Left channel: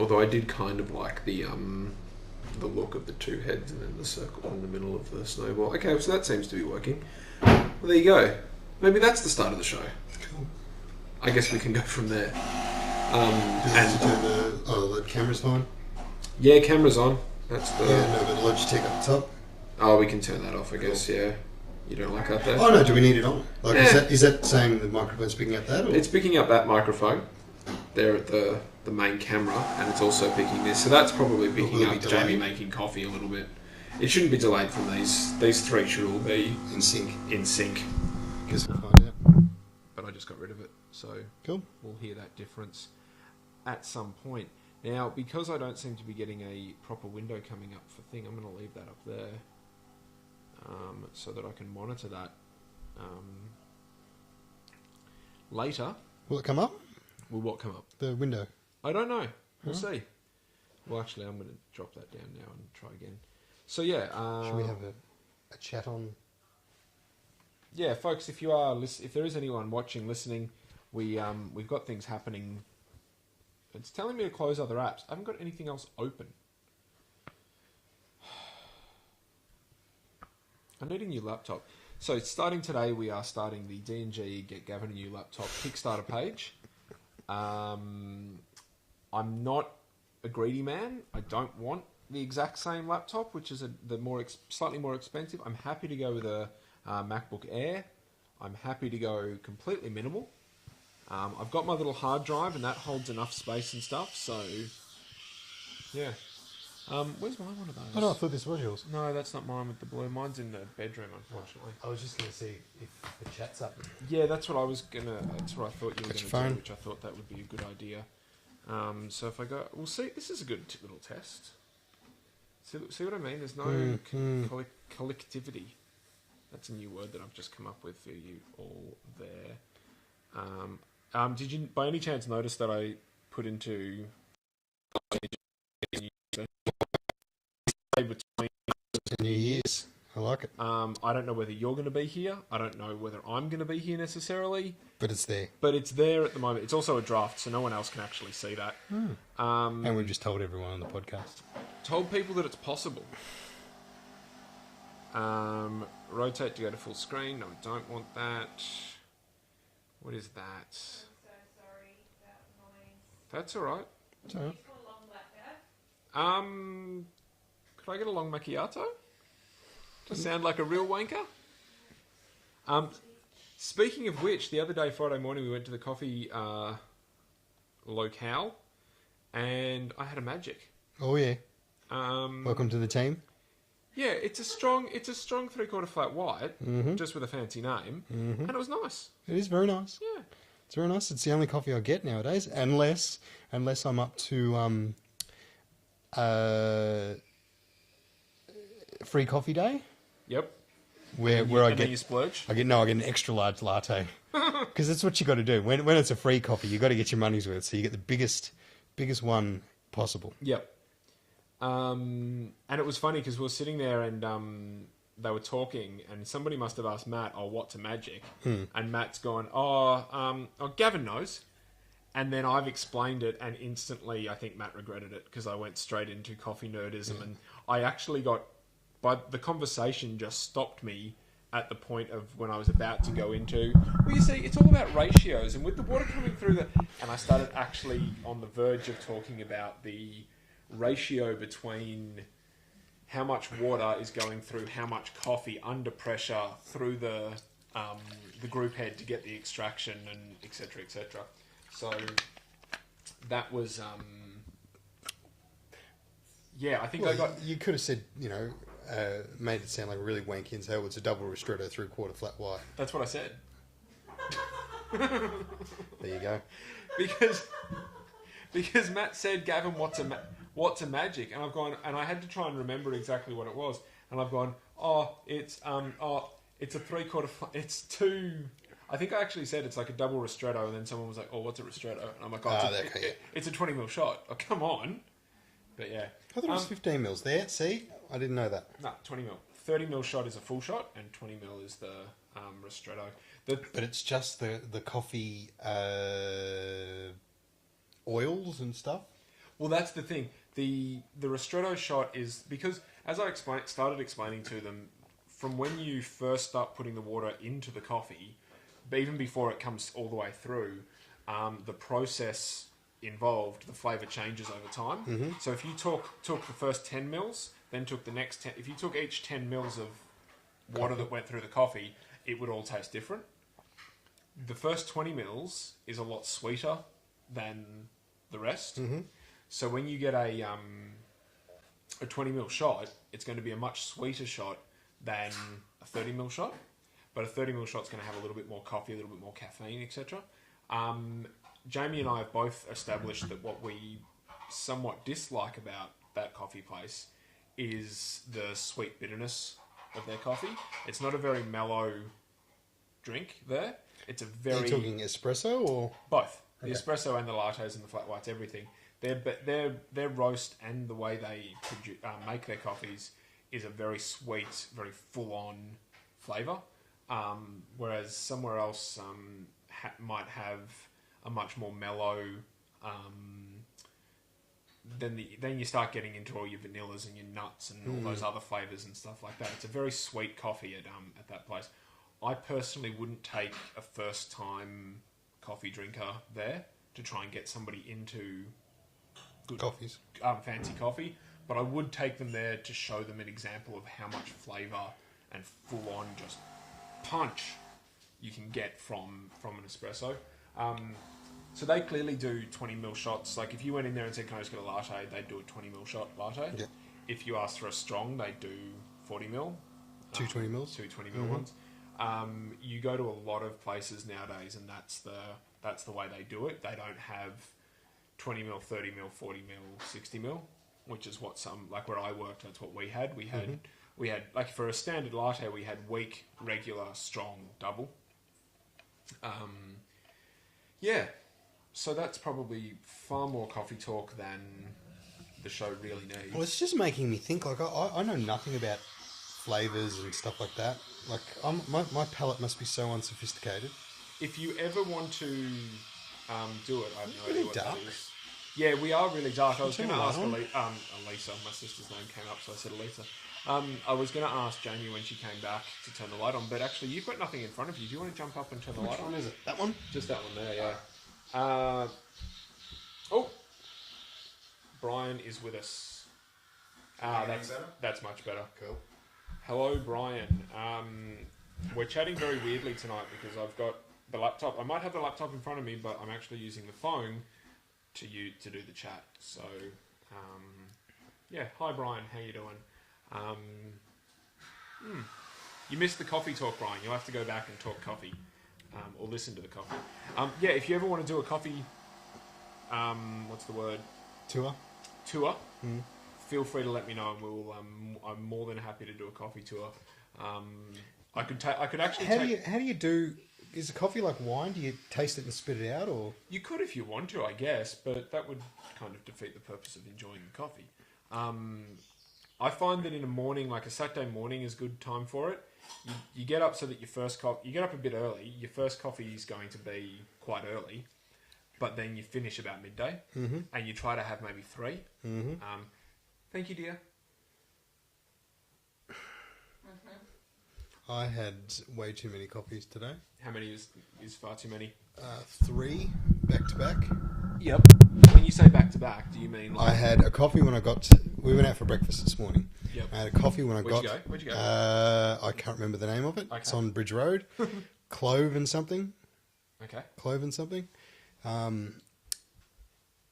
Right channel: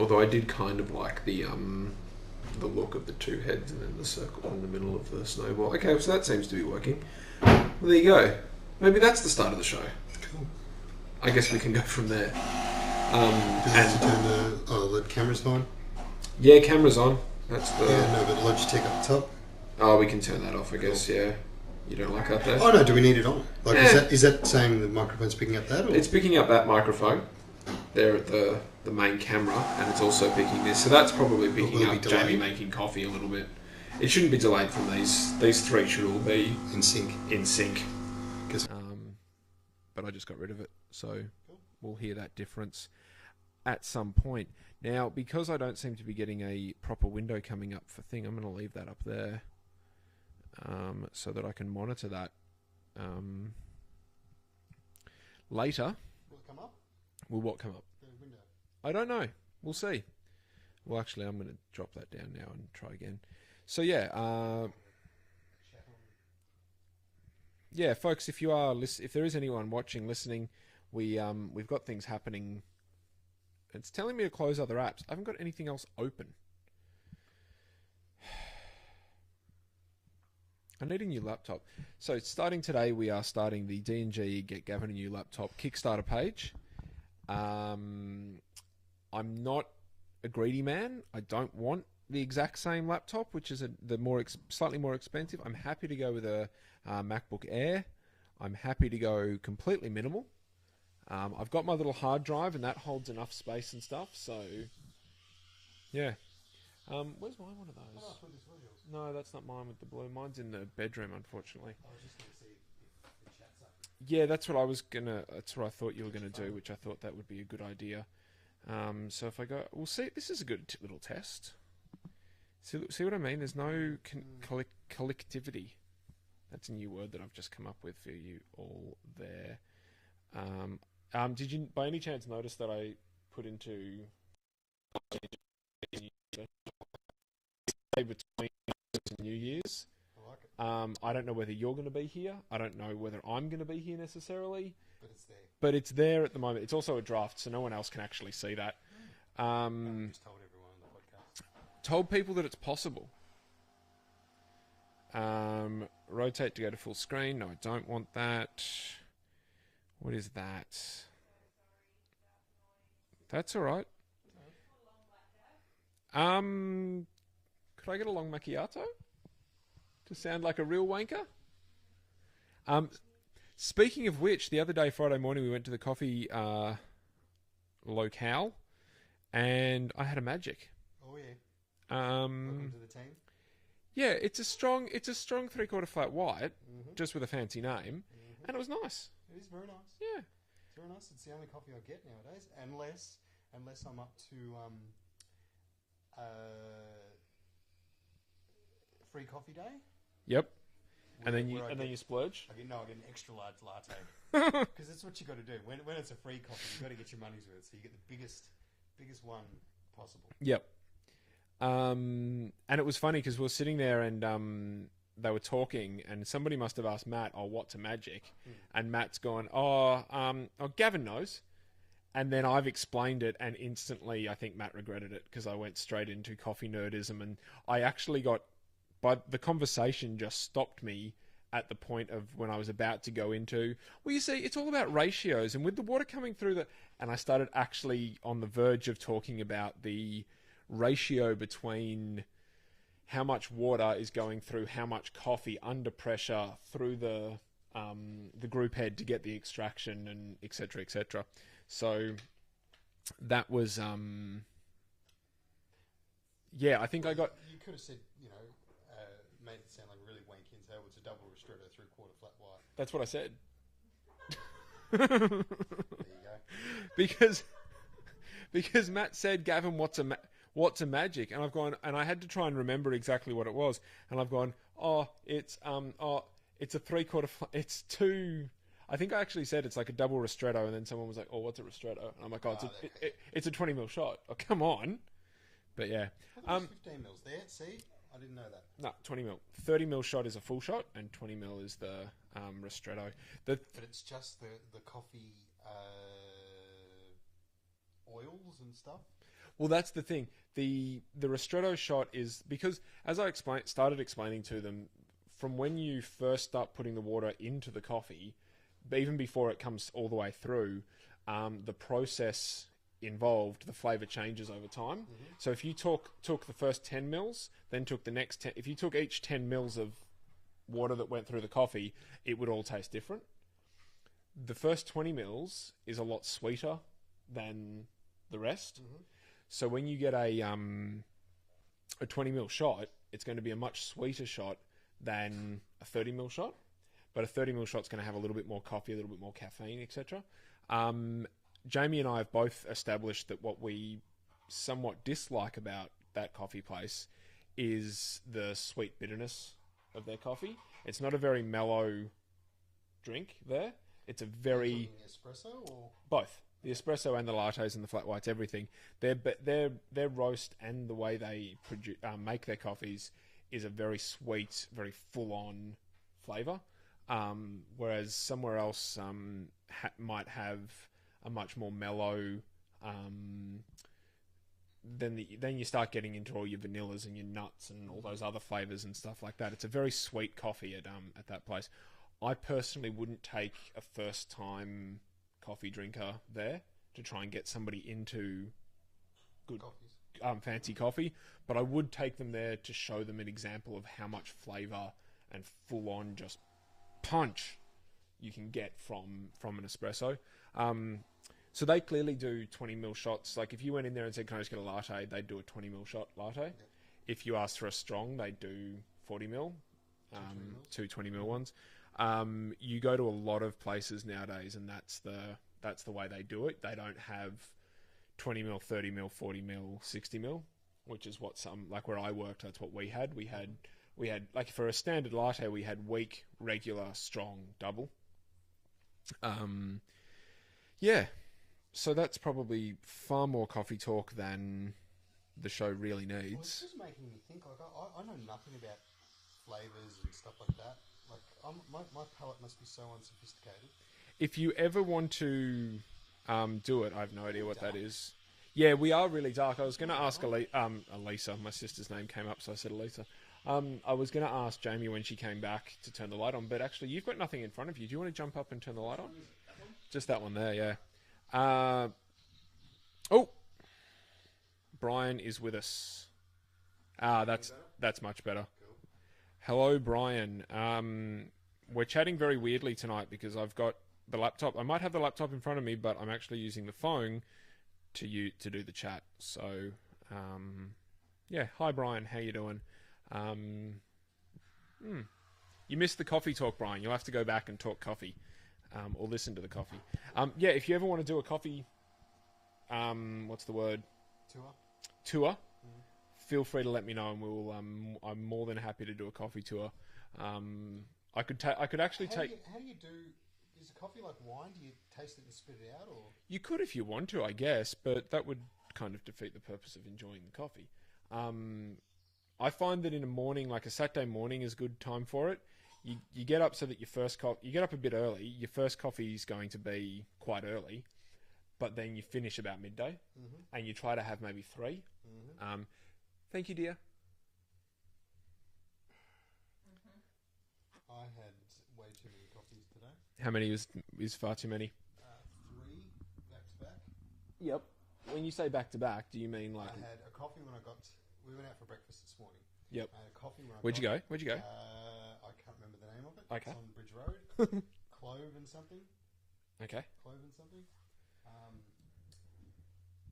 Although I did kind of like the look of the two heads and then the circle in the middle of the snowball. Okay, so that seems to be working. Well, there you go. Maybe that's the start of the show. Cool. I guess we can go from there. And turn the camera's on. Yeah, camera's on. That's the. Yeah, no, but Logitech up top. Oh, we can turn that off, I guess. Yeah. You don't like that, though? Oh no, do we need it on? Like, is that saying the microphone's picking up that? Or? It's picking up that microphone. There at the main camera, and it's also picking this. So that's probably picking up Jamie making coffee a little bit. It shouldn't be delayed from these. These three should all be in sync. Guess we'll find out. But I just got rid of it, so cool. We'll hear that difference at some point. Now, because I don't seem to be getting a proper window coming up for thing, I'm going to leave that up there so that I can monitor that later. Will it come up? Will what come up? The window. I don't know. We'll see. Well, actually, I'm going to drop that down now and try again. So, yeah. Should we have a chat on? Yeah, folks, if there is anyone watching, listening, we've got things happening. It's telling me to close other apps. I haven't got anything else open. I need a new laptop. So, starting today, we are starting the D&G Get Gavin a New Laptop Kickstarter page. I'm not a greedy man. I don't want the exact same laptop, which is slightly more expensive. I'm happy to go with a MacBook Air. I'm happy to go completely minimal. I've got my little hard drive, and that holds enough space and stuff. So, yeah. Where's my one of those? Oh no, I thought this was yours. No, that's not mine with the blue. Mine's in the bedroom, unfortunately. I was just going to see if the chat's up. Yeah, that's what I was gonna. That's what I thought you were going to do, which I thought that would be a good idea. So if I go, we'll see. This is a good little test. See what I mean? There's no collectivity. That's a new word that I've just come up with for you all there. Did you, by any chance, notice that I put into between New Year's? I like it. I don't know whether you're going to be here. I don't know whether I'm going to be here necessarily. But it's there. But it's there at the moment. It's also a draft, so no one else can actually see that. And we've just told everyone on the podcast. Told people that it's possible. Rotate to go to full screen. No, I don't want that. What is that? I'm so sorry about noise. That's all right. It's all right. Could I get a long macchiato? To sound like a real wanker? Speaking of which, the other day, Friday morning, we went to the coffee locale, and I had a magic. Oh yeah. Welcome to the team. Yeah, it's a strong 3/4 flat white, just with a fancy name, and it was nice. It is very nice. Yeah, it's very nice. It's the only coffee I get nowadays, unless I'm up to free coffee day. Yep. Where I get you splurge. I get an extra large latte because that's what you got to do when it's a free coffee. You got to get your money's worth, so you get the biggest one possible. Yep. And it was funny because we were sitting there and they were talking, and somebody must have asked Matt, "Oh, what's a magic?" And Matt's gone, "Oh, Gavin knows." And then I've explained it, and instantly I think Matt regretted it because I went straight into coffee nerdism, and I actually got. But the conversation just stopped me at the point of when I was about to go into, well, you see, it's all about ratios, and with the water coming through and I started actually on the verge of talking about the ratio between how much water is going through how much coffee under pressure through the group head to get the extraction, and etc. etc. So that was I think I got. You could have said, made it sound like really wanky and say, "Oh, it's a double ristretto 3/4 flat white." That's what I said. There you go. Because Matt said, "Gavin, what's a magic?" And I've gone, and I had to try and remember exactly what it was. And I've gone, it's a 3/4. It's two. I think I actually said it's like a double ristretto, and then someone was like, "Oh, what's a ristretto?" And I'm like, it's a 20 ml shot." Oh, come on. But yeah. I thought it was 15 mils there. See? I didn't know that. No, 20 mil. 30 mil shot is a full shot, and 20 mil is the ristretto. But it's just the coffee oils and stuff? Well, that's the thing. The ristretto shot is because, as I started explaining to them, from when you first start putting the water into the coffee, even before it comes all the way through, the process involved, the flavour changes over time. Mm-hmm. So if you took the first 10 mils, then took the next 10... If you took each 10 mils of water that went through the coffee, it would all taste different. The first 20 mils is a lot sweeter than the rest. Mm-hmm. So when you get a 20 mil shot, it's going to be a much sweeter shot than a 30 mil shot. But a 30 mil shot's going to have a little bit more coffee, a little bit more caffeine, etc. Jamie and I have both established that what we somewhat dislike about that coffee place is the sweet bitterness of their coffee. It's not a very mellow drink there. It's a very... Are you talking espresso or...? Both. The espresso and the lattes and the flat whites, everything. Their roast and the way they make their coffees is a very sweet, very full-on flavour. Whereas somewhere else might have a much more mellow... Then you start getting into all your vanillas and your nuts and all those other flavours and stuff like that. It's a very sweet coffee at that place. I personally wouldn't take a first-time coffee drinker there to try and get somebody into good coffees, fancy coffee, but I would take them there to show them an example of how much flavour and full-on just punch you can get from an espresso. So they clearly do 20 ml shots. Like if you went in there and said, "Can I just get a latte?" they'd do a 20 ml shot latte. Yeah. If you asked for a strong, they'd do 40 ml. Two 20 mils. Two 20 ml ones. You go to a lot of places nowadays, and that's the way they do it. They don't have 20 mil, 30 mil, 40 mil, 60 mil, which is what like where I worked, that's what we had. We had like for a standard latte, we had weak, regular, strong, double. Yeah. So that's probably far more coffee talk than the show really needs. Well, it's just making me think. Like I know nothing about flavours and stuff like that. Like my palate must be so unsophisticated. If you ever want to do it, I have no idea what that is. Yeah, we are really dark. I was going to ask Elisa. My sister's name came up, so I said Elisa. I was going to ask Jamie when she came back to turn the light on, but actually you've got nothing in front of you. Do you want to jump up and turn the light on? Which one is it? That one? Just that one there, yeah. Brian is with us. That's much better. Cool. Hello, Brian. We're chatting very weirdly tonight because I've got the laptop. I might have the laptop in front of me, but I'm actually using the phone to do the chat. So, yeah. Hi, Brian. How you doing? You missed the coffee talk, Brian. You'll have to go back and talk coffee. Or listen to the coffee. Yeah, if you ever want to do a coffee, what's the word? Tour. Feel free to let me know, and we'll. I'm more than happy to do a coffee tour. I could actually. How do you do? Is a coffee like wine? Do you taste it and spit it out, or you could if you want to, I guess, but that would kind of defeat the purpose of enjoying the coffee. I find that in a morning, like a Saturday morning, is a good time for it. You get up so that you get up a bit early. Your first coffee is going to be quite early, but then you finish about midday, and you try to have maybe 3. Thank you, dear. I had way too many coffees today. How many is far too many? 3 back to back. Yep. When you say back to back, do you mean like... I had a coffee when I got... We went out for breakfast this morning. Yep. I had a coffee when I got... Where'd you go? I can't remember the name of it. Okay. It's on Bridge Road. Clove and something. Okay. Clove and something.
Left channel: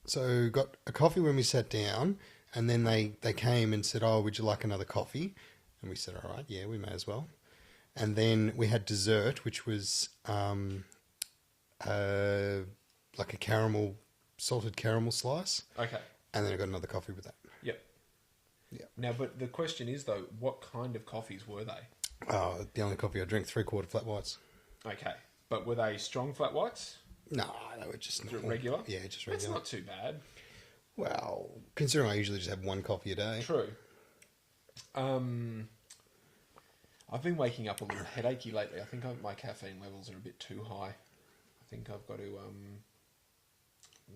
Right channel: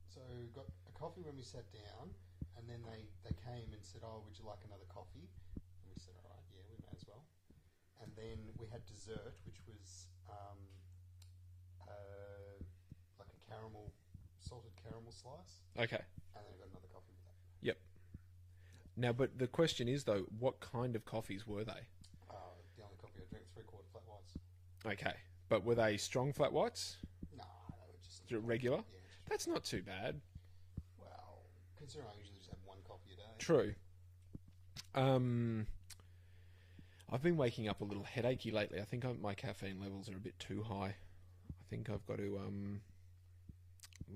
So got a coffee when we sat down, and then they came and said, "Oh, would you like another coffee?" And we said, "All right, yeah, we may as well." And then we had dessert, which was like a salted caramel slice. Okay. And then I got another coffee with that. Yep. Yeah. Now, but the question is though, what kind of coffees were they? Oh, the only coffee I drink, 3/4 flat whites. Okay. But were they strong flat whites? No, they were just regular. Yeah, just regular. That's not too bad. Well, considering I usually just have 1 coffee a day. True. I've been waking up a little headachy lately. I think my caffeine levels are a bit too high. I think I've got to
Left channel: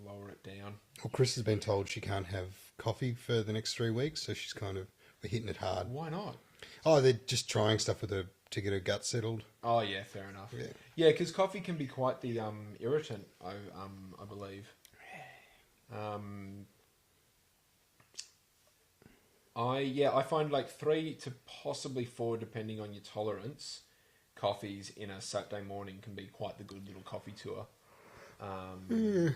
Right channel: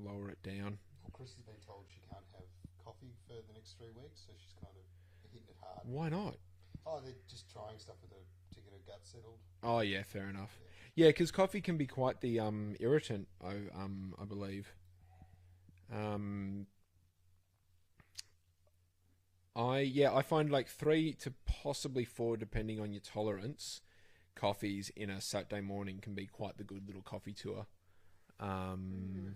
lower it down. Well, Chris has been told she can't have coffee for the next 3 weeks, so she's kind of we're hitting it hard. Why not? Oh, they're just trying stuff with her to get her gut settled. Oh yeah, fair enough. Yeah, because coffee can be quite the irritant. I believe. I find like 3 to possibly 4, depending on your tolerance, coffees in a Saturday morning can be quite the good little coffee tour. I'm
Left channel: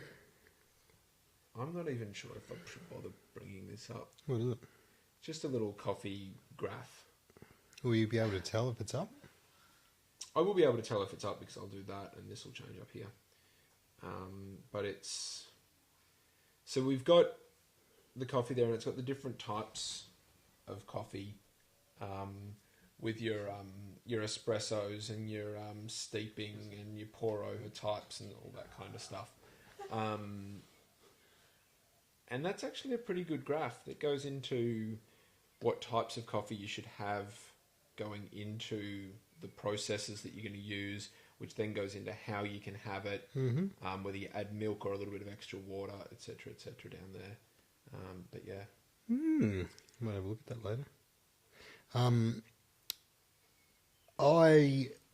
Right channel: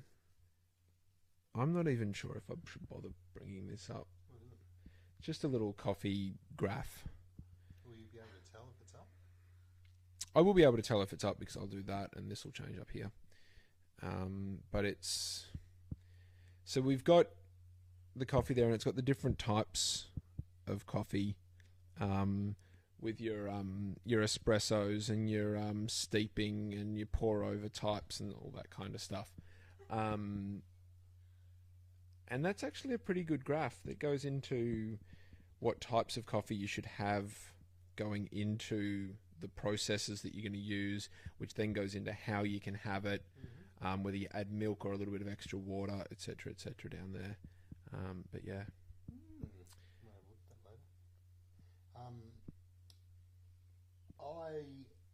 not even sure if I should bother bringing this up. What is it? Just a little coffee graph. Will you be able to tell if it's up? I will be able to tell if it's up because I'll do that and this will change up here. But it's... So we've got the coffee there and it's got the different types of coffee with your espressos and your steeping and your pour over types and all that kind of stuff. And that's actually a pretty good graph that goes into what types of coffee you should have going into the processes that you're going to use, which then goes into how you can have it, whether you add milk or a little bit of extra water, etc., down there. But yeah. Might have a look at that later.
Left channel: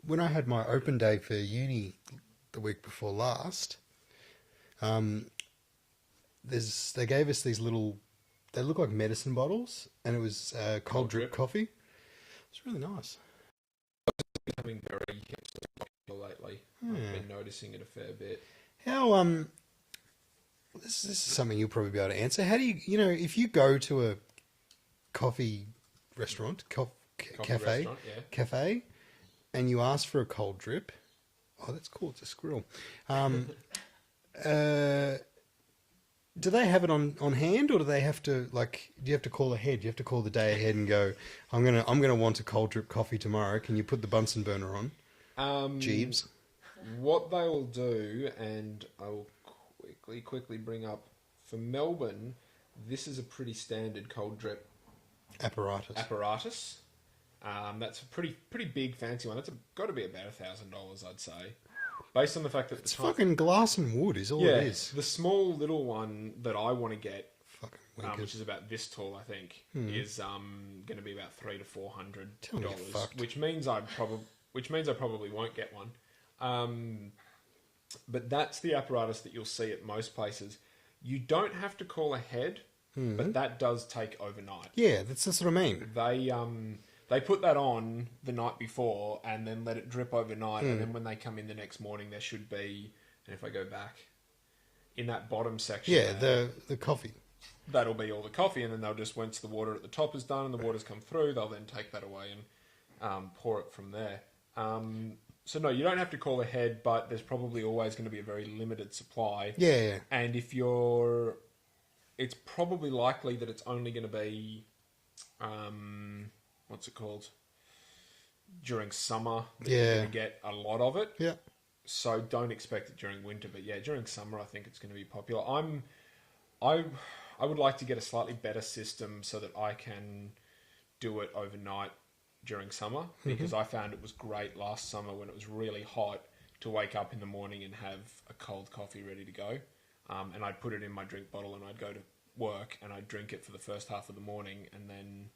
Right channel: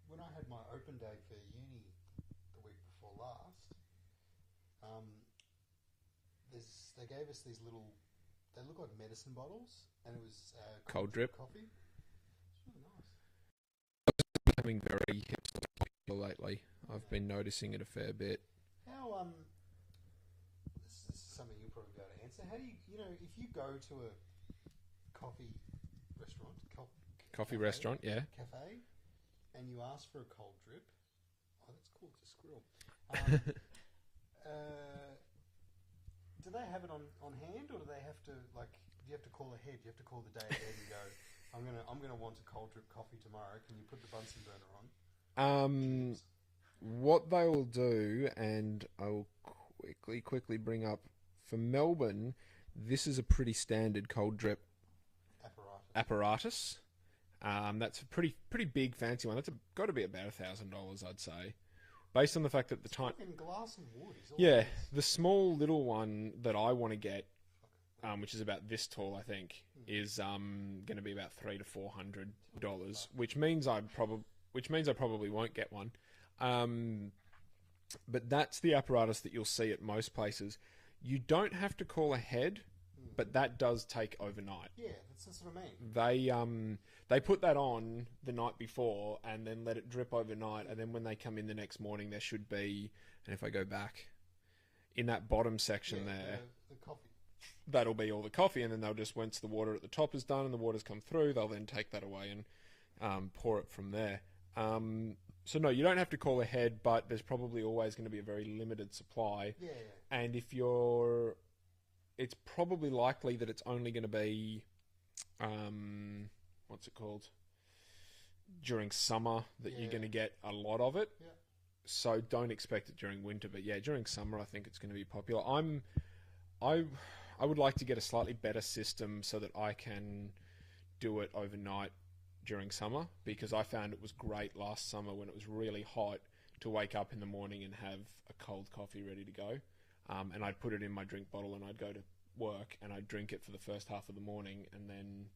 When I had my open day for uni the week before last, they gave us these little, they look like medicine bottles, and it was cold drip coffee. It's really nice. Becoming very popular lately. I've been noticing it a fair bit. How this is something you'll probably be able to answer. How do you if you go to a coffee restaurant, cafe, and you ask for a cold drip? Oh, that's cool. It's a squirrel. Do they have it on hand, or do they have to do you have to call ahead? You have to call the day ahead and go, I'm gonna want a cold drip coffee tomorrow. Can you put the Bunsen burner on? Jeeves. What they will do, and I'll quickly bring up for Melbourne, this is a pretty standard cold drip apparatus. That's a pretty big fancy one. That's got to be about $1,000, I'd say. Based on the fact that it's fucking glass and wood is all it is. The small little one that I want to get, which is about this tall, I think, is going to be about $300 to $400, which means I probably won't get one. But that's the apparatus that you'll see at most places. You don't have to call ahead, but that does take overnight. Yeah, that's what I mean. They put that on the night before and then let it drip overnight. And then when they come in the next morning, there should be, and if I go back, in that bottom section... Yeah, the coffee. That'll be all the coffee. And then they'll just, once the water at the top is done and the water's come through, they'll then take that away and pour it from there. So no, you don't have to call ahead, but there's probably always going to be a very limited supply. Yeah. And if it's probably likely that it's only going to be... what's it called? During summer, you're going to get a lot of it. Yeah. So don't expect it during winter, but yeah, during summer, I think it's going to be popular. I would like to get a slightly better system so that I can do it overnight during summer, because I found it was great last summer when it was really hot to wake up in the morning and have a cold coffee ready to go. And I'd put it in my drink bottle and I'd go to work and I'd drink it for the first half of the morning, and then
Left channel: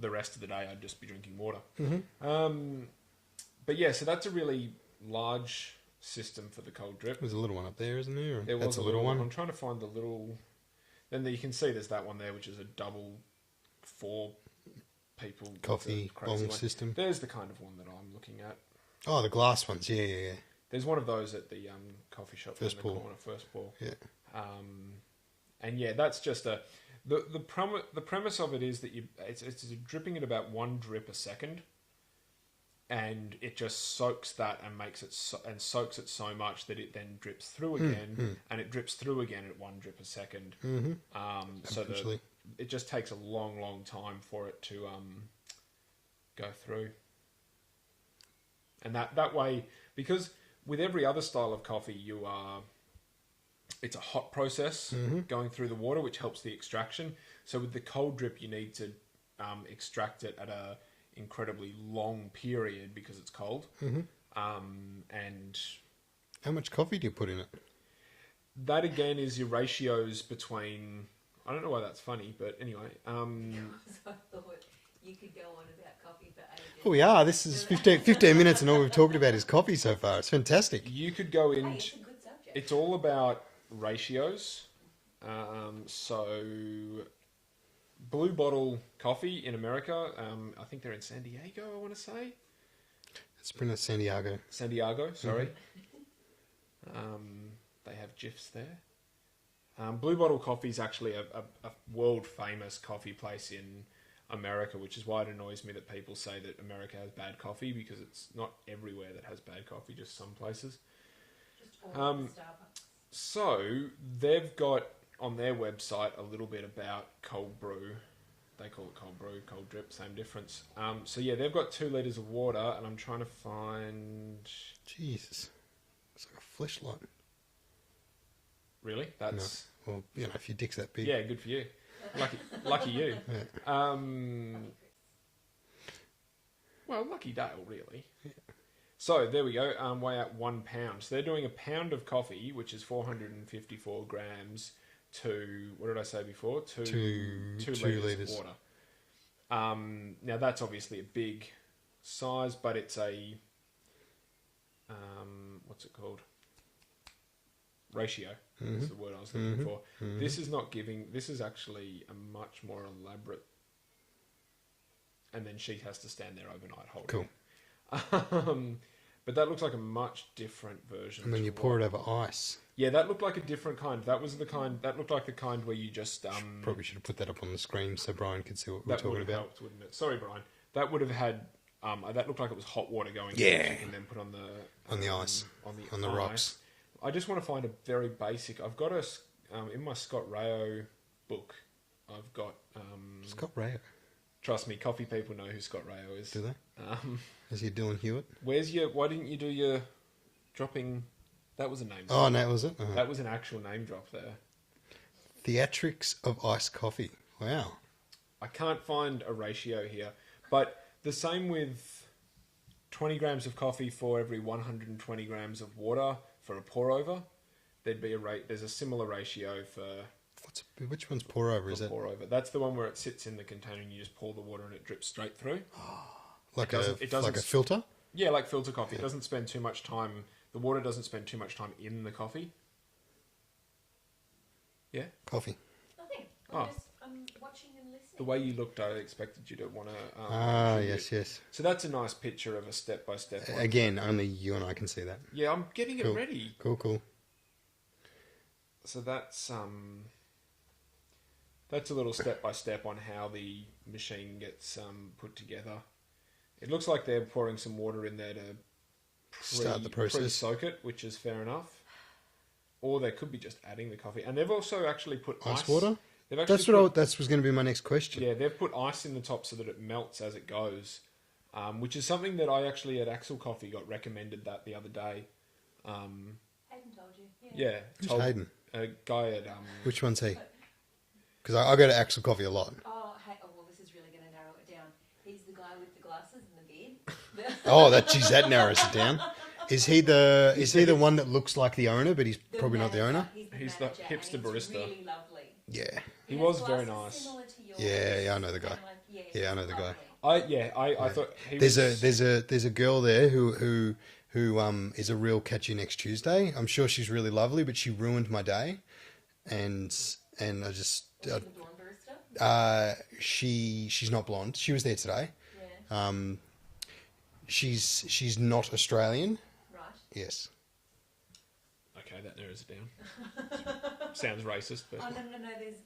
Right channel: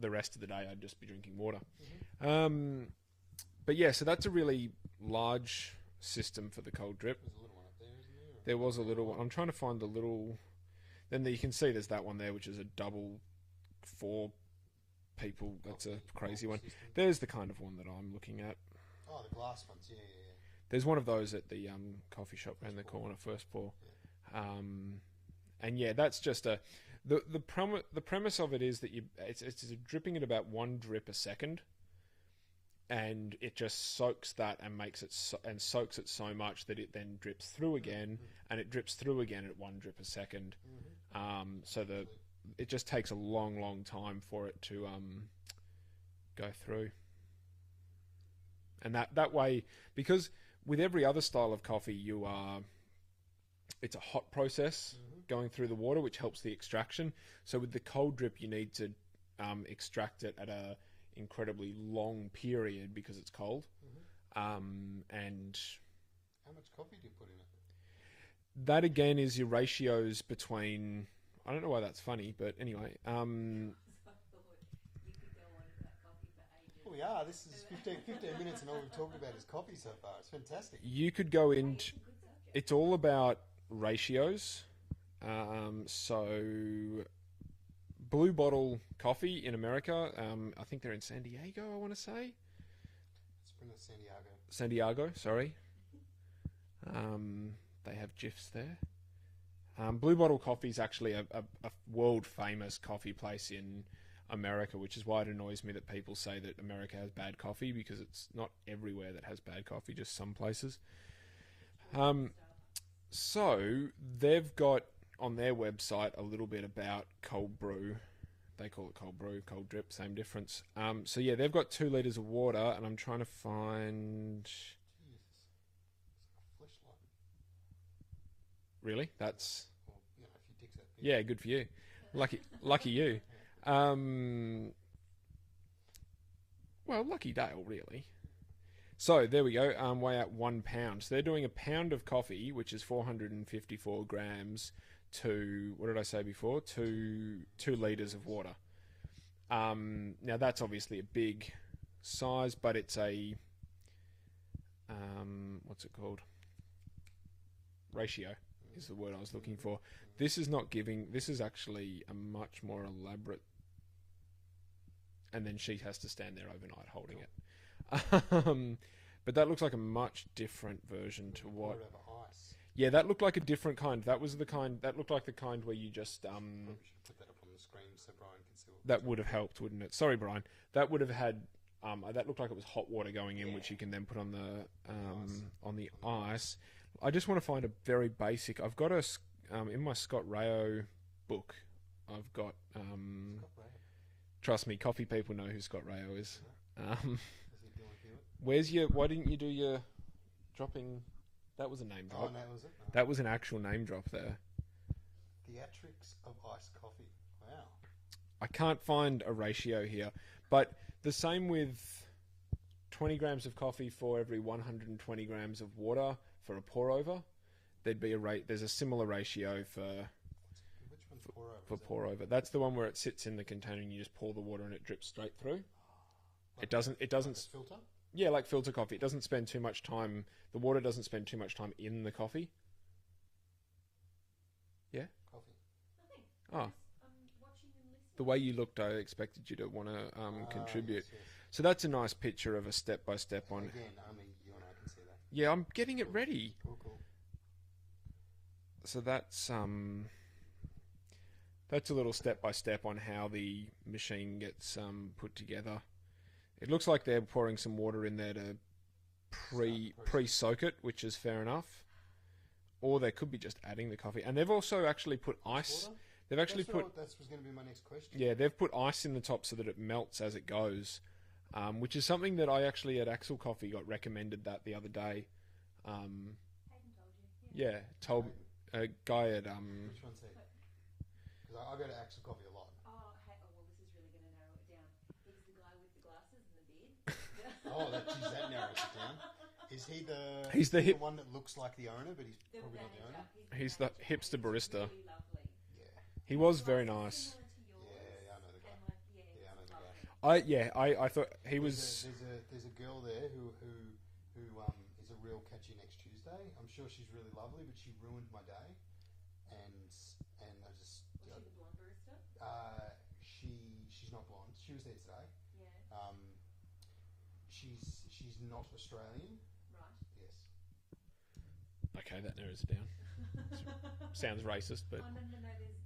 the rest of the day I'd just be drinking water. But yeah, so that's a really large system for the cold drip. There's a little one up there, isn't there? There was a little one. I'm trying to find the little... Then you can see there's that one there, which is a double 4 people coffee bong system. There's the kind of one that I'm looking at. Oh, the glass ones. Yeah. There's one of those at the coffee shop in the corner, First Pour. Yeah. And yeah, that's just the premise of it is that it's dripping at about 1 drip a second, and it just soaks that and makes it soaks it so much that it then drips through again, and it drips through again at 1 drip a second. So that it just takes a long time for it to go through. And that way, because with every other style of coffee, it's a hot process going through the water, which helps the extraction. So with the cold drip, you need to extract it at a incredibly long period because it's cold. And how much coffee do you put in it? that again is your ratios between. I don't know why that's funny, but anyway. I thought you could go on about coffee for ages. Oh, we are. This is 15 minutes and all we've talked about is coffee so far. It's fantastic. You could go Hey, into. it's a good subject. It's all about ratios. So, Blue Bottle Coffee in America. I think they're in San Diego. I want to say It's pronounced San Diego. San Diego. Sorry. They have GIFs there. Blue Bottle Coffee is actually a world famous coffee place in America, which is why it annoys me that people say that America has bad coffee, because it's not everywhere that has bad coffee, just some places. Just all the Starbucks. So they've got on their website a little bit about cold brew. They call it cold brew, cold drip, same difference. So yeah, they've got 2 litres of water, and I'm trying to find. Jesus. It's like a fleshlight. Really? That's Well, if your dick's that big. yeah, good for you. Lucky you. Yeah. Well, lucky Dale, really. So there we go. Weigh out 1 pound. So they're doing a pound of coffee, which is 454 grams, to what did I say before? Two litres of water. Now that's obviously a big size, but it's a what's it called? Ratio. Is the word I was looking for. This is not giving. This is actually a much more elaborate. And then she has to stand there overnight holding it. But that looks like a much different version. And then you pour it over ice. Yeah, that looked like a different kind. That was the kind. That looked like the kind where you just. Probably should have put that up on the screen so Brian could see what we're That talking would have about. helped, wouldn't it? Sorry, Brian. That would have had. That looked like it was hot water going. Yeah. Which you can then put on the ice. On the On the ice. rocks. I just want to find a very basic. I've got in my Scott Rayo book. I've got. Scott Rayo. Trust me, coffee people know who Scott Rayo is. Do they? Is he Dylan Hewitt? Where's your? Why didn't you do your dropping? That was a name. Oh, no, was it? That was an actual name drop there. Theatrics of iced coffee. Wow. I can't find a ratio here, but the same with 20 grams of coffee for every 120 grams of water for a pour over. There'd be there's a similar ratio for Which one's pour over? Is that pour over. That's the one where it sits in the container and you just pour the water and it drips straight through. like it doesn't like a filter? Yeah, like filter coffee. It doesn't spend too much time. The water doesn't spend too much time in the coffee. Yeah. Coffee. Nothing. Oh. I'm watching and listening. The way you looked, I expected you to want to. Yes, yes. So that's a nice picture of a step-by-step one. Again, only you and I can see that. Yeah, I'm getting Cool. it ready. Cool. So that's a little step-by-step on how the machine gets put together. It looks like they're pouring some water in there to Start the process. pre-soak it, which is fair enough. Or they could be just adding the coffee. And they've also actually put Ice water? They've actually That was going to be my next question. Yeah, they've put ice in the top so that it melts as it goes, which is something that I actually at Axel Coffee got recommended that the other day. Hayden told you. Yeah, Who's told Hayden? a guy at Which one's he? Because I go to Axel Coffee a lot. Well, this is really going to narrow it down. He's the guy with the glasses and the beard. Oh, that narrows it down. Is he the one that looks like the owner, but he's probably not the owner? He's the manager, hipster and barista. Really lovely. Yeah. He was very Glasses nice. similar to yours, Yeah, I know the guy. and like, Yeah, I know the guy. lovely. I thought he There's was... a girl there who is a real catch you next Tuesday. I'm sure she's really lovely, but she ruined my day, and I just Was she the blonde barista? she's not blonde. She was there today. Yeah. She's not Australian. Right. Yes. Okay, that narrows it down. Sounds racist, but... Oh, no.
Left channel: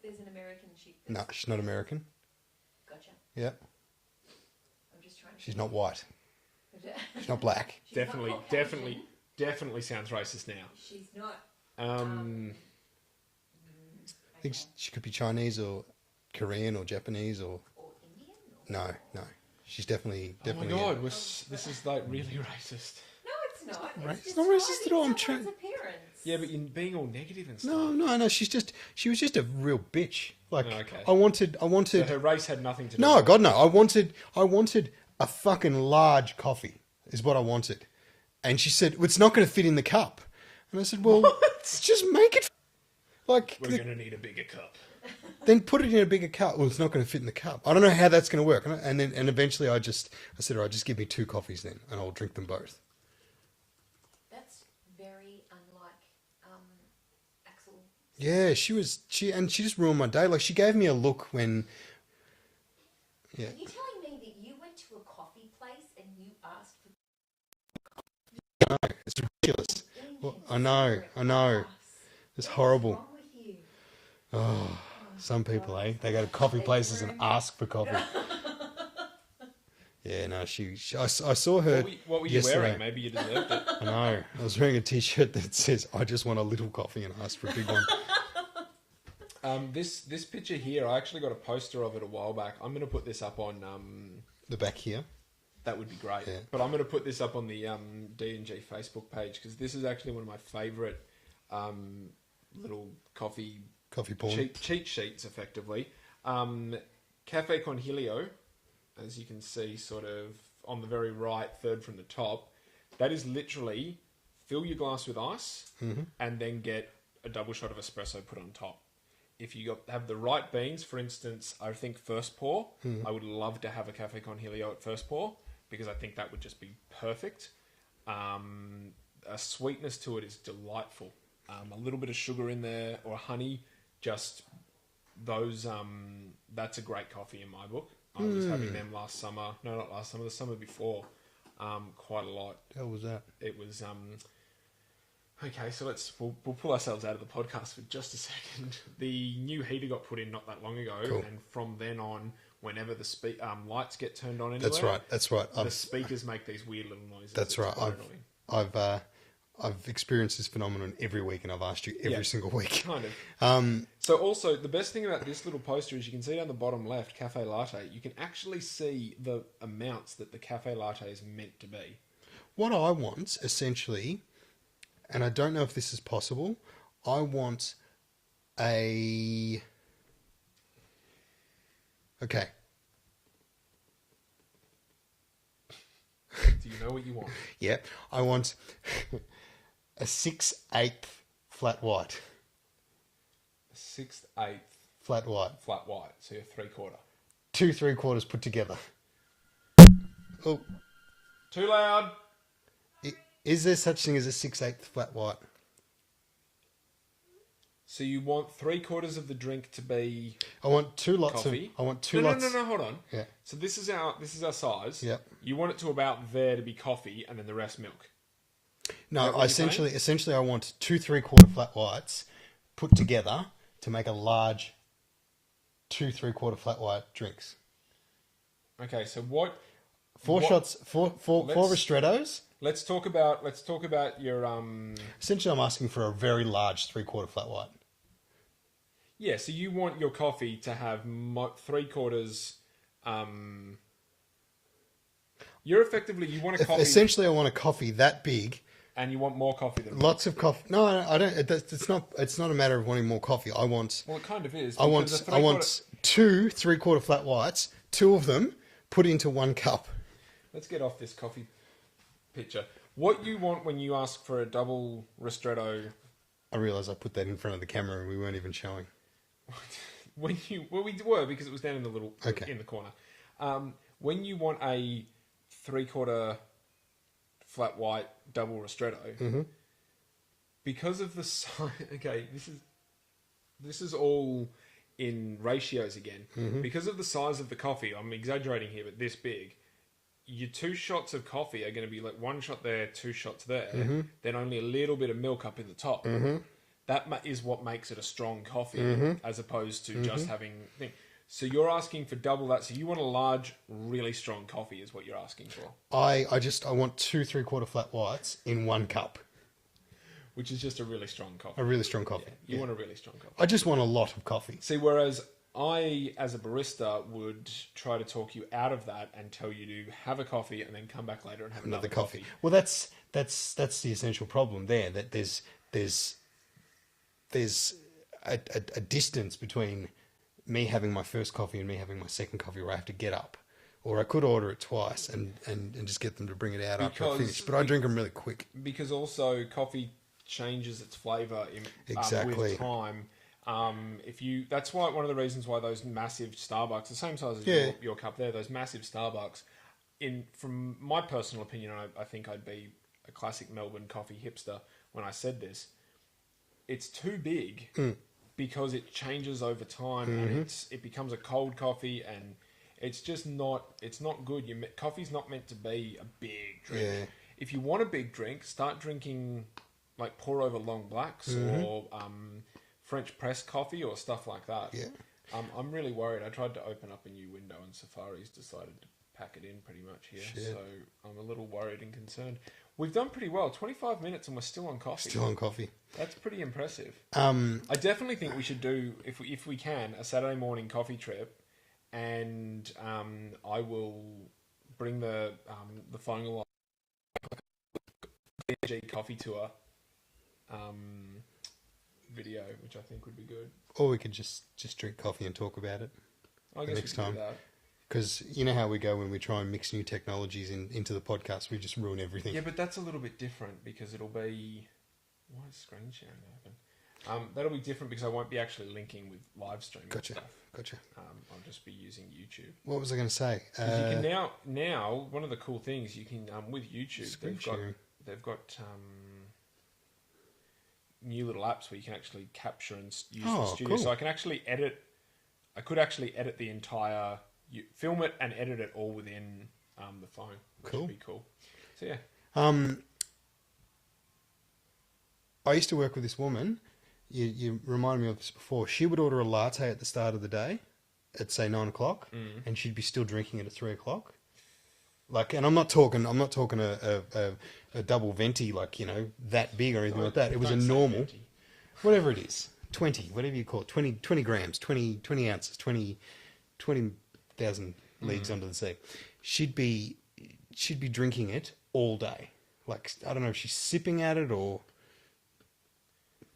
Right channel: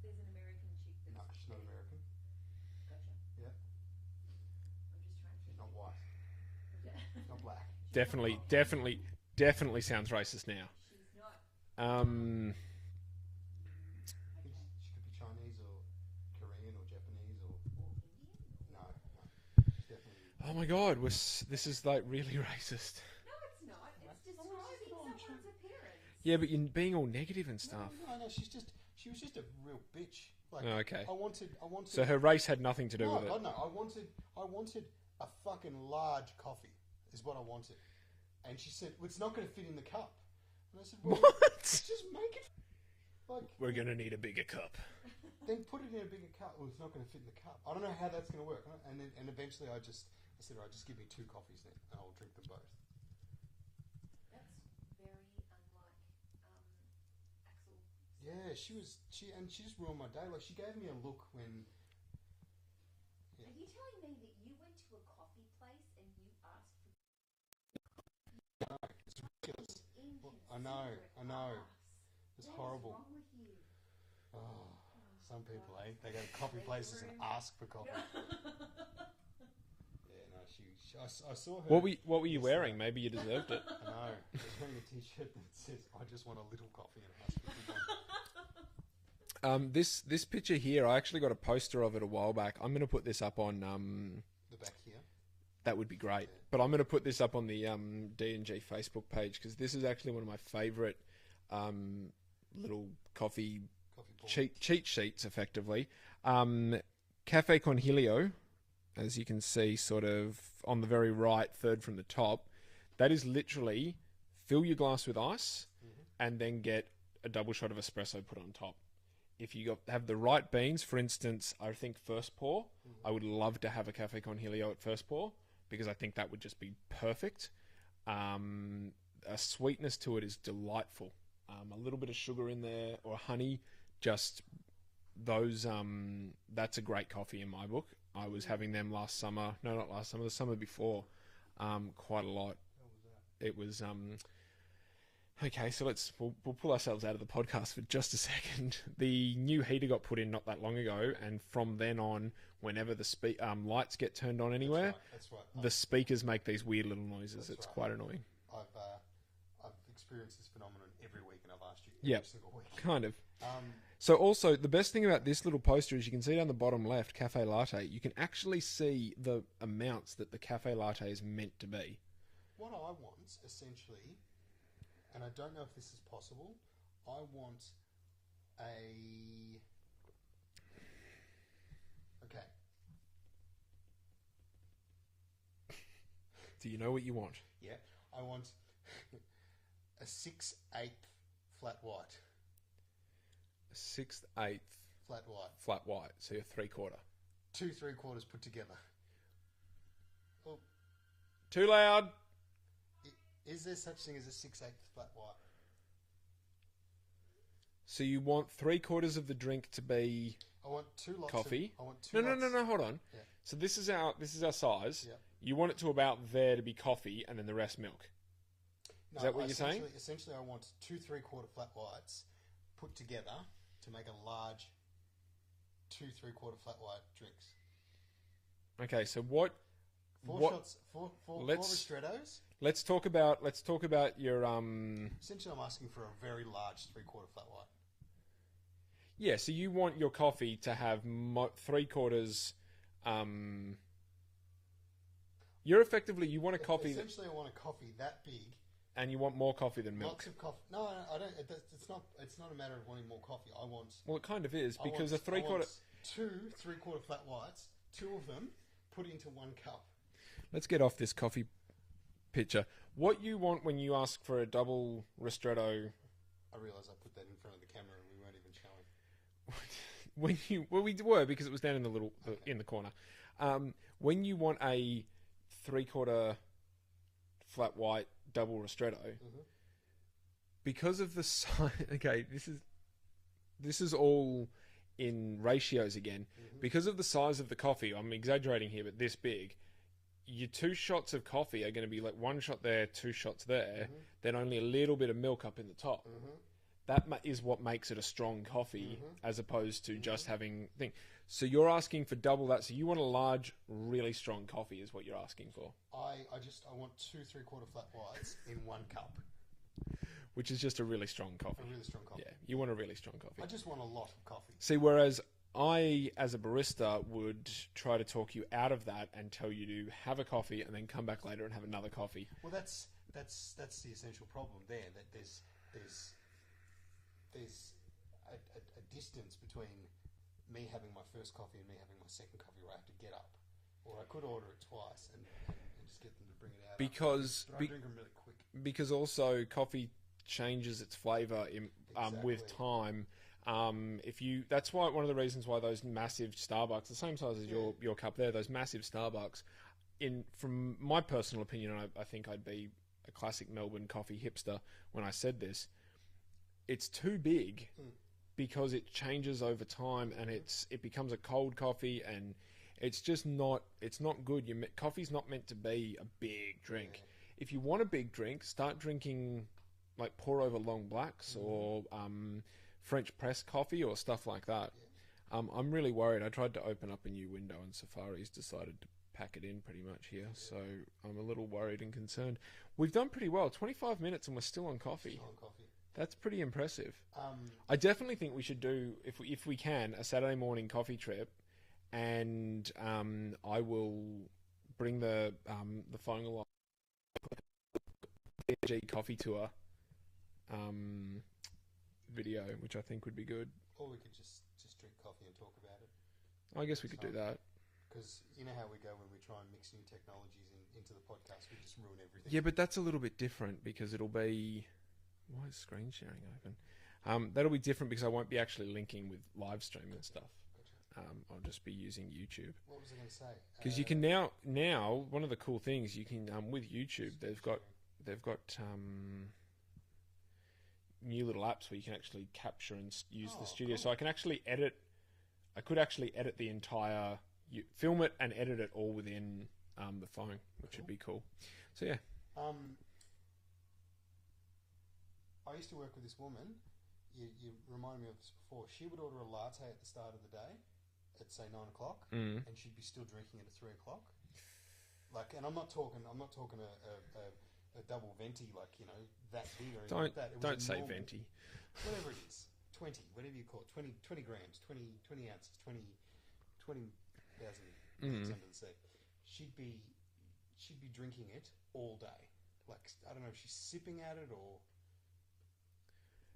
There's an American chick. No, she's not American. Gotcha. Yeah. I'm just trying to... She's not white. She's She's not black. not Caucasian. Definitely sounds racist now. She's not. I think she could be Chinese or Korean or Japanese or... Or Indian? No. She's definitely... Oh my god, this is like really racist. No, it's not. It's not racist at all. I'm trying. trying... Appearance. Yeah, but you're being all negative and stuff. No. She was just a real bitch. Like, Oh, okay. I wanted... So her race had nothing to do No, with it. God, no. I wanted a fucking large coffee is what I wanted. And she said, well, it's not going to fit in the cup. And I said, well, just make it. Like, We're going to need a bigger cup. then put it in a bigger cup. Well, it's not going to fit in the cup. I don't know how that's going to work. And eventually I said, all right, just give me 2 coffees then, and I'll drink them both. That's very unlike Axel. Yeah, she just ruined my day. Like, she gave me a look when. Yeah. Are you telling me that you went to a coffee place and you asked for No, it's ridiculous. Well, I know. It's horrible. What's wrong with you? Oh, some people, eh? They go to coffee places and ask for coffee. Yeah, no, I saw her. What were you yesterday. wearing? Maybe you deserved it. I know. I was wearing a T-shirt that says, "I just want a little coffee," and asked for a big one. This picture here, I actually got a poster of it a while back. I'm going to put this up on The back here. That would be great. Yeah. But I'm going to put this up on the D&G Facebook page because this is actually one of my favourite little coffee porn. cheat sheets, effectively. Cafe Conhilio, as you can see, sort of on the very right, third from the top. That is literally fill your glass with ice and then get a double shot of espresso put on top. If you have the right beans, for instance, I think first pour, I would love to have a Cafe Conhilio at first pour because I think that would just be perfect. A sweetness to it is delightful. A little bit of sugar in there or honey, just those. That's a great coffee in my book. I was having them last summer. No, not last summer. The summer before, quite a lot. How was that? It was. Okay, so we'll pull ourselves out of the podcast for just a second. The new heater got put in not that long ago, Cool. and from then on, whenever the lights get turned on anywhere, That's right. the speakers make these weird little noises. That's It's right. quite annoying. I've experienced this phenomenon every week, and I've asked you every single week. Kind of. So also, the best thing about this little poster is you can see down the bottom left, cafe latte. You can actually see the amounts that the cafe latte is meant to be. What I want, essentially, and I don't know if this is possible, I want a... Okay. Do you know what you want? Yeah. I want a 6/8 flat white. 6/8 Flat white. flat white, so you're 3/4. 2 3/4 put together. Oh, Too loud. is there such thing as a 6/8 flat white? So you want 3/4 of the drink to be I want 2 lots coffee? of. I want 2 no, lots. No, hold on. Yeah. So this is our size. Yep. You want it to about there to be coffee, and then the rest milk. No, what you're essentially, I want 2 3/4 flat whites put together to make a large 2 3/4 flat white drinks. Okay, so what? 4 shots, four ristrettos. Let's talk about your Essentially, I'm asking for a very large 3/4 flat white. Yeah, so you want your coffee to have 3/4. You're effectively you want a coffee. Essentially, I want a coffee that big. And you want more coffee than Lots of coffee. No, I don't. It's not a matter of wanting more coffee. I want. Well, it kind of is. I want 2 3/4 flat whites. 2 of them put into 1 cup. Let's get off this coffee picture. What you want when you ask for a double ristretto? I realise I put that in front of the camera and we weren't even showing. We were because it was down in the little in the corner. When you want a 3/4 flat white double ristretto, because of the size. Okay, this is all in ratios again. Because of the size of the coffee, I'm exaggerating here, but this big. Your 2 shots of coffee are going to be like 1 shot there, 2 shots there, then only a little bit of milk up in the top. That is what makes it a strong coffee, as opposed to just having thing. So you're asking for double that. So you want a large, really strong coffee, is what you're asking for. I want 2 3/4 flat whites in 1 cup. Which is just a really strong coffee. A really strong coffee. Yeah, you want a really strong coffee. I just want a lot of coffee. See, whereas I, as a barista, would try to talk you out of that and tell you to have a coffee and then come back later and have another coffee. Well, that's the essential problem there. That there's a distance between me having my first coffee and me having my second coffee where I have to get up. Or I could order it twice and just get them to bring it out after I finish. But I drink them really quick. Because also coffee changes its flavour Exactly. with time. That's why one of the reasons why those massive Starbucks, the same size as your cup there, those massive Starbucks, from my personal opinion, I think I'd be a classic Melbourne coffee hipster when I said this. It's too big because it changes over time and it becomes a cold coffee and it's just not good. Coffee's not meant to be a big drink. Yeah. If you want a big drink, start drinking like pour over long blacks or French press coffee or stuff like that. Yeah. I'm really worried. I tried to open up a new window and Safari's decided to pack it in pretty much here. Shit. So I'm a little worried and concerned. We've done pretty well. 25 minutes and we're still on coffee. Still on coffee. That's pretty impressive. I definitely think we should do, if we can, a Saturday morning coffee trip, and I will bring the phone along. D&G15 tour video, which I think would be good. Or we could just drink coffee and talk about it. I guess next time. Do that. Because you know how we go when we try and mix new technologies into the podcast, we just ruin everything. Yeah, but that's a little bit different because it'll be... Why is screen sharing open? That'll be different because I won't be actually linking with live streaming. Gotcha. I'll just be using YouTube. What was I going to say? Because you can now one of the cool things you can with YouTube, they've got new little apps where you can actually capture and use the studio. Cool. So I can actually edit. I could actually edit the entire. Film it and edit it all within the phone, which would be cool. So yeah. I used to work with this woman. You reminded me of this before. She would order a latte at the start of the day, at say 9 o'clock, and she'd be still drinking it at 3 o'clock. Like, and I'm not talking a double venti, like, you know, that big or anything like that. It was a normal, whatever it is, 20, whatever you call it, 20 grams, 20 ounces, 20,000 leagues under the sea. She'd be drinking it all day. Like, I don't know if she's sipping at it or...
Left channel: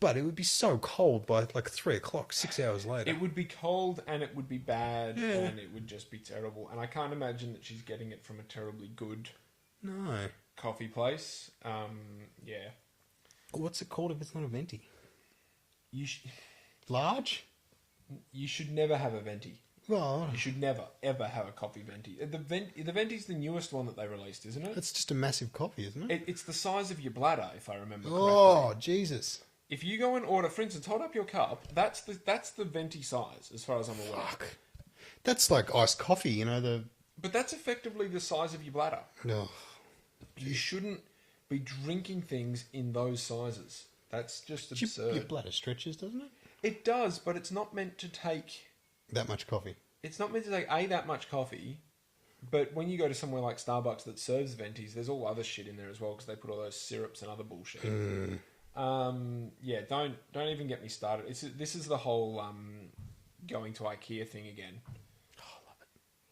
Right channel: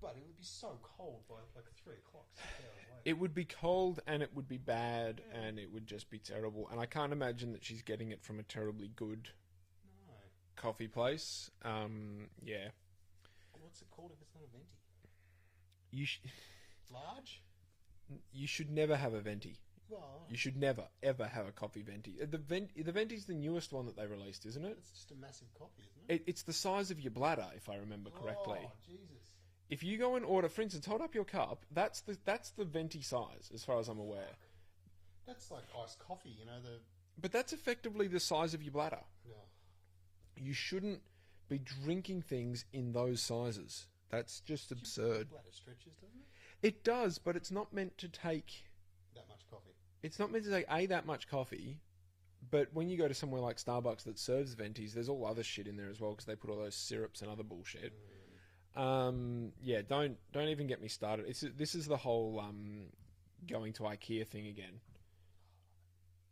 But it would be so cold by like 3 o'clock, 6 hours later. It would be cold and it would be bad and it would just be terrible. And I can't imagine that she's getting it from a terribly good coffee place. Yeah. What's it called if it's not a venti? Large? You should never have a venti. Well, you should never, ever have a coffee venti. The venti's the newest one that they released, isn't it? It's just a massive coffee, isn't it? It's the size of your bladder, if I remember correctly. Oh, Jesus. If you go and order, for instance, hold up your cup, that's the venti size, as far as I'm aware. Fuck. That's like iced coffee, you know, But that's effectively the size of your bladder. No. You shouldn't be drinking things in those sizes. That's just absurd. Your bladder stretches, doesn't it? It does, but it's not meant to take... that much coffee. It's not meant to take, that much coffee, but when you go to somewhere like Starbucks that serves ventis, there's all other shit in there as well, because they put all those syrups and other bullshit. Yeah, don't even get me started. This is the whole going to IKEA thing again. Oh, I love it.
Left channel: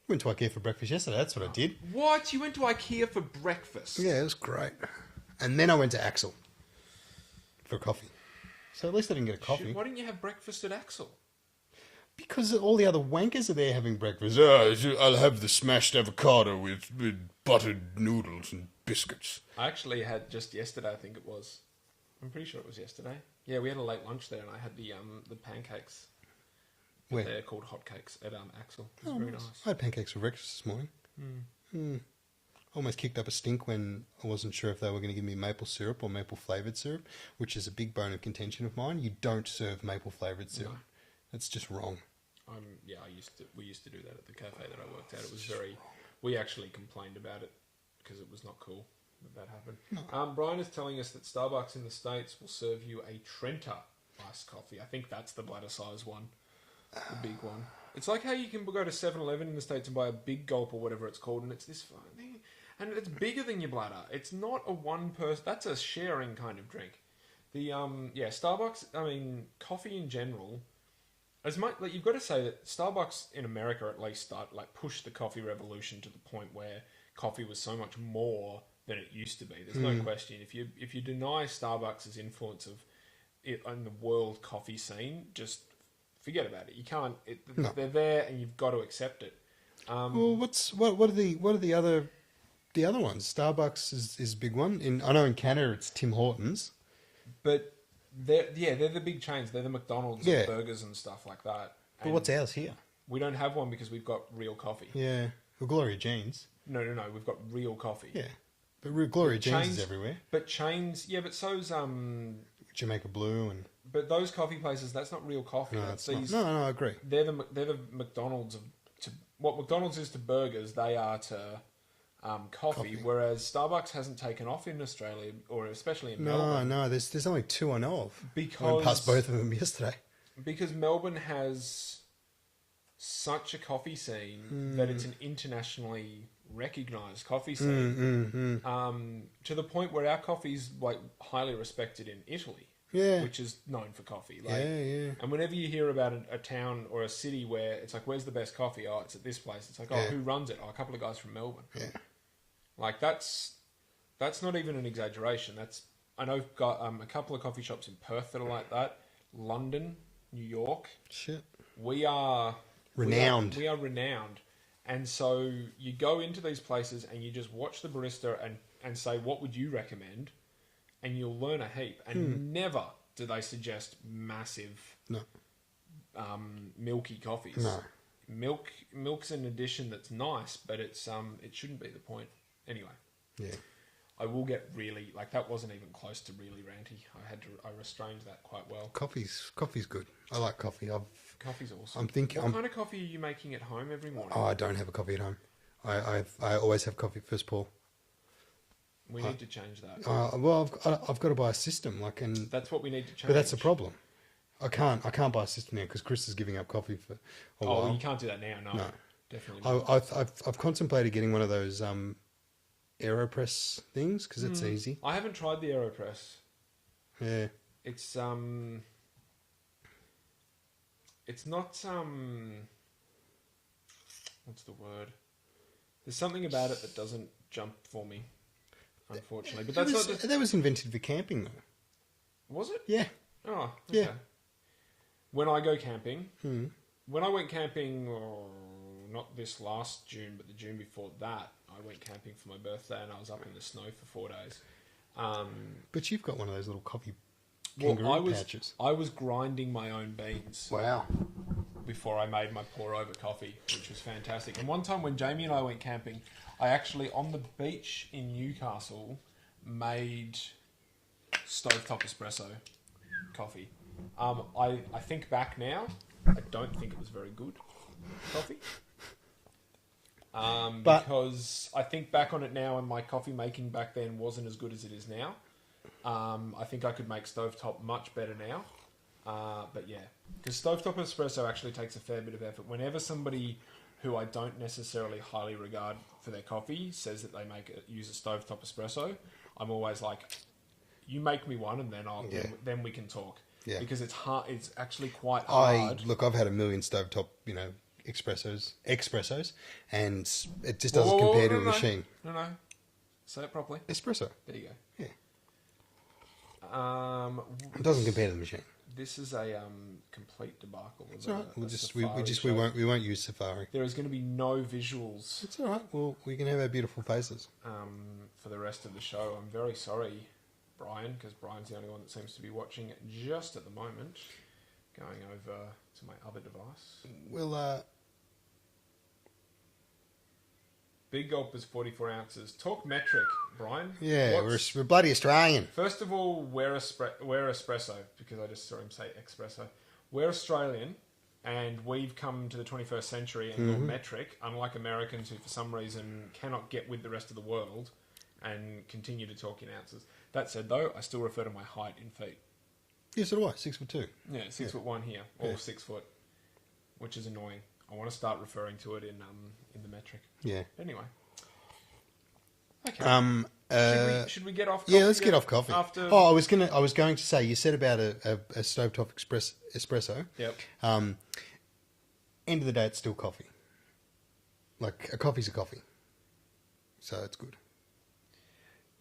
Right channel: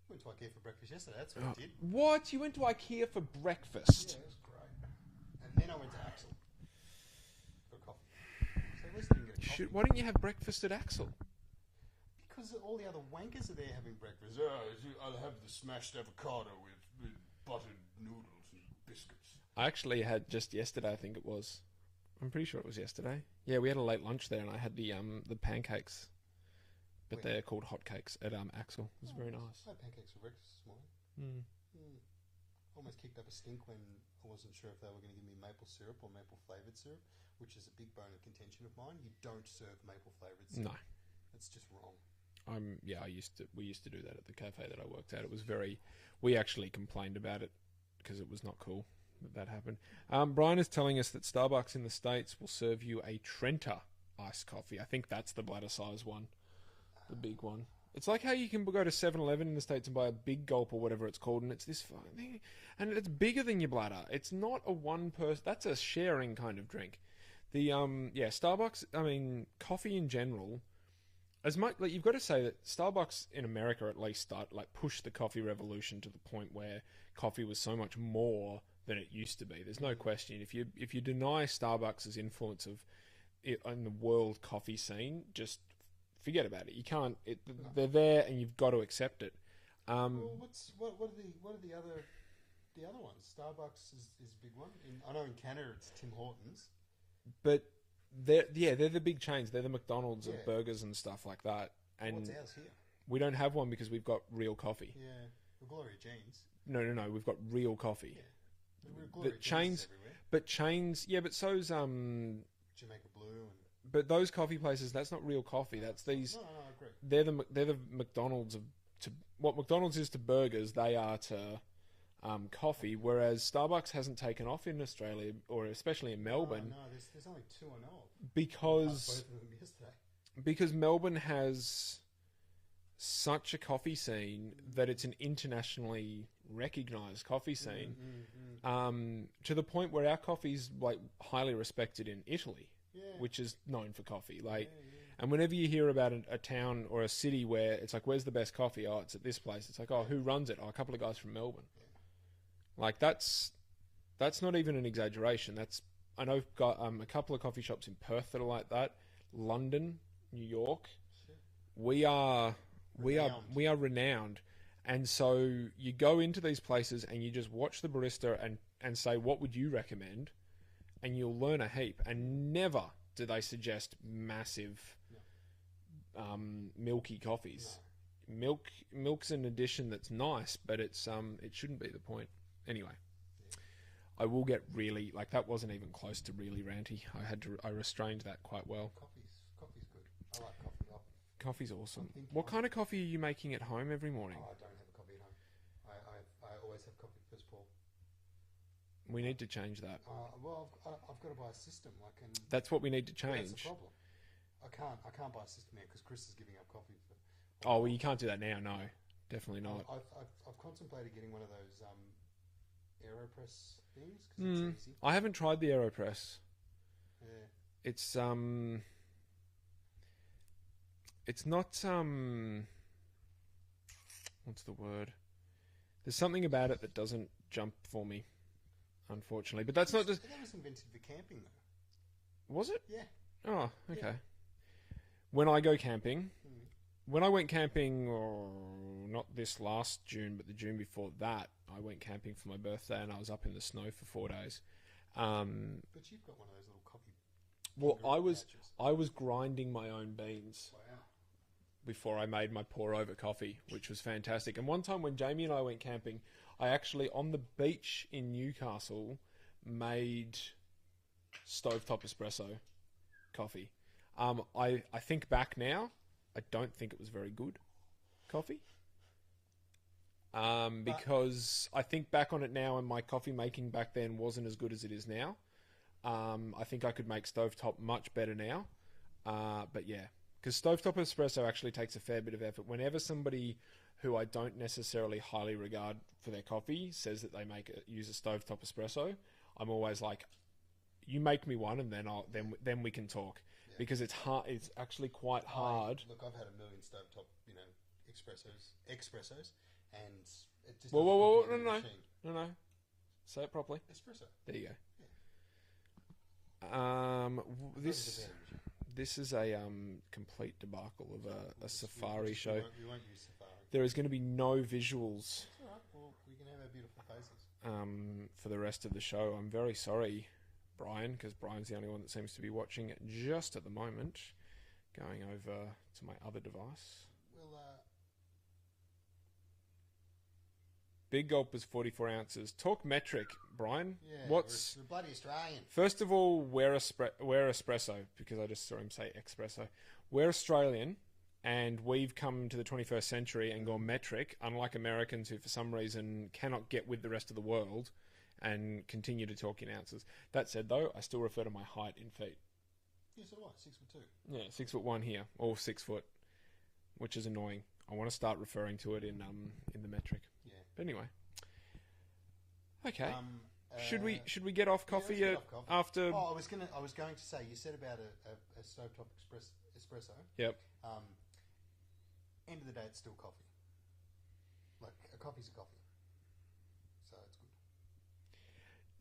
Went to IKEA for breakfast yesterday. That's what I did. What? You went to IKEA for breakfast? Yeah, it was great. And then I went to Axel for coffee. So at least I didn't get a coffee. Why didn't you have breakfast at Axel? Because all the other wankers are there having breakfast. I'll have the smashed avocado with buttered noodles and biscuits. I actually had just yesterday, I think it was. I'm pretty sure it was yesterday. Yeah, we had a late lunch there, and I had the pancakes. Where? They're called hotcakes at Axel. It was very nice. I had pancakes for breakfast this morning. Almost kicked up a stink when I wasn't sure if they were going to give me maple syrup or maple flavoured syrup, which is a big bone of contention of mine. You don't serve maple flavoured syrup. No. That's just wrong. We used to do that at the cafe that I worked at. It was very... We actually complained about it because it was not cool that happened. No. Brian is telling us that Starbucks in the States will serve you a Trenta iced coffee. I think that's the bladder size one. The big one. It's like how you can go to 7-Eleven in the States and buy a big gulp or whatever it's called, and it's this thing, and it's bigger than your bladder. It's not a one person... That's a sharing kind of drink. Starbucks, coffee in general... As much like you've got to say that Starbucks in America at least pushed the coffee revolution to the point where coffee was so much more than it used to be. There's no question. If you deny Starbucks' influence of it on the world coffee scene, just forget about it. You can't. They're there, and you've got to accept it. Well, what are the other ones? Starbucks is a big one. I know in Canada it's Tim Hortons, but They're the big chains. They're the McDonald's Yeah. of burgers and stuff like that. But And what's ours here? we don't have one because we've got real coffee. Yeah. Well, Gloria Jeans. No. We've got real coffee. Yeah. But Gloria Jeans chains- is everywhere. But chains, yeah, but so's Jamaica Blue and... But those coffee places, that's not real coffee. No, That's it's not. these. No, I agree. They're the McDonald's of to what McDonald's is to burgers. They are to coffee. Whereas Starbucks hasn't taken off in Australia, or especially in Melbourne. No, there's only two I know of. I Because went past both of them yesterday. because Melbourne has such a coffee scene that it's an internationally recognised coffee scene. To the point where our coffee's like highly respected in Italy. Yeah. Which is known for coffee. Like, Yeah. And whenever you hear about a town or a city where it's like, where's the best coffee? Oh, it's at this place. It's like, oh, Yeah. who runs it? Oh, a couple of guys from Melbourne. Yeah. Like that's not even an exaggeration. I know I've got a couple of coffee shops in Perth that are like that. London, New York. Shit. We are Renowned. We are renowned. And so you go into these places and you just watch the barista and say, what would you recommend? And you'll learn a heap. And never do they suggest massive, No. milky coffees. No. Milk's an addition that's nice, but it's it shouldn't be the point. Anyway, Yeah. I will get really like that. Wasn't even close to really ranty. I restrained that quite well. Coffee's good. I like coffee. Coffee's awesome. I'm thinking. What kind of coffee are you making at home every morning? I don't have a coffee at home. I always have coffee first pour. We need to change that. Well, I've got to buy a system, like, and That's what we need to change. but that's the problem. I can't buy a system now because Chris is giving up coffee for a Oh, while. you can't do that now. No, No. definitely not. I've contemplated getting one of those AeroPress things because it's easy. I haven't tried the AeroPress. Yeah. It's not what's the word? There's something about it that doesn't jump for me, unfortunately. But that's not. That was invented for camping, though. Was it? Yeah. Oh, okay. Yeah. When I go camping, when I went camping, not this last June, but the June before that, I went camping for my birthday and I was up in the snow for 4 days. But you've got one of those little coffee Well, kangaroo pouches. I was grinding my own beans Wow. before I made my pour over coffee, which was fantastic. And one time when Jamie and I went camping, I actually on the beach in Newcastle made stovetop espresso coffee. I think back now, I don't think it was very good coffee. Because I think back on it now, and my coffee making back then wasn't as good as it is now. I think I could make stovetop much better now. But yeah, because stovetop espresso actually takes a fair bit of effort. Whenever somebody who I don't necessarily highly regard for their coffee says that they use a stovetop espresso, I'm always like, you make me one, and then we can talk. Yeah. Because it's hard. It's actually quite hard. I've had a million stovetop, espressos, and it just doesn't compare to a machine. No. Say it properly. Espresso. There you go. Yeah. It doesn't compare to the machine. This is a complete debacle. It's all right. We won't use Safari. There is going to be no visuals. It's all right. Well, we can have our beautiful faces. For the rest of the show. I'm very sorry, Brian, because Brian's the only one that seems to be watching it just at the moment. Going over to my other device. Well, Big Gulp is 44 ounces. Talk metric, Brian. yeah, we're bloody Australian. First of all, we're espresso, because I just saw him say espresso. We're Australian, and we've come to the 21st century and gone metric, unlike Americans who, for some reason, cannot get with the rest of the world and continue to talk in ounces. That said, though, I still refer to my height in feet. Yes, so do I. 6'2". Yeah, 6'1" here, or 6 foot, which is annoying. I want to start referring to it in the metric. Yeah. Anyway. Okay. Should we get off coffee? Yeah, let's get off coffee. After... Oh, I was going to say, you said about a stovetop espresso. Yep. End of the day, it's still coffee. Like, a coffee's a coffee. So it's good.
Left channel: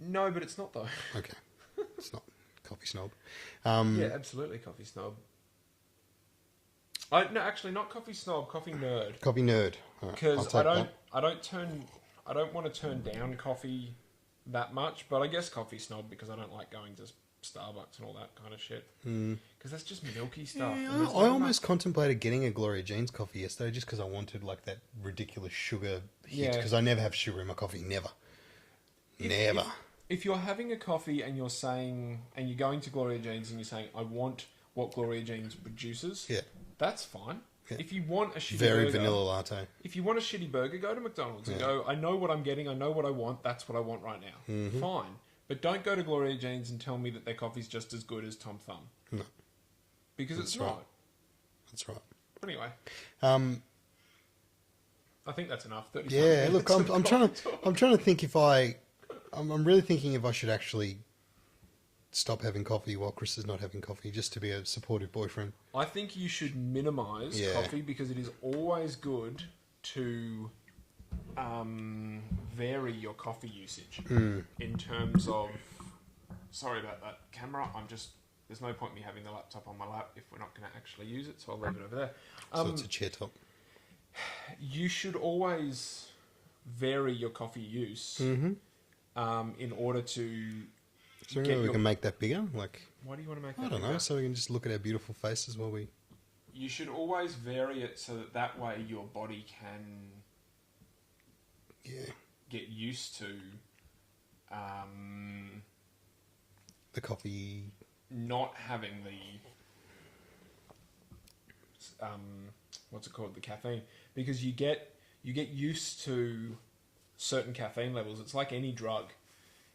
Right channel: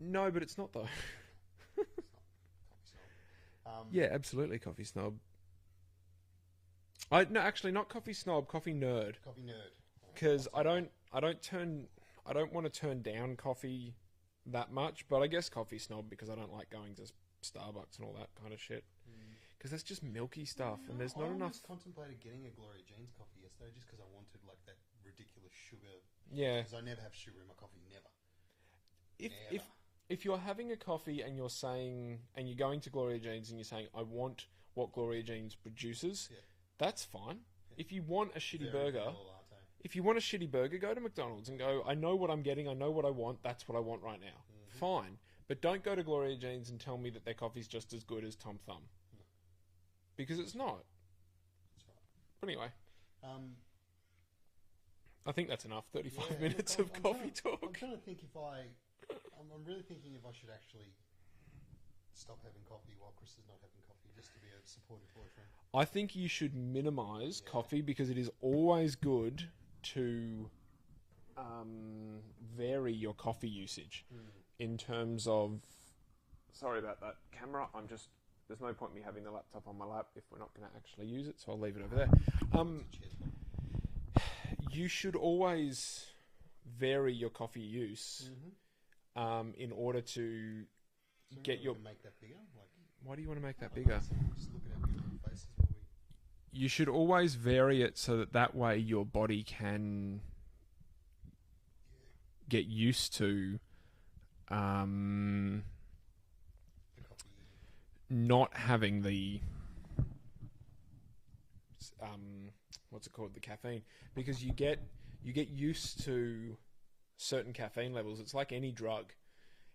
No, but it's not, though. Okay. It's not coffee snob. Yeah, absolutely coffee snob. No, actually, not coffee snob, coffee nerd. Coffee nerd. Because I don't want to turn down coffee that much, but I guess coffee snob because I don't like going to Starbucks and all that kind of shit. Because that's just milky stuff. Yeah, and there's I not almost contemplated getting a Gloria Jean's coffee yesterday just because I wanted like that ridiculous sugar hit. Yeah. Because I never have sugar in my coffee. Never. Never. If you're having a coffee and you're saying, and you're going to Gloria Jean's and you're saying, I want what Gloria Jean's produces, Yeah. that's fine. Yeah. If you want a shitty Very burger, vanilla latte. if you want a shitty burger, go to McDonald's and Yeah. go, I know what I'm getting, I know what I want, that's what I want right now. Mm-hmm. Fine. But don't go to Gloria Jean's and tell me that their coffee's just as good as Tom Thumb. No. Because That's it's right. not. That's right. Anyway, I think that's enough. 35 Yeah, minutes look, of I'm coffee talk. trying to think if I'm really thinking if I should actually stop having coffee while Chris is not having coffee, just to be a supportive boyfriend. I think you should minimise Yeah. coffee because it is always good to vary your coffee usage in terms of. Sorry about that camera. There's no point me having the laptop on my lap if we're not going to actually use it, so I'll leave it over there. So it's a chair top. You should always vary your coffee use in order to. So we can make that bigger? Like, Why do you want to make that I don't bigger? know, so we can just look at our beautiful faces while we... You should always vary it so that way your body can get used to the coffee... not having the what's it called, the caffeine, because you get used to certain caffeine levels. It's like any drug.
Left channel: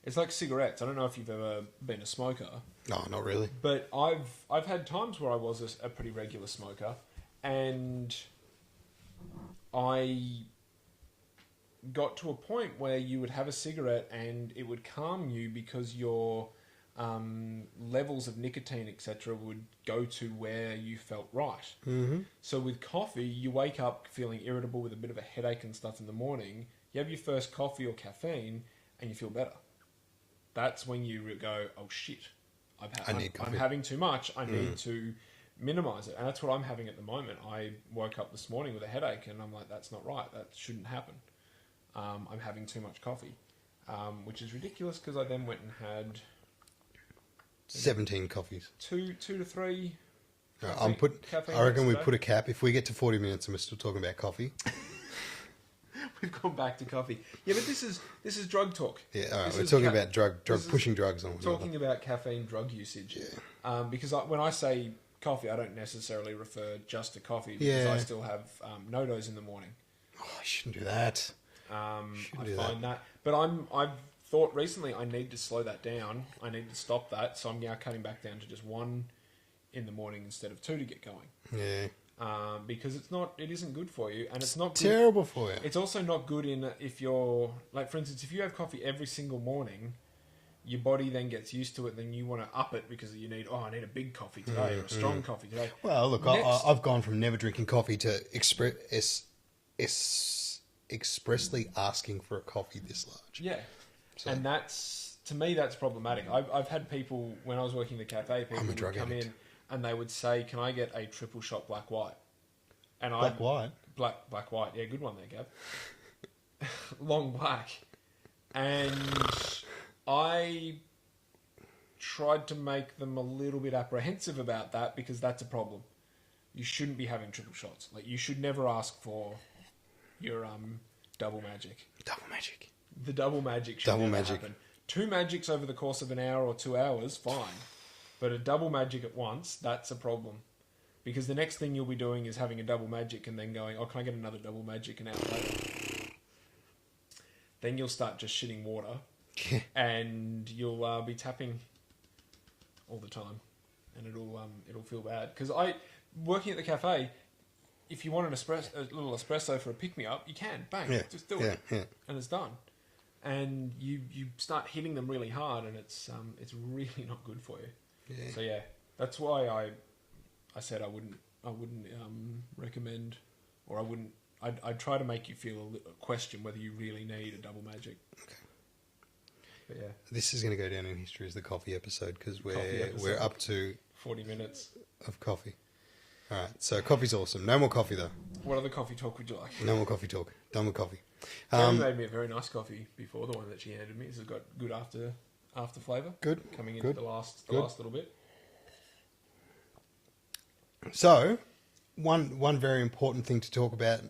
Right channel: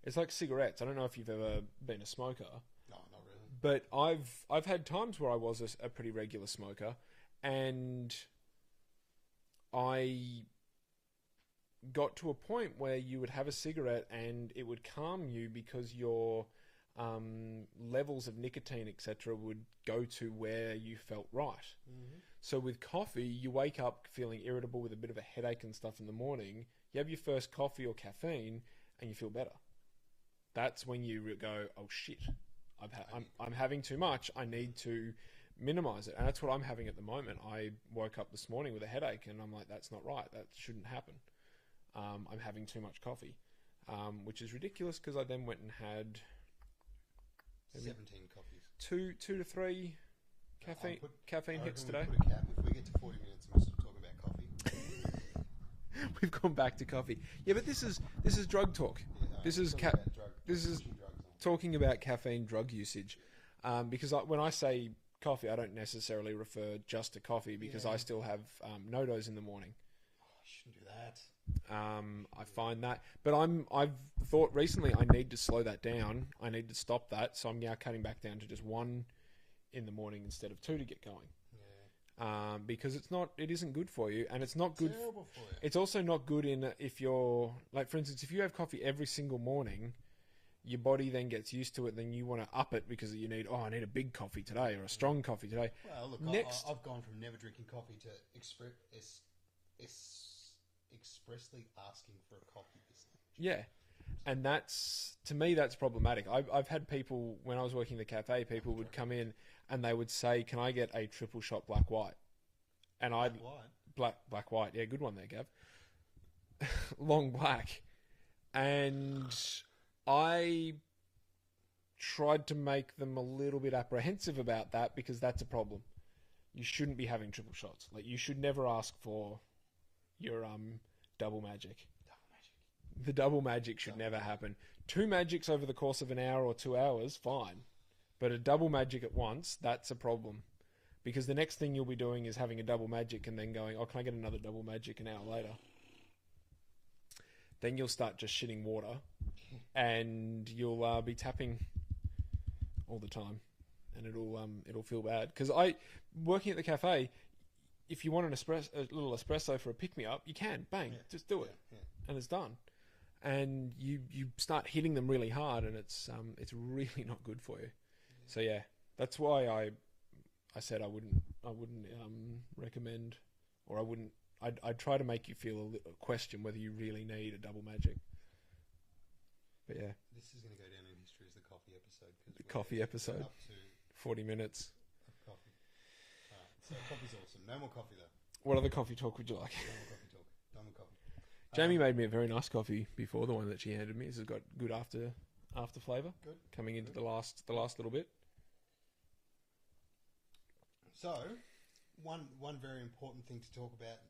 It's like cigarettes. I don't know if you've ever been a smoker. No, not really. But I've had times where I was a pretty regular smoker, and I got to a point where you would have a cigarette and it would calm you because your levels of nicotine, etc., would go to where you felt right. Mm-hmm. So with coffee, you wake up feeling irritable with a bit of a headache and stuff in the morning. You have your first coffee or caffeine, and you feel better. That's when you go, oh shit, I'm having too much. I need to minimise it. And that's what I'm having at the moment. I woke up this morning with a headache, and I'm like, that's not right. That shouldn't happen. I'm having too much coffee, which is ridiculous because I then went and had 17 coffees. two to three. I reckon we put a cap. If we get to 40 minutes and we're still talking about coffee... We've gone back to coffee. Yeah, but this is drug talk. Yeah, all right. We're talking about drug pushing drugs on. Talking about caffeine drug usage. Yeah. Because when I say coffee, I don't necessarily refer just to coffee because I still have no-dos in the morning. Oh, I shouldn't do that. I find that. But I've thought recently I need to slow that down. I need to stop that. So I'm now cutting back down to just one in the morning instead of two to get going. Yeah. Because it isn't good for you, and it's not good. Terrible for you. It's also not good if you're, like, for instance, if you have coffee every single morning, your body then gets used to it, then you want to up it because you need, I need a big coffee today or a strong coffee today. Well, look, I've gone from never drinking coffee to expressly asking for a coffee this large. Yeah. So. And to me, that's problematic. I've had people, when I was working in the cafe, people would come in and they would say, can I get a triple shot black white? And black white? Black white. Yeah, good one there, Gav. Long black. And I tried to make them a little bit apprehensive about that because that's a problem. You shouldn't be having triple shots. Like, you should never ask for your double magic. Double magic. The double magic should never happen. 2 magics over the course of an hour or 2 hours, fine. But a double magic at once, that's a problem. Because the next thing you'll be doing is having a double magic and then going, can I get another double magic an hour later? Then you'll start just shitting water. And you'll be tapping all the time. And it'll feel bad. Because working at the cafe, if you want a little espresso for a pick-me-up, you can. Bang. Just do it. Yeah. And it's done. And you start hitting them really hard, and it's really not good for you. Yeah. So yeah, that's why I said I wouldn't recommend, or I'd try to make you feel a question whether you really need a double magic. Okay. But yeah, this is going to go down in history as the coffee episode because we're up to 40 minutes of coffee. All right, so coffee's awesome. No more coffee though. What other coffee talk would you like? No more coffee talk. Done with coffee. Amy made me a very nice coffee before, the one that she handed me. This has got good after flavour. Good. Coming into Good. the last little bit. So, one very important thing to talk about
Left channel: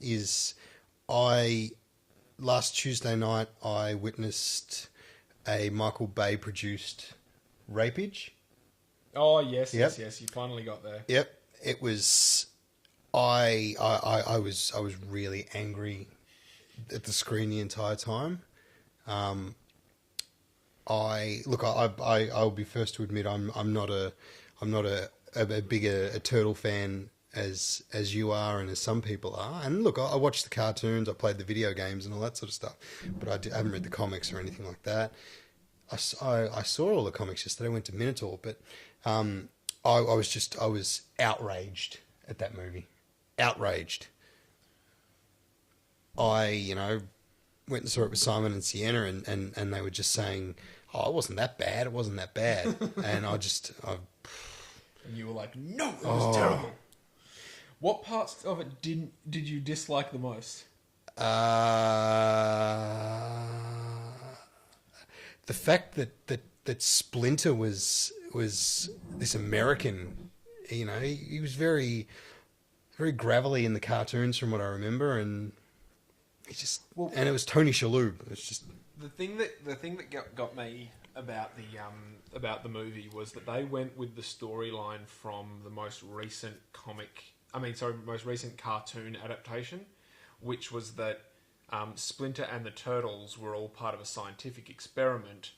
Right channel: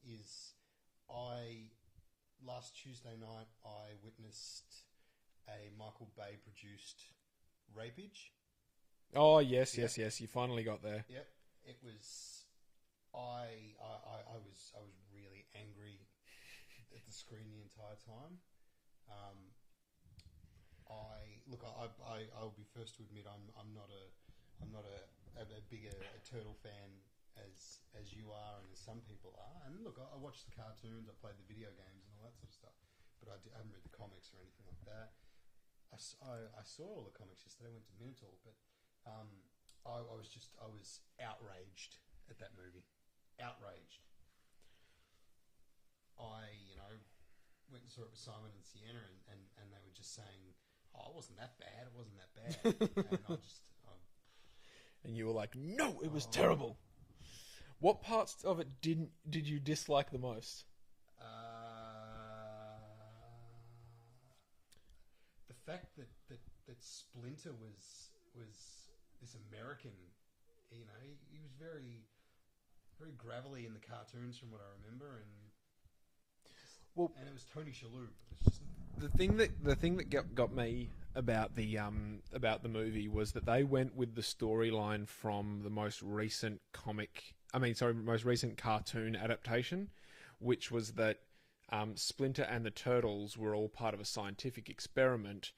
is last Tuesday night I witnessed a Michael Bay produced rapage. Oh yes, Yep. yes. You finally got there. Yep, it was. I was really angry at the screen the entire time. I'll be first to admit I'm not a big a turtle fan as you are and as some people are. And look, I watched the cartoons, I played the video games and all that sort of stuff, but I haven't read the comics or anything like that. I saw all the comics yesterday. I went to Minotaur, but I was outraged at that movie. Outraged. I went and saw it with Simon and Sienna, and they were just saying, "Oh, it wasn't that bad. It wasn't that bad." And And you were like, "No, it was terrible." What parts of it did you dislike the most? The fact that Splinter was this American, he was very very gravelly in the cartoons from what I remember, and and it was Tony Shalhoub. It's just the thing that got me about the movie was that they went with the storyline from the most recent most recent cartoon adaptation, which was that Splinter and the Turtles were all part of a scientific experiment.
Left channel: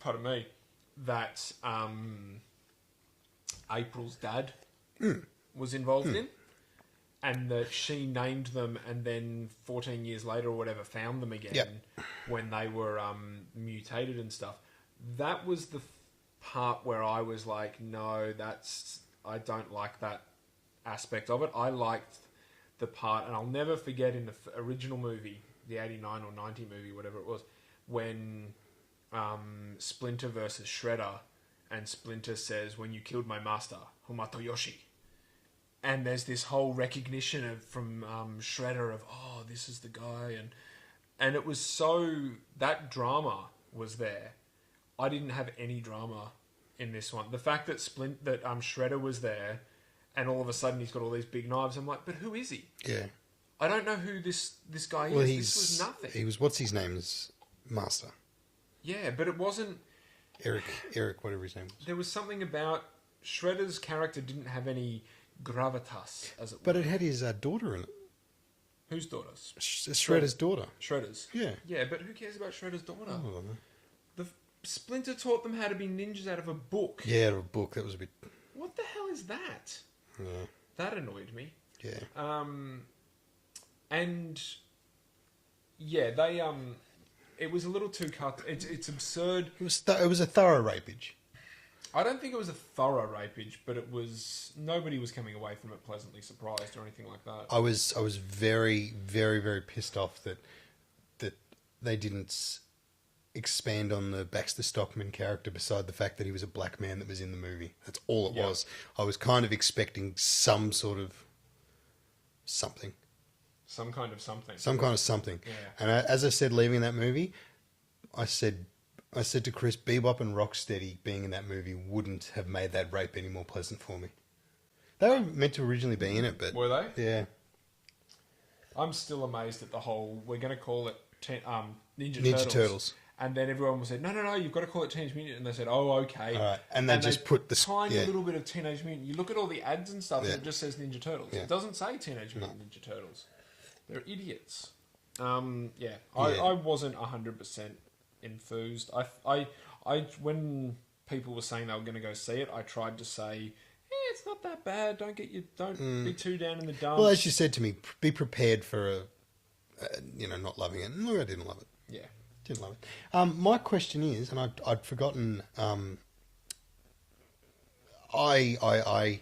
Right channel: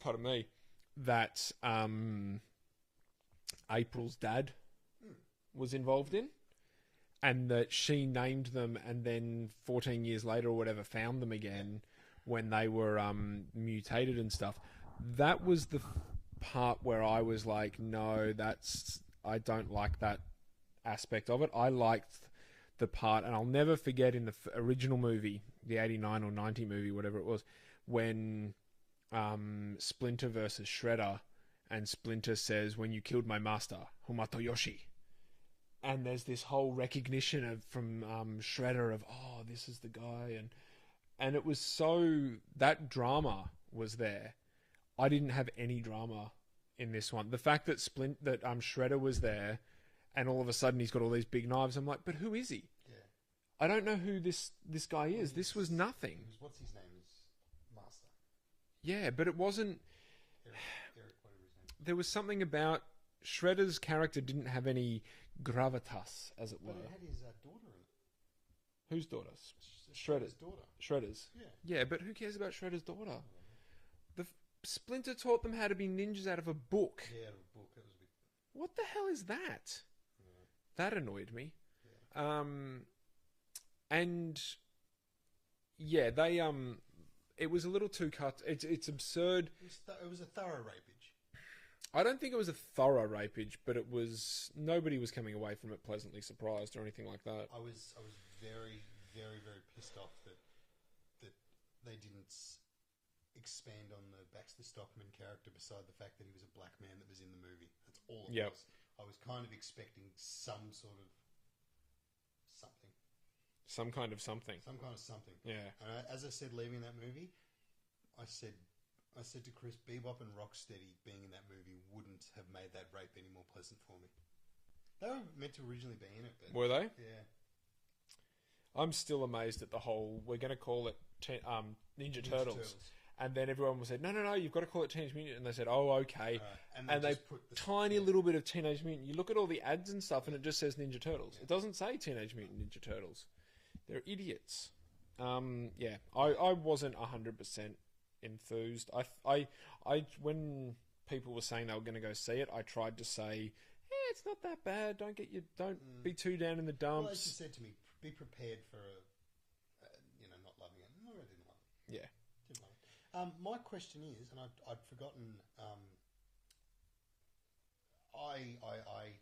Pardon me. That April's dad was involved in, and that she named them, and then 14 years later or whatever found them again when they were mutated and stuff. That was the part where I was like, no, I don't like that aspect of it. I liked the part, and I'll never forget in the original movie, the 89 or 90 movie, whatever it was, when Splinter versus Shredder, and Splinter says, "When you killed my master, Humatoyoshi." And there's this whole recognition from Shredder of, oh, this is the guy, and it was that drama was there. I didn't have any drama in this one. The fact that Shredder was there, and all of a sudden he's got all these big knives. I'm like, but who is he? yeah. I don't know who this guy is. This was nothing. He was what's his name's master. Yeah, but it wasn't. Eric, whatever his name was. There was something about Shredder's character didn't have any gravitas, as it were. But it had his daughter in it. Whose daughters? Shredder's daughter. Shredder's. Yeah. Yeah, but who cares about Shredder's daughter? I don't know. The Splinter taught them how to be ninjas out of a book. Yeah, out of a book. That was a bit. What the hell is that? Yeah. That annoyed me. Yeah. And yeah, they it was a little too cut. It's absurd. It was a thorough rapage. I don't think it was a thorough rapage, but it was. Nobody was coming away from it pleasantly surprised or anything like that. I was very, very, very pissed off that they didn't expand on the Baxter Stockman character beside the fact that he was a black man that was in the movie. That's all it was. I was kind of expecting some sort of something. Some kind of something. Some kind of something. Yeah. And as I said, leaving that movie, I said to Chris, Bebop and Rocksteady being in that movie wouldn't have made that rape any more pleasant for me. They were meant to originally be in it, but... Were they? Yeah. I'm still amazed at the whole, we're going to call it Ninja Turtles. And then everyone said, no, you've got to call it Teenage Mutant. And they said, oh, okay. All right. And they just put the... tiny little bit of Teenage Mutant. You look at all the ads and stuff, and it just says Ninja Turtles. Yeah. It doesn't say Teenage Mutant Ninja Turtles. They're idiots. I wasn't 100% enthused. I when people were saying they were going to go see it, I tried to say, it's not that bad. Don't be too down in the dumps. Well, as you said to me, be prepared for not loving it. No, I didn't love it. Yeah. Didn't love it. My question is, and I'd forgotten. I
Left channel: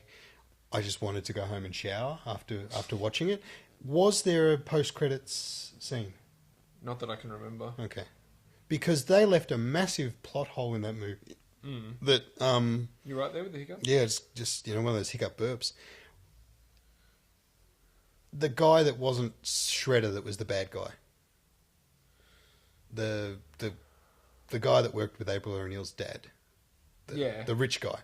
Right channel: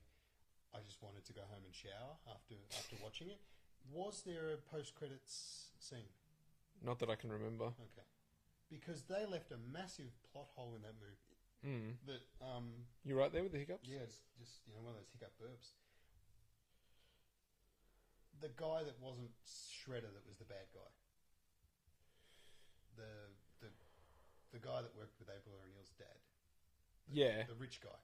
just wanted to go home and shower after watching it. Was there a post-credits scene? Not that I can remember. Okay, because they left a massive plot hole in that movie. That You right there with the hiccup? yeah, it's just one of those hiccup burps. The guy that wasn't Shredder, that was the bad guy. The the guy that worked with April O'Neil's dad. The rich guy.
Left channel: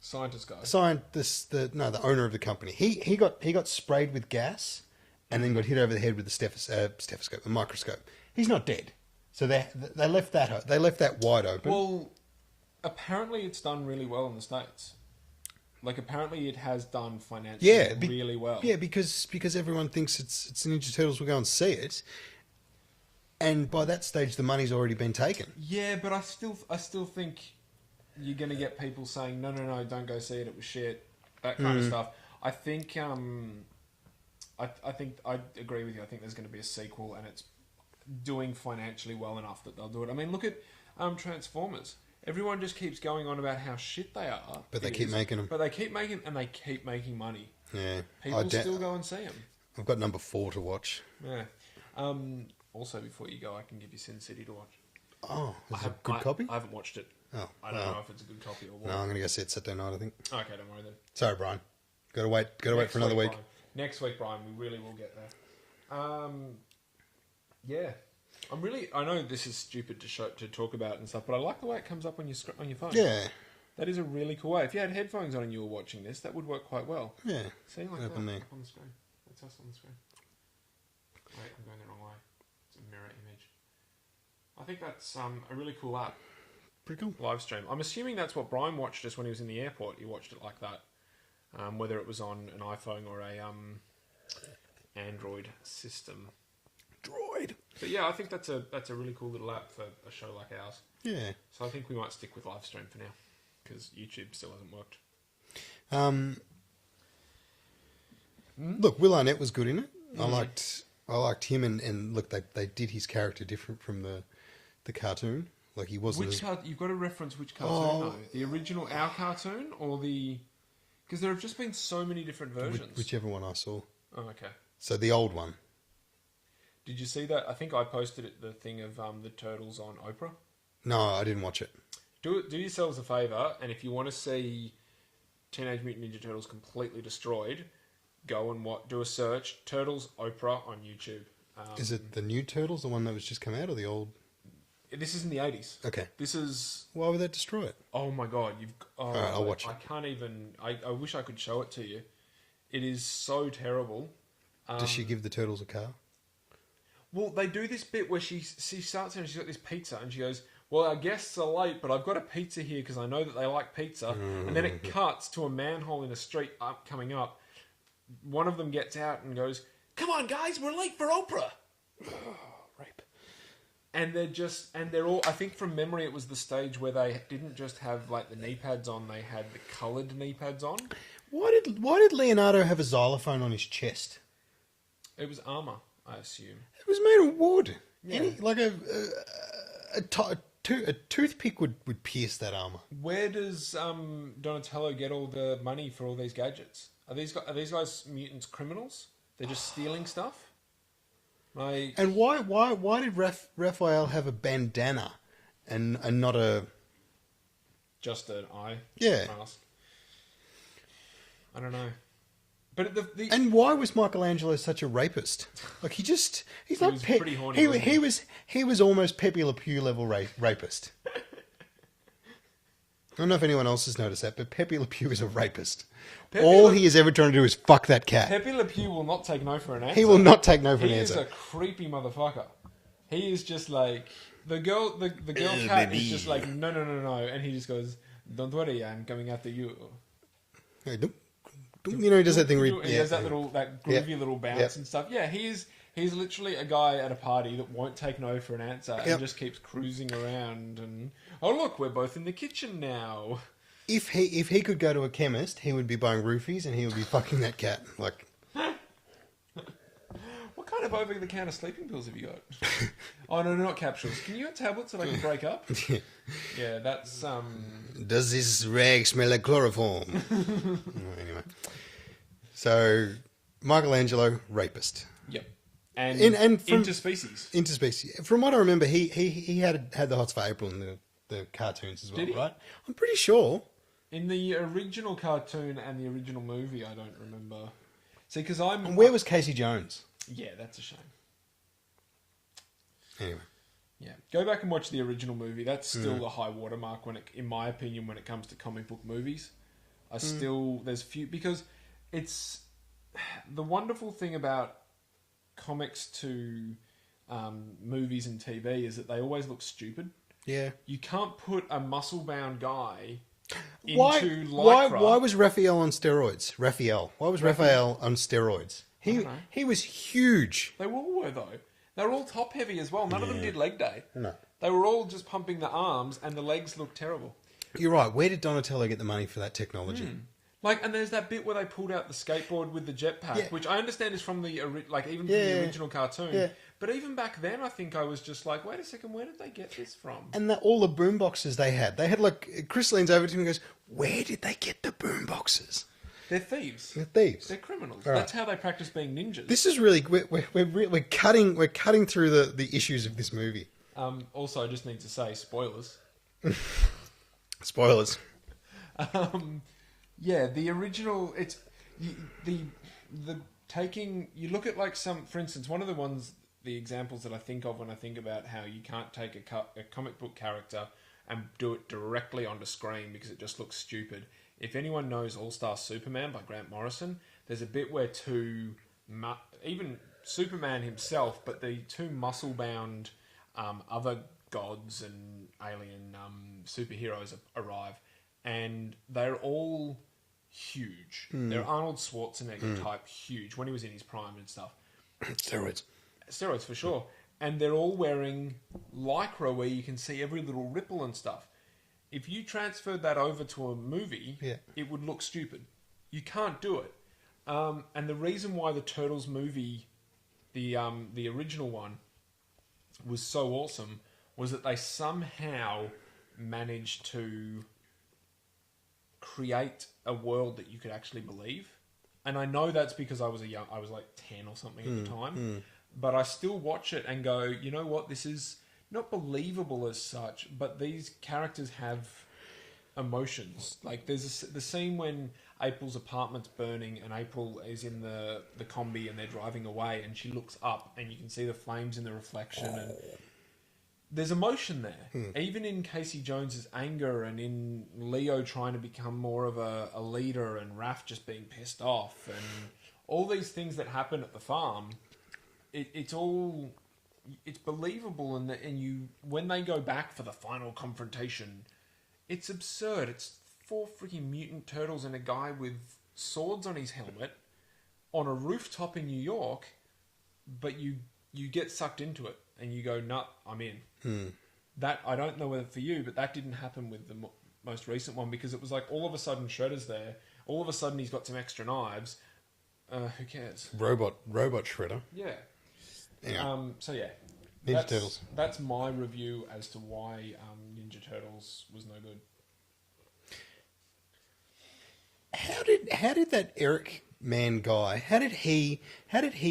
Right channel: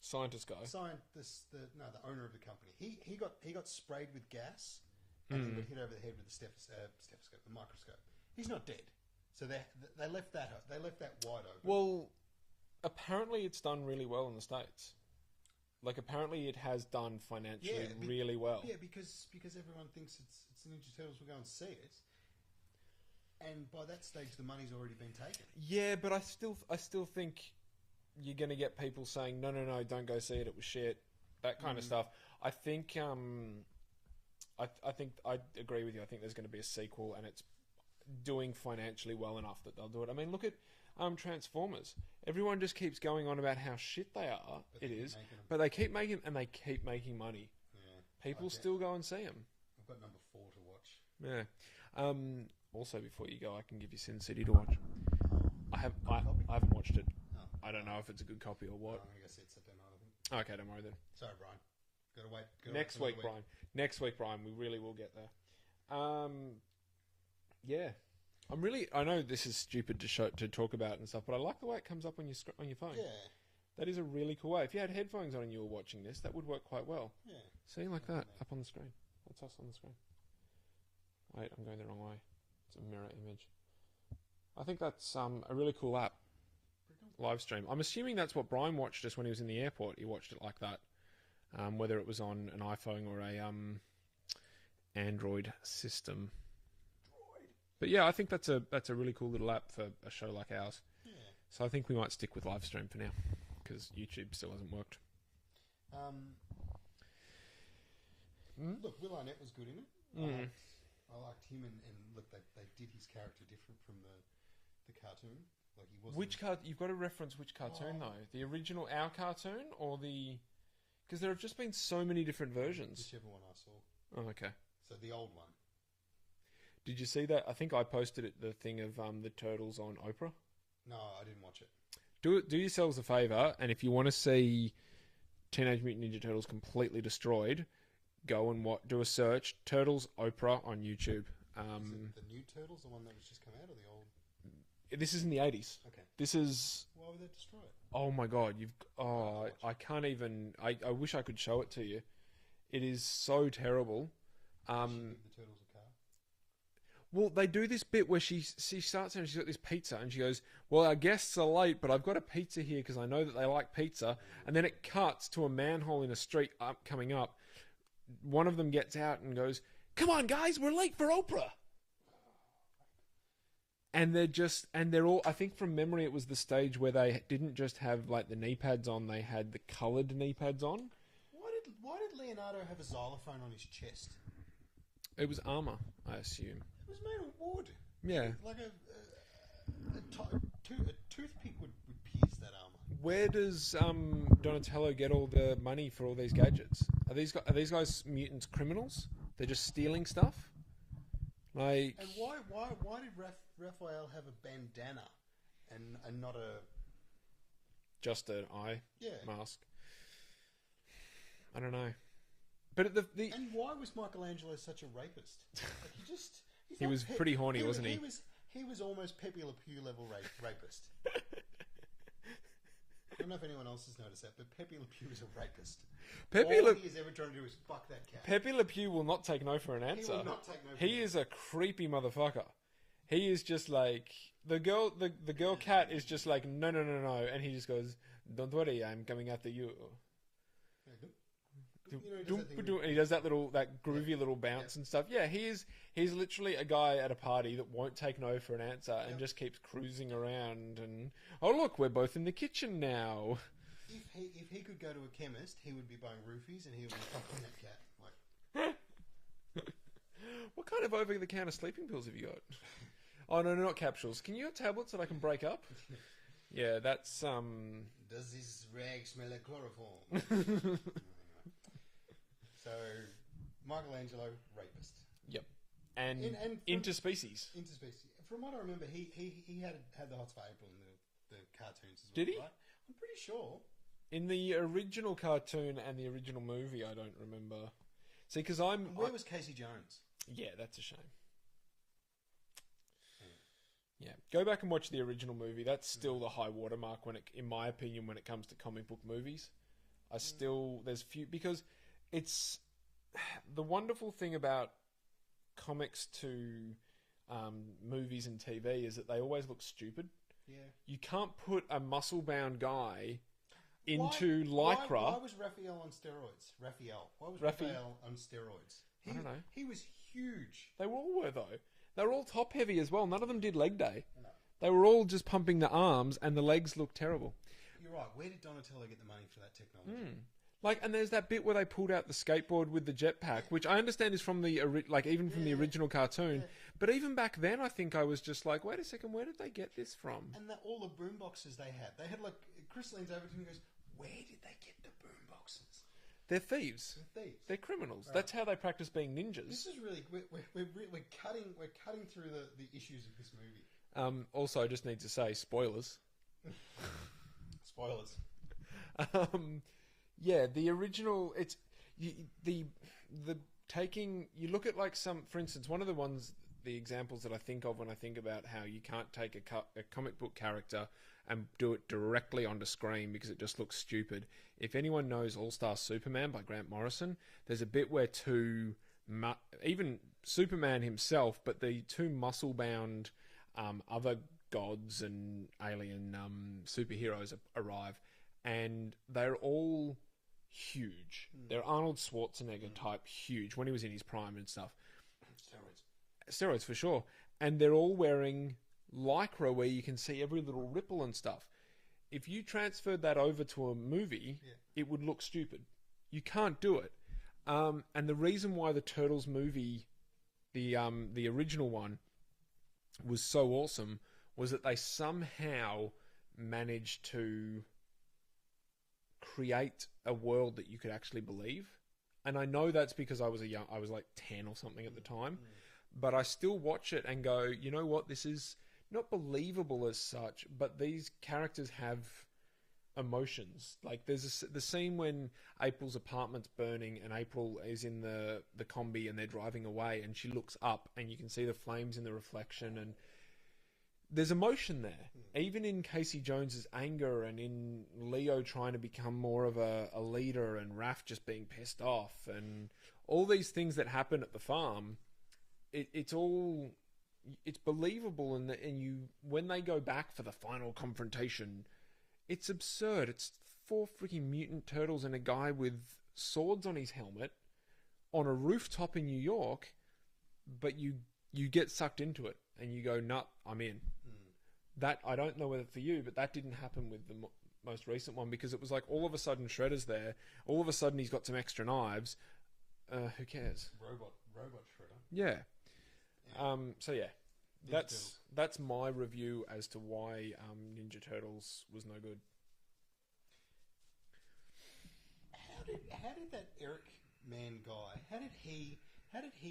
Scientist guy. The owner of the company. He got sprayed with gas and then got hit over the head with a stethoscope, a microscope. He's not dead. So they left that wide open. Well, apparently it's done really well in the States. Like, apparently it has done financially really well. Yeah, because everyone thinks it's Ninja Turtles. We'll go and see it. And by that stage, the money's already been taken. Yeah, but I still think you're going to get people saying, no, don't go see it. It was shit. That kind of stuff. I think I think I agree with you. I think there's going to be a sequel, and it's doing financially well enough that they'll do it. I mean, look at Transformers. Everyone just keeps going on about how shit they are. But they keep making them. But they keep making them, and they keep making money. Yeah. People still go and see them. I've got number 4 to watch. Yeah. Also, before you go, I can give you Sin City to watch. Oh, is it a good copy? I haven't watched it. Oh, I don't know if it's a good copy or what. No, I'm going to go see it Saturday night, I think. Okay, don't worry then. Sorry, Brian. Got to wait for another week. Brian. Next week, Brian, we really will get there. Yeah. I know this is stupid to talk about and stuff, but I like the way it comes up on your phone. Yeah. That is a really cool way. If you had headphones on and you were watching this, that would work quite well. Yeah. See, like that, up on the screen. That's us on the screen. Wait, I'm going the wrong way. It's a mirror image. I think that's a really cool app. Pretty cool. Live stream. I'm assuming that's what Brian watched just when he was in the airport. He watched it like that. Whether it was on an iPhone or a Android system. Droid. But yeah, I think that's a really cool little app for a show like ours. Yeah. So I think we might stick with live stream for now because YouTube still hasn't worked. Look, Will Arnett was good in it. I liked him, and look, they did his character different from the cartoon. Like he wasn't. You've got to reference which cartoon though? The original Our cartoon or the? Because there have just been so many different versions. Whichever one I saw. Oh, okay. So the old one. Did you see that? I think I posted the thing of the Turtles on Oprah. No, I didn't watch it. Do yourselves a favour, and if you want to see Teenage Mutant Ninja Turtles completely destroyed, go and do a search. Turtles Oprah on YouTube. Is it the new Turtles, the one that was just come out, or the old? This is in the 80s. Okay. This is... Why would they destroy it? Oh my god, All right, I'll watch it. I can't even... I wish I could show it to you. It is so terrible. Does she give the turtles a car? Well, they do this bit where she starts there and she's got this pizza and she goes, well, our guests are late, but I've got a pizza here because I know that they like pizza. And then it cuts to a manhole in a street coming up. One of them gets out and goes, come on, guys, we're late for Oprah. Rape. And they're all, I think from memory it was the stage where they didn't just have like the knee pads on, they had the coloured knee pads on. Why did Leonardo have a xylophone on his chest? It was armour, I assume. It was made of wood. Yeah. Like a toothpick would pierce that armour. Where does Donatello get all the money for all these gadgets? Are these guys mutants criminals? They're just stealing stuff? Like... And why did Raphael have a bandana and not a... Just an eye mask? I don't know. But and why was Michelangelo such a rapist? Like he was pretty horny. He was almost Pepe Le Pew level rapist. I don't know if anyone else has noticed that, but Pepe Le Pew is a rapist. All he is ever trying to do is fuck that cat. Pepe Le Pew will not take no for an answer. He will not take no for an answer. He is a creepy motherfucker. He is just like the girl cat is just like no, and he just goes, "Don't worry, I'm coming after you." Hey, you know, he does that thing where he has that groovy little bounce and stuff. Yeah, he's literally a guy at a party that won't take no for an answer and just keeps cruising around and look, we're both in the kitchen now. If he could go to a chemist, he would be buying roofies and he would be fucking that cat. Like, what kind of over-the-counter sleeping pills have you got? Oh no, not capsules. Can you get tablets that I can break up? Yeah, that's Does this rag smell like chloroform? Anyway, so Michelangelo, rapist. Yep, and from, interspecies. From what I remember, he had the hots for April in the cartoons as well, Did he? right? I'm pretty sure. In the original cartoon and the original movie, I don't remember. See, because And where was Casey Jones? Yeah, that's a shame. Anyway. Yeah, go back and watch the original movie. That's still the high watermark in my opinion, when it comes to comic book movies. There's few, because it's the wonderful thing about comics to movies and TV is that they always look stupid. Yeah. You can't put a muscle-bound guy Why? into Why? Lycra. Why was Raphael on steroids? Why was Raphael on steroids? He was huge. They all were, though. They were all top-heavy as well. None of them did leg day. No. They were all just pumping the arms, and the legs looked terrible. You're right. Where did Donatello get the money for that technology? And there's that bit where they pulled out the skateboard with the jetpack, Yeah. which I understand is from the from the original cartoon. Yeah. But even back then, I think I was just like, wait a second, where did they get this from? And all the boom boxes they had like, Chris leans over to me and goes, "Where did they get the boom boxes?" They're thieves. They're thieves. They're criminals. Right. That's how they practice being ninjas. This is really we're cutting through the issues of this movie. Also, I just need to say, spoilers. Spoilers. Yeah, the original. It's the taking. You look at like some, for instance, one of the examples that I think of when I think about how you can't take a comic book character and do it directly onto screen because it just looks stupid. If anyone knows All-Star Superman by Grant Morrison, there's a bit where even Superman himself, but the two muscle-bound other gods and alien superheroes arrive, and they're all huge. They're Arnold Schwarzenegger type huge when he was in his prime and stuff. Steroids for sure. And they're all wearing Lycra where you can see every little ripple and stuff. If you transferred that over to a movie, it would look stupid. You can't do it. And the reason why the Turtles movie, the original one, was so awesome was that they somehow managed to create a world that you could actually believe. And I know that's because I was like 10 or something at the time. But I still watch it and go, you know what, this is not believable as such, but these characters have emotions. Like there's the scene when April's apartment's burning and April is in the combi and they're driving away and she looks up and you can see the flames in the reflection and there's emotion there. Even in Casey Jones's anger and in Leo trying to become more of a leader and Raph just being pissed off and all these things that happen at the farm, it's believable and when they go back for the final confrontation, it's absurd. It's 4 freaking mutant turtles and a guy with swords on his helmet on a rooftop in New York, but you get sucked into it and you go, "Nut, I'm in." That I don't know whether for you, but that didn't happen with the most recent one because it was like all of a sudden Shredder's there, all of a sudden he's got some extra knives. Who cares? Robot Shredder. Yeah. Yeah. So yeah, Ninja Turtles. That's my review as to why Ninja Turtles was no good. How did that Eric Mann guy? How did he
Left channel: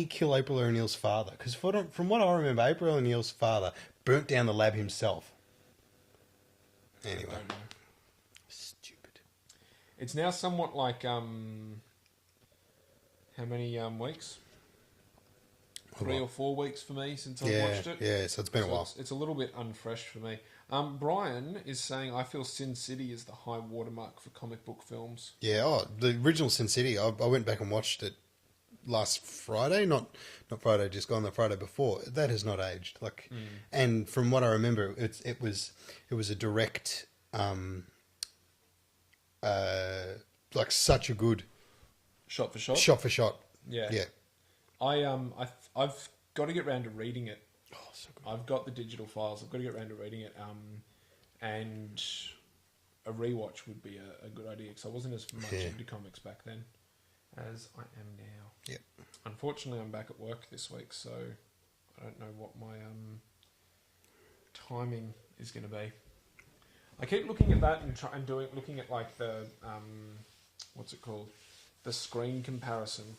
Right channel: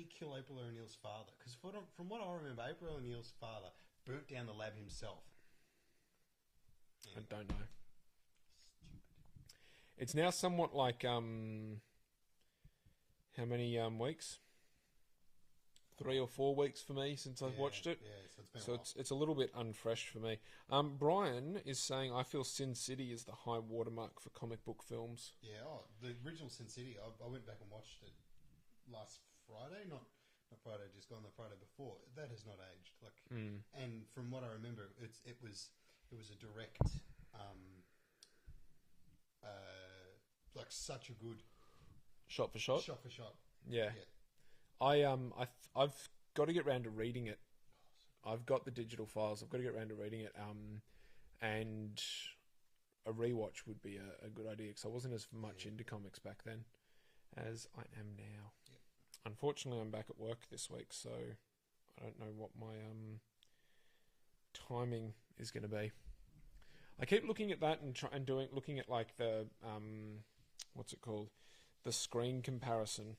kill April O'Neil's father? Because from what I remember, April O'Neil's father burnt down the lab himself. Anyway, I don't know. Stupid. It's now somewhat like how many weeks? 3 or 4 weeks for me since I watched it. Yeah, so it's been a while. It's a little bit unfresh for me. Brian is saying, I feel Sin City is the high watermark for comic book films. Yeah, the original Sin City, I went back and watched it last Friday, not Friday just gone, the Friday before. That has not aged. And from what I remember, it was a direct, like such a good Shot for shot. shot for shot. Yeah. Yeah. I've got to get round to reading it. Oh, so good. I've got the digital files. I've got to get round to reading it. And a rewatch would be a good idea because I wasn't as much into comics back then as I am now. Yep. Unfortunately, I'm back at work this week, so I don't know what my timing is going to be. I keep looking at that and looking at like the what's it called, the screen comparison.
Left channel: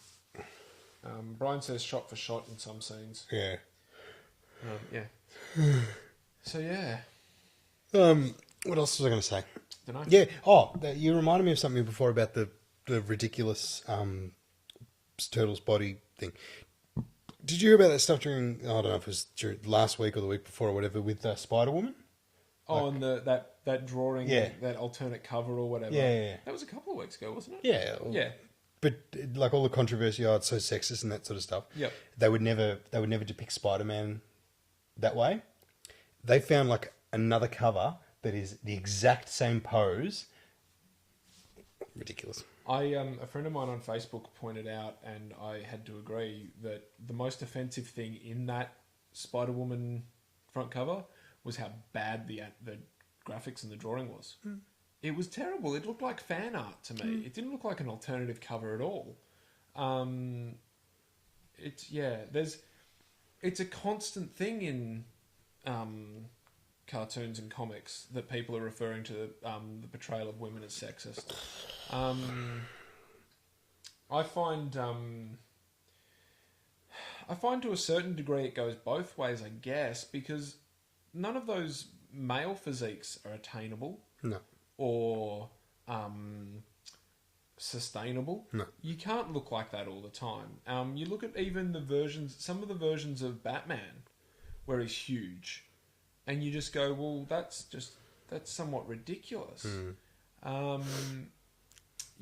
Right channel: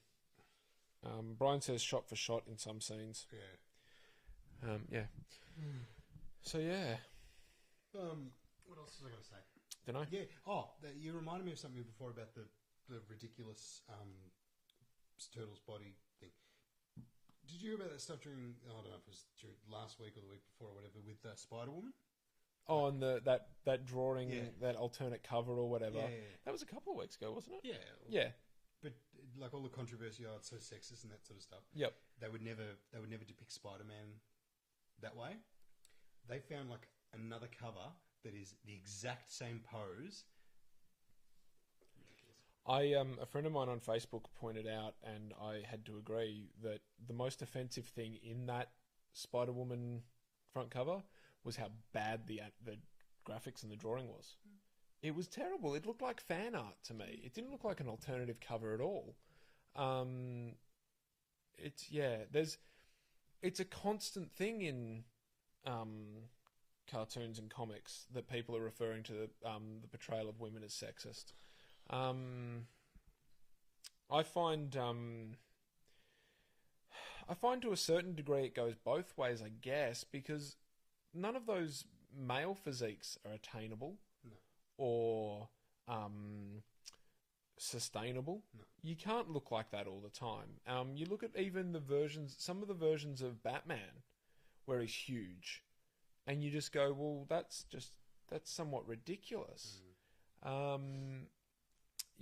Brian says shot for shot in some scenes. Yeah. Yeah. So yeah. What else was I going to say? Dunno. Yeah. You reminded me of something before about the ridiculous Turtles body thing. Did you hear about that stuff during? I don't know if it was during last week or the week before or whatever with Spider Woman. Oh, and that drawing, Yeah. that alternate cover or whatever. Yeah. That was a couple of weeks ago, wasn't it? Yeah. Yeah. But like all the controversy, it's so sexist and that sort of stuff. Yep. They would never depict Spider-Man that way. They found like another cover that is the exact same pose. Ridiculous. A friend of mine on Facebook pointed out, and I had to agree, that the most offensive thing in that Spider-Woman front cover was how bad the graphics and the drawing was. It was terrible. It looked like fan art to me. It didn't look like an alternative cover at all. It's a constant thing in cartoons and comics that people are referring to the portrayal of women as sexist. I find to a certain degree it goes both ways, I guess, because none of those male physiques are attainable. No. Or sustainable. No. You can't look like that all the time. You look at even some of the versions of Batman where he's huge, and you just go, well, that's somewhat ridiculous.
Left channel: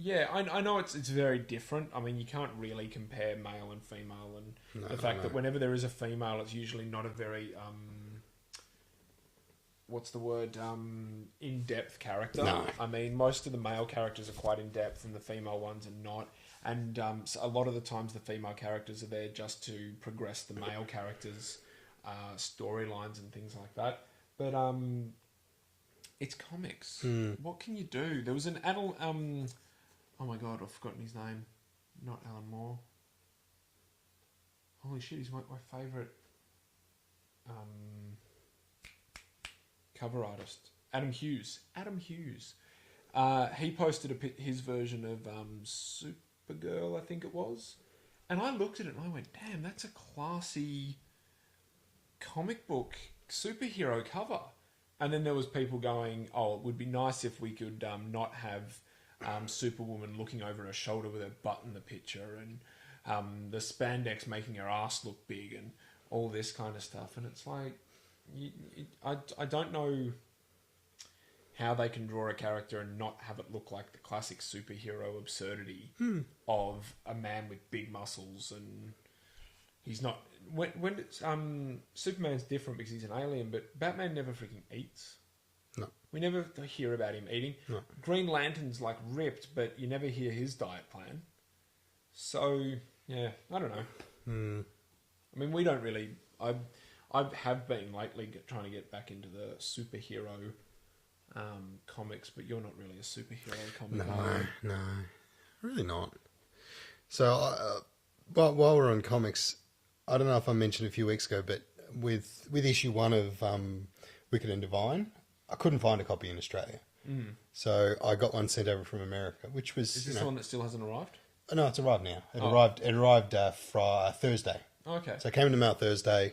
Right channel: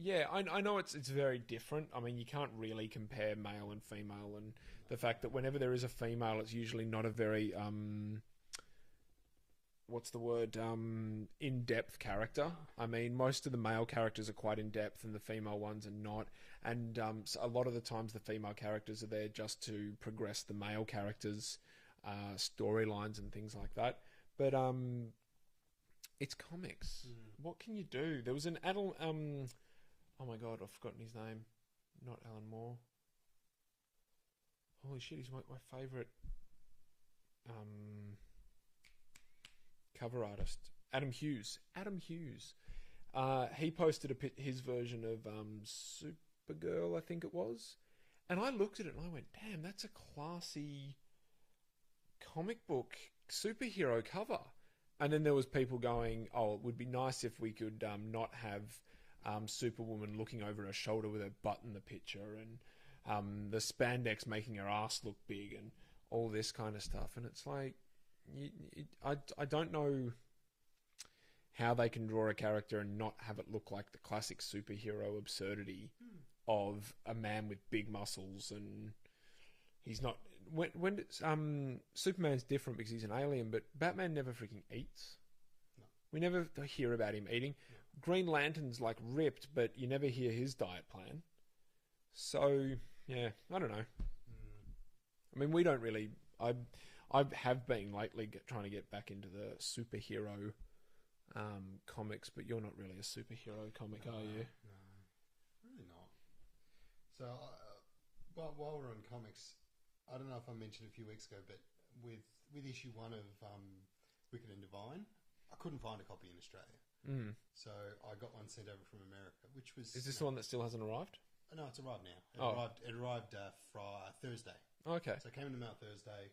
Yeah, I know it's very different. I mean, you can't really compare male and female, and the fact that whenever there is a female, it's usually not a very in-depth character. No. I mean, most of the male characters are quite in-depth and the female ones are not. And so a lot of the times the female characters are there just to progress the male characters' storylines and things like that. But it's comics. What can you do? There was an adult... oh my God, I've forgotten his name. Not Alan Moore. Holy shit, he's my favourite... cover artist, Adam Hughes. He posted his version of Supergirl, I think it was, and I looked at it and I went, "Damn, that's a classy comic book superhero cover." And then there was people going, "Oh, it would be nice if we could not have Superwoman looking over her shoulder with her butt in the picture, and the spandex making her ass look big, and all this kind of stuff." And it's like, I don't know how they can draw a character and not have it look like the classic superhero absurdity of a man with big muscles, and he's not. When it's, Superman's different because he's an alien, but Batman never freaking eats. No. We never hear about him eating. No. Green Lantern's like ripped, but you never hear his diet plan. So yeah, I don't know. I mean, we don't really. I have been lately trying to get back into the superhero comics, but you're not really a superhero comic. No, really not. So, while we're on comics, I don't know if I mentioned a few weeks ago, but with issue 1 of Wicked and Divine, I couldn't find a copy in Australia. So I got one sent over from America, which was... Is this the one that still hasn't arrived? No, it's arrived now. It arrived Thursday. Okay. So it came in the mail Thursday.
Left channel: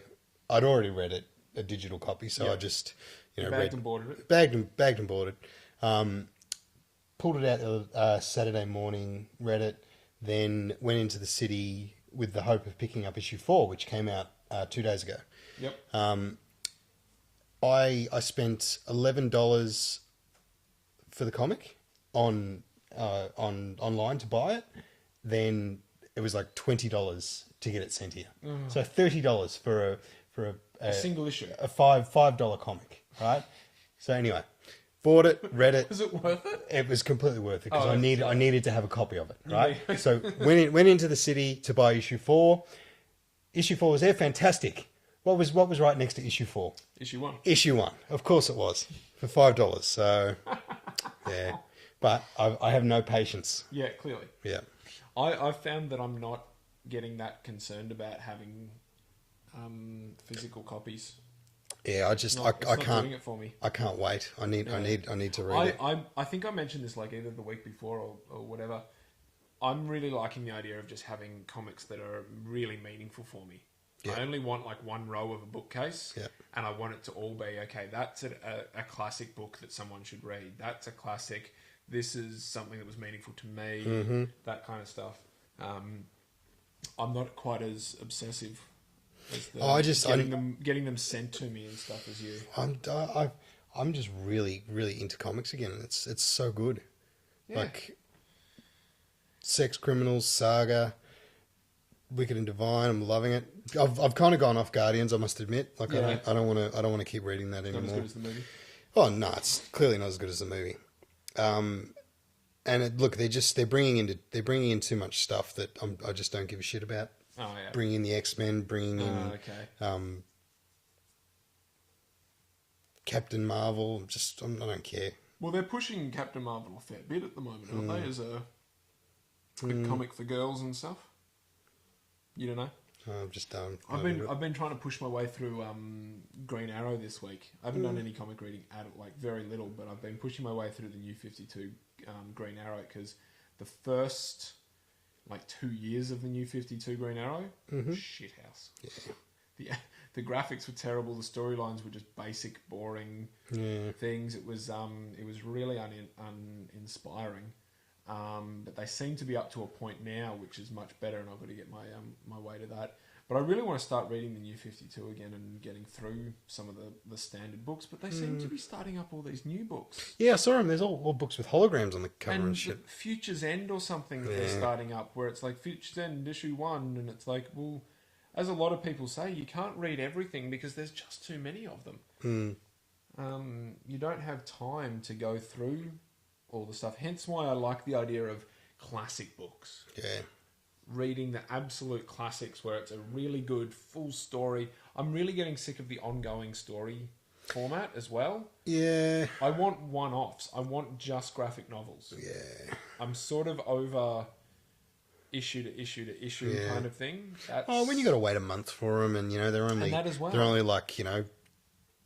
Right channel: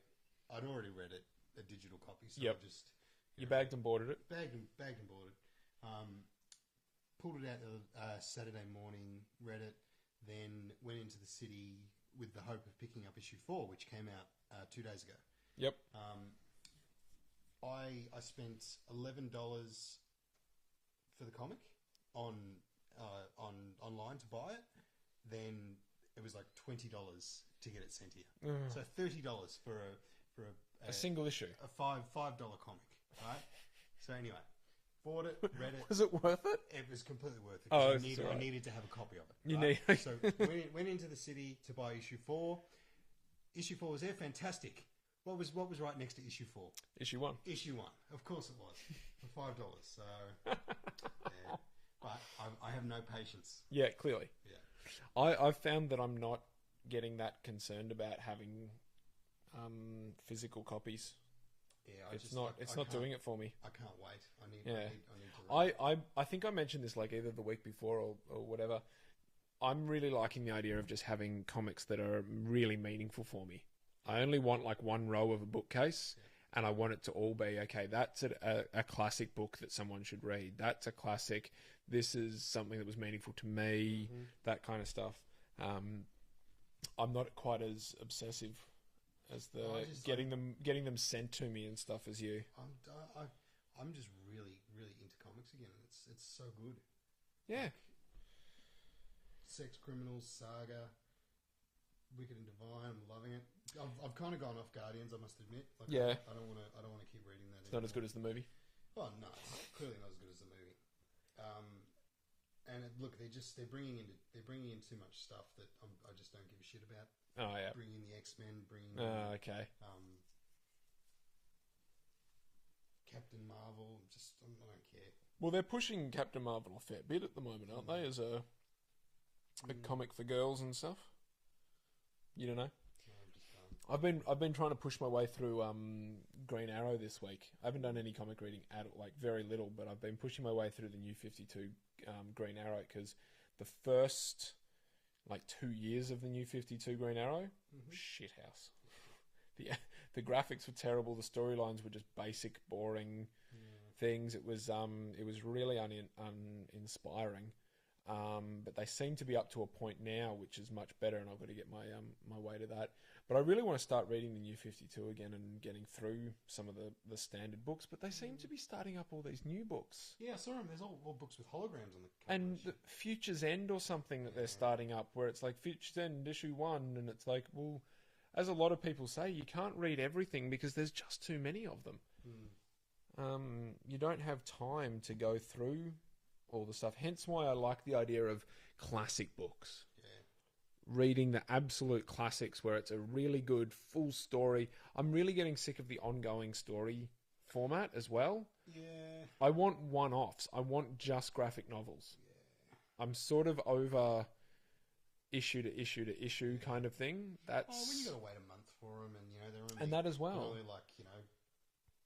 I'd already read it, a digital copy, so I just bagged and boarded it. Bagged and boarded. Pulled it out Saturday morning, read it, then went into the city with the hope of picking up issue 4, which came out 2 days ago. Yep. I spent $11 for the comic on online to buy it. Then it was like $20 to get it sent here. So $30 for a single issue, a $5 comic, right? So anyway, bought it, read it. Was it worth it? It was completely worth it because Oh, I needed to have a copy of it, right? So went into the city to buy issue 4. Issue 4 was there, fantastic. What was right next to issue 4? Issue 1. Issue 1, of course it was, for $5. So yeah, but I have no patience. Yeah, clearly. Yeah, I found that I'm not getting that concerned about having physical copies. Yeah, It's not doing it for me. I can't wait. I need to read it. I think I mentioned this like either the week before or whatever. I'm really liking the idea of just having comics that are really meaningful for me. Yeah. I only want like one row of a bookcase, and I want it to all be, okay, that's a classic book that someone should read. That's a classic. This is something that was meaningful to me, that kind of stuff. I'm not quite as obsessive Getting them sent to me and stuff as you. I'm just really, really into comics again. It's so good. Yeah. Like Sex Criminals, Saga, Wicked and Divine. I'm loving it. I've kind of gone off Guardians, I must admit. Like I don't want to keep reading that anymore. Not as good as the movie. Oh no, it's clearly not as good as the movie. And they're bringing in too much stuff that I just don't give a shit about. Oh yeah. Bringing in the X-Men, bringing in Captain Marvel. I don't care. Well, they're pushing Captain Marvel a fair bit at the moment, aren't they? As a comic for girls and stuff. You don't know? I've just done. I've been trying to push my way through Green Arrow this week. I haven't done any comic reading very little, but I've been pushing my way through the New 52 Green Arrow because the first 2 years of the New 52 Green Arrow, shit house. Yeah. The graphics were terrible. The storylines were just basic, boring things. It was really uninspiring. But they seem to be up to a point now which is much better, and I've got to get my way to that. But I really want to start reading the New 52 again and getting through some of the standard books. But they seem to be starting up all these new books. Yeah, I saw them. There's all books with holograms on the cover and shit. Future's End or something that they're starting up, where it's like Future's End issue 1, and it's like, well, as a lot of people say, you can't read everything because there's just too many of them. You don't have time to go through all the stuff. Hence why I like the idea of classic books. Yeah. Reading the absolute classics where it's a really good full story. I'm really getting sick of the ongoing story format as well. Yeah. I want one-offs. I want just graphic novels. Yeah. I'm sort of over issue to issue to issue kind of thing. When you got to wait a month for them, and they're only they're only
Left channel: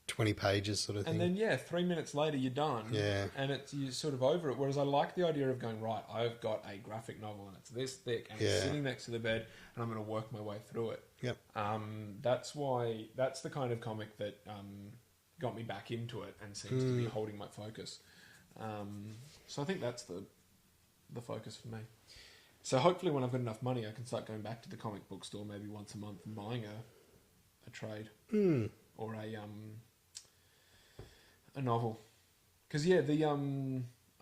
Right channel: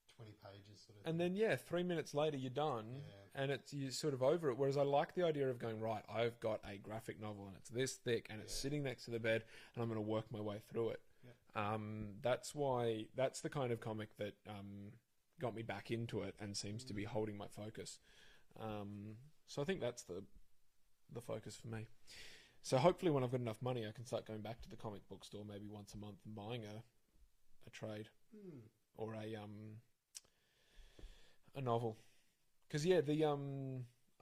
20 pages sort of thing. And then 3 minutes later you're done. Yeah. And you're sort of over it. Whereas I like the idea of going, right, I've got a graphic novel and it's this thick and it's sitting next to the bed and I'm going to work my way through it. Yep. That's the kind of comic that got me back into it and seems to be holding my focus. So I think that's the focus for me. So hopefully when I've got enough money, I can start going back to the comic book store maybe once a month and buying a trade or a novel. Because I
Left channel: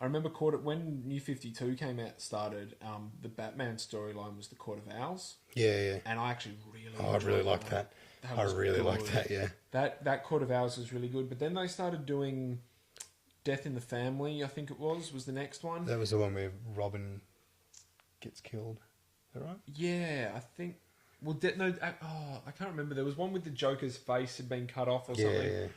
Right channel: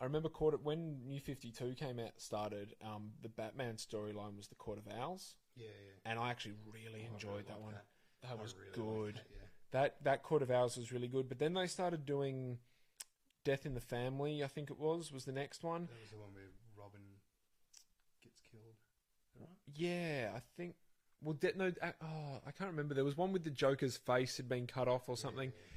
remember when New 52 came out started, the Batman storyline was the Court of Owls. Yeah. And I actually I really liked that. I really liked that. Yeah. That Court of Owls was really good. But then they started doing Death in the Family. I think it was the next one. That was the one where Robin gets killed. Is that right? Yeah, I think. Well, I can't remember. There was one with the Joker's face had been cut off or something. Yeah.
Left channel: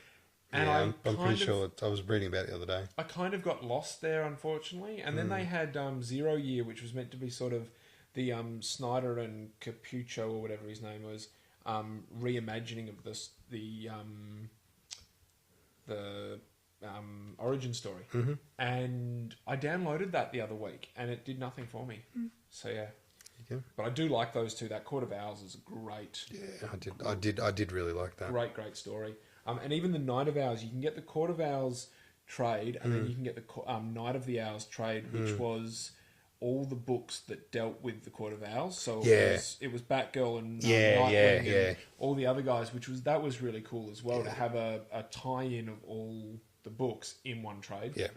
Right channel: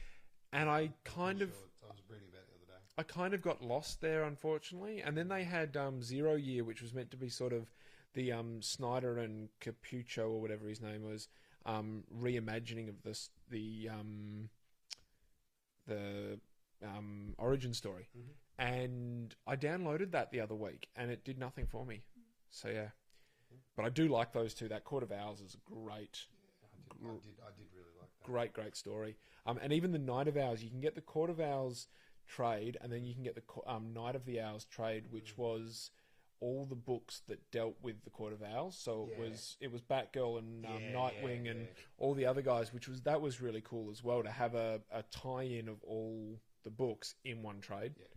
And I'm pretty sure. I was reading about it the other day. I kind of got lost there, unfortunately. And then they had 0 Year, which was meant to be sort of the Snyder and Capucho, or whatever his name was, reimagining of the origin story. And I downloaded that the other week, and it did nothing for me. So yeah. But I do like those two. That Court of Owls is great. Yeah, I did really like that. Great story. And even the Night of Owls, you can get the Court of Owls trade, and then you can get the Night of the Owls trade, which was all the books that dealt with the Court of Owls. So it was Batgirl and Nightwing and all the other guys, that was really cool as well to have a tie-in of all the books in one trade. Yeah.